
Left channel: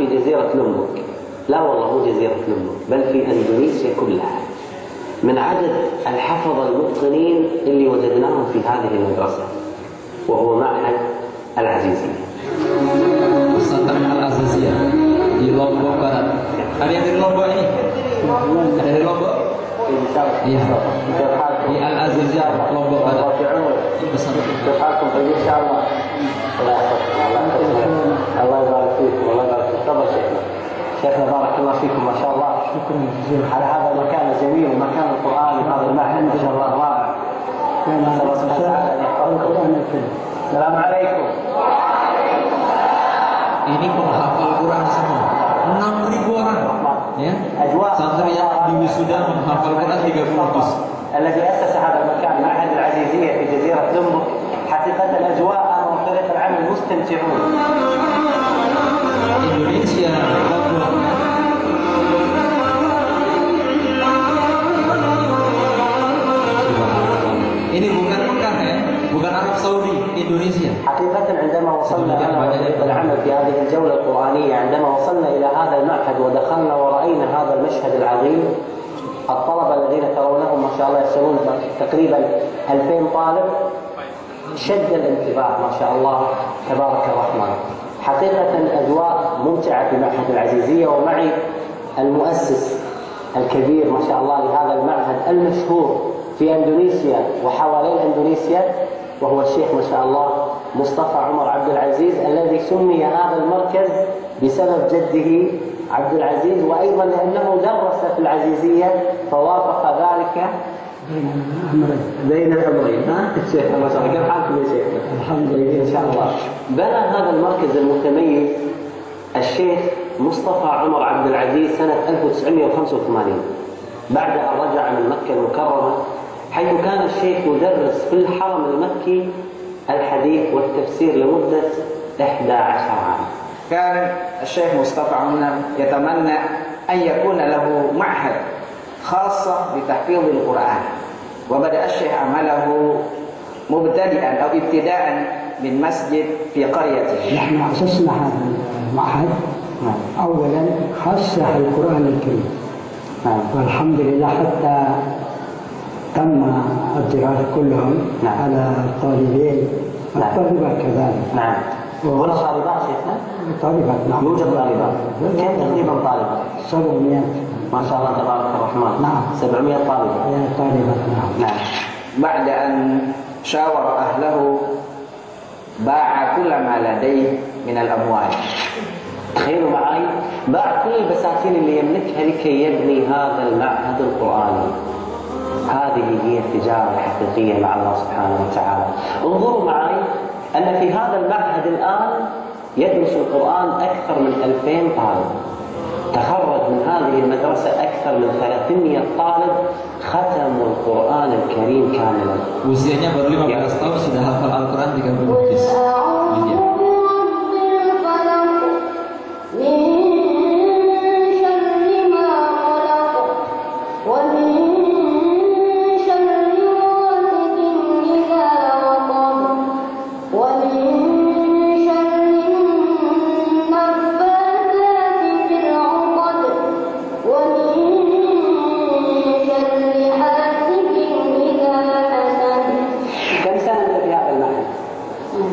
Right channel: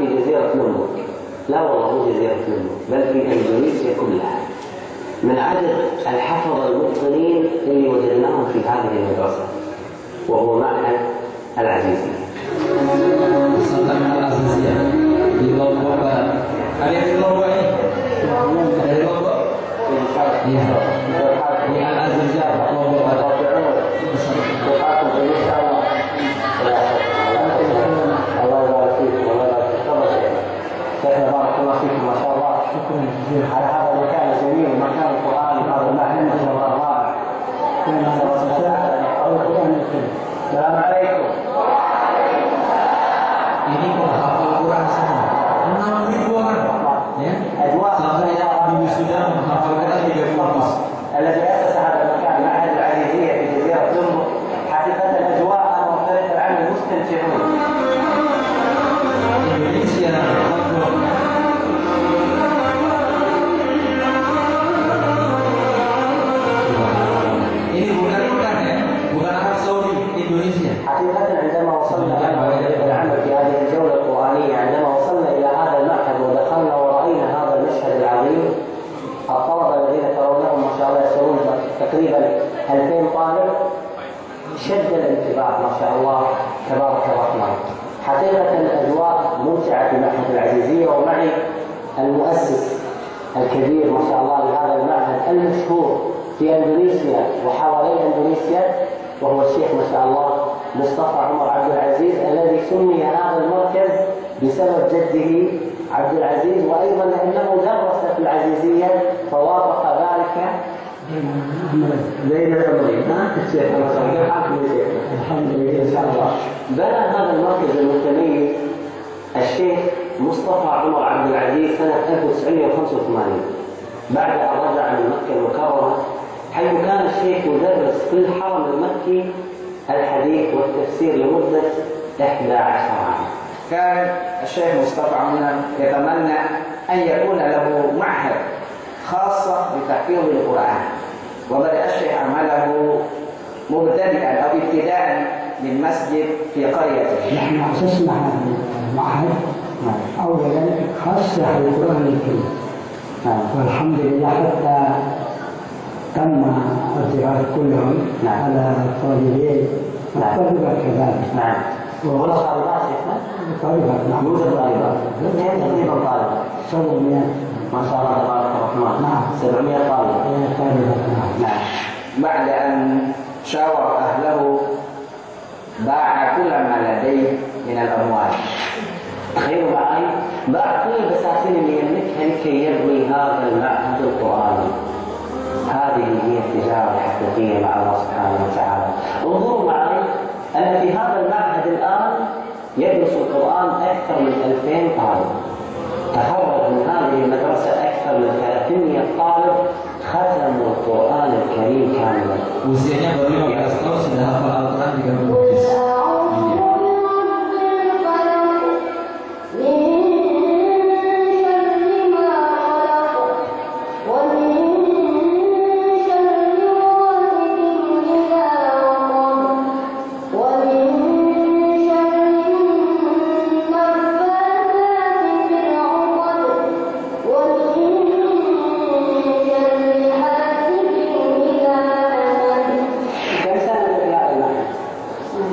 في جزيرة لومبوك. لا والله مو جزيرة لومبوك، بل في إندونيسيا كلها، من عدد الحفظة المتقنين اللي وجدناهم في هذه المدرسة، وهو معهد العزيزية. Pesantren Al-Aziziyah di Lombok Barat. Ada yang di Lombok ini? Ada di Lombok? Iya. Di Al-Aziziyah Lombok Barat. شيخنا بارك الله فيكم ما شاء الله، شكرا جزيلا على هذا المكان الجميل ومكان القرآن وهذا المعهد ما شاء الله رائع. السلام عليكم. Ini penghafal Quran semua 6.000 orang ya. Santri yang di wisuda menghafal Quran 30 juz. الذي أسس هذا المكان معهد العزيزية في جزيرة لومبوك حقيقة الأجواء وفريق العمل مستمتعون. Indonesia ini bukan Mekah ya, bukan Arab Saudi, Indonesia. حقيقة عندما وصلنا إلى العمل في هذه الجولة القرآنية، عندما وصلنا إلى هذا المعهد ودخلنا ورأينا هذا المشهد العظيم، الطلبة الذين ترونهم ما شاء الله يصلون تقريبا 2000 طالب، شد الانتباه ما شاء الله تبارك الرحمن. حقيقة الأجواء ممتعة في معهد العزيزية، ومعي المؤسس الكبير ما شاء الله لهذا المعهد المشهور في إندونيسيا وحوالين إندونيسيا، وهو الشيخ ما شاء الله مصطفى عمر عبد العزيز، الذي سمي هذا المركز بسبب جده عبد العزيز، وأيضا لأنه درس في العزيزية فوافق ذلك بين الأمرين. الشيخ ما شاء الله، كيف حالكم يا شيخ؟ الحمد لله إن شاء الله. بنى هذا المركز المتميز الشيخ مصطفى عمر عبد العزيز سنة 1985 بعد أن رجع من مكة المكرمة، حيث كان الشيخ يدرس في الحرم المكي الحديث والتفسير لمدة 11 عام. كان الشيخ مصطفى عمر يتمنى أن يكون له معهد خاصة بتحفيظ القرآن، وبدأ الشيخ عمله مبتدئا أو ابتداء من مسجد في قريته. نحن أسسنا هذا المعهد أولا خاصة القرآن الكريم، والحمد لله حتى تم الدراسة كلهم على الطالبين والطالبات كذلك. نعم. ولا طالبات شيخنا؟ طالبات نعم. يوجد طالبات. كم تقريبا طالبات؟ 700 ما شاء الله تبارك الرحمن. نعم. 700 طالب. طالبات نعم. نعم. بعد أن شاور أهله باع كل ما لديه من الأموال. تخيلوا معي، باع كل البساتين اللي يملكها لكي يبني هذا المعهد القرآني. هذه هي التجارة الحقيقية مع الله سبحانه وتعالى. انظروا معي أن في هذا المعهد الآن يدرس القرآن أكثر من 2000 طالب. تخرج من هذه المدرسة أكثر من 300 طالب ختموا القرآن الكريم كاملا. Usianya baru 15 tahun sudah hafal Al-Quran 30 juz.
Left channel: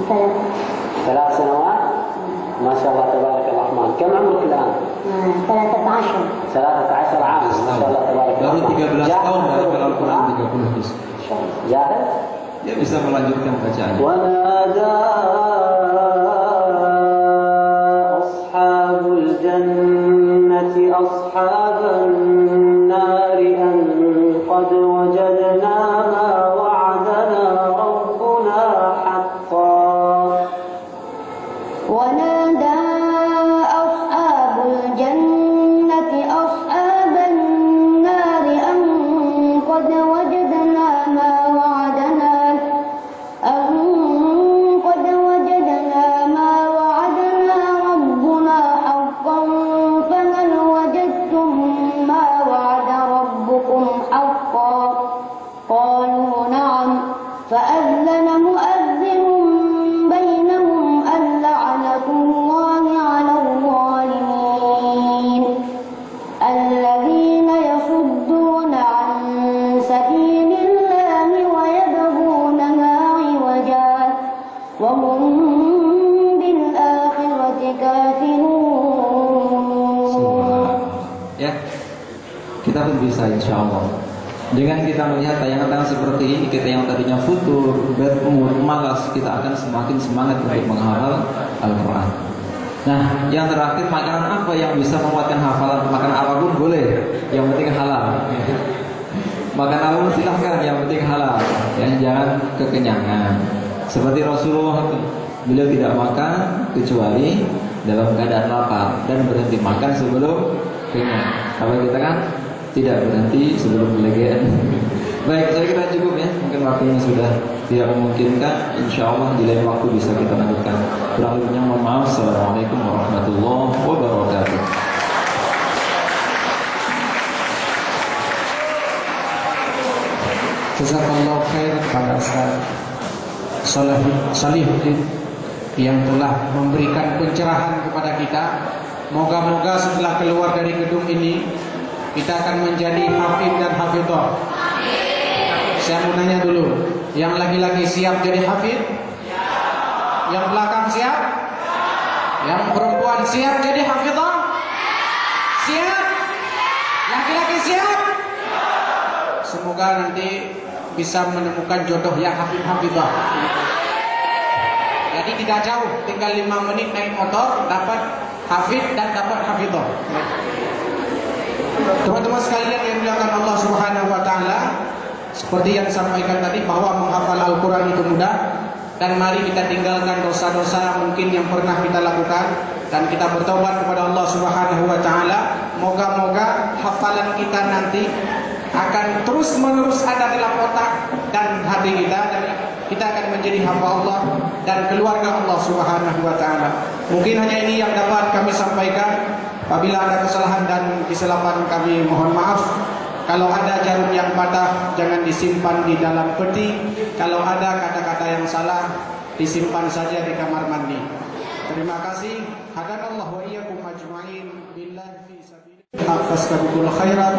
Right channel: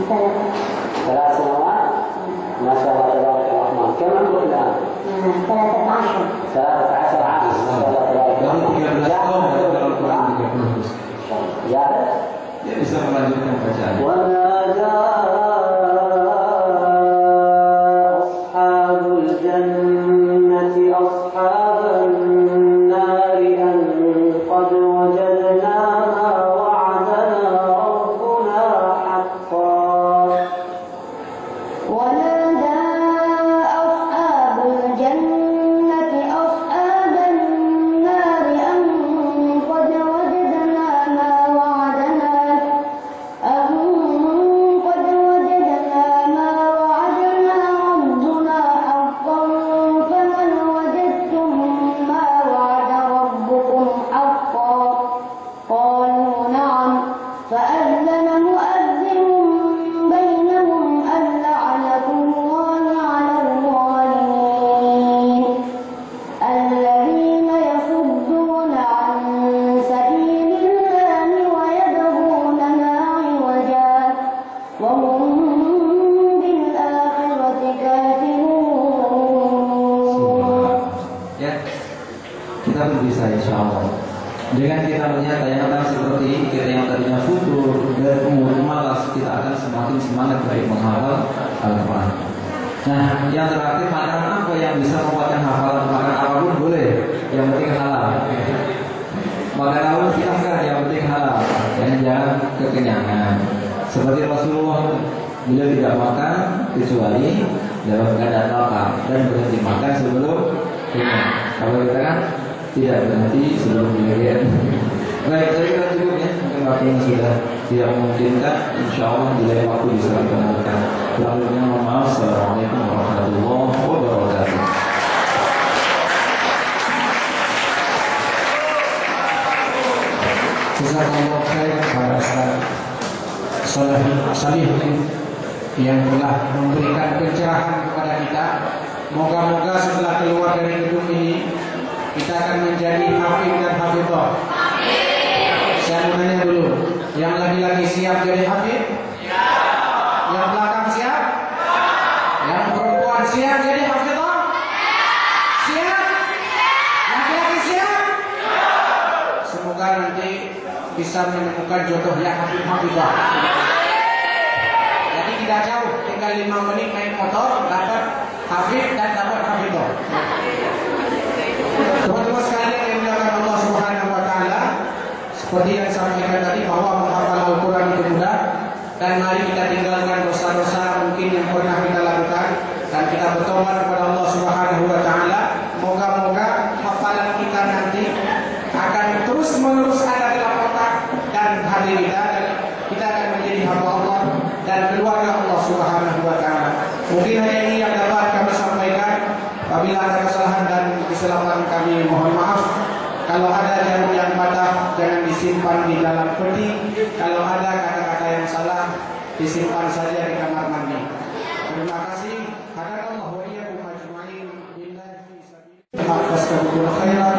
saya dia bisa melanjutkan bacaan. Dengan kita melihat tayangan seperti ini, kita yang tadinya futur, berumur, malas, kita akan semakin semangat untuk menghafal Al-Quran. Nah, yang terakhir, makanan apa yang bisa menguatkan hafalan? Makan apapun boleh, yang penting halal. Makan apapun silahkan, yang penting halal. Ya, jangan kekenyangan. Seperti Rasulullah, beliau tidak makan kecuali dalam keadaan lapar dan berhenti makan sebelum kenyang. Kalau kita kan tidak berhenti sebelum kelegean. Baik, saya kira cukup ya. Mungkin waktunya sudah tidak memungkinkan. Insya Allah di lain waktu bisa kita lanjutkan. Kurang lebihnya mohon maaf. Assalamualaikum warahmatullahi wabarakatuh. Jazakallahu khairan kepada Ustaz Salih yang telah memberikan pencerahan kepada kita. Moga-moga setelah keluar dari gedung ini kita akan menjadi hafid dan hafidhah. Saya mau nanya dulu, yang laki-laki siap jadi hafid? Yang belakang siap? Yang perempuan siap jadi hafidhah? Siap? Laki-laki siap? Semoga nanti bisa menemukan jodoh yang hafid-hafidhah. Jadi tidak jauh, tinggal 5 menit naik motor dapat hafid dan dapat hafidhah. Teman-teman sekalian yang dimuliakan Allah Subhanahu wa taala, seperti yang disampaikan tadi bahwa menghafal Al-Qur'an itu mudah, dan mari kita tinggalkan dosa-dosa mungkin yang pernah kita lakukan dan kita bertobat kepada Allah Subhanahu wa taala. Moga-moga hafalan kita nanti akan terus-menerus ada dalam otak dan hati kita, dan kita akan menjadi hamba Allah dan keluarga Allah Subhanahu wa taala. Mungkin hanya ini yang dapat kami sampaikan. Apabila ada kesalahan dan kesilapan kami mohon maaf. Kalau ada jarum yang patah jangan disimpan di dalam peti. Kalau ada kata-kata yang salah disimpan saja di kamar mandi. Terima kasih. Hadanallahu wa iyyakum ajma'in billahi fi sabilillah. Khairan.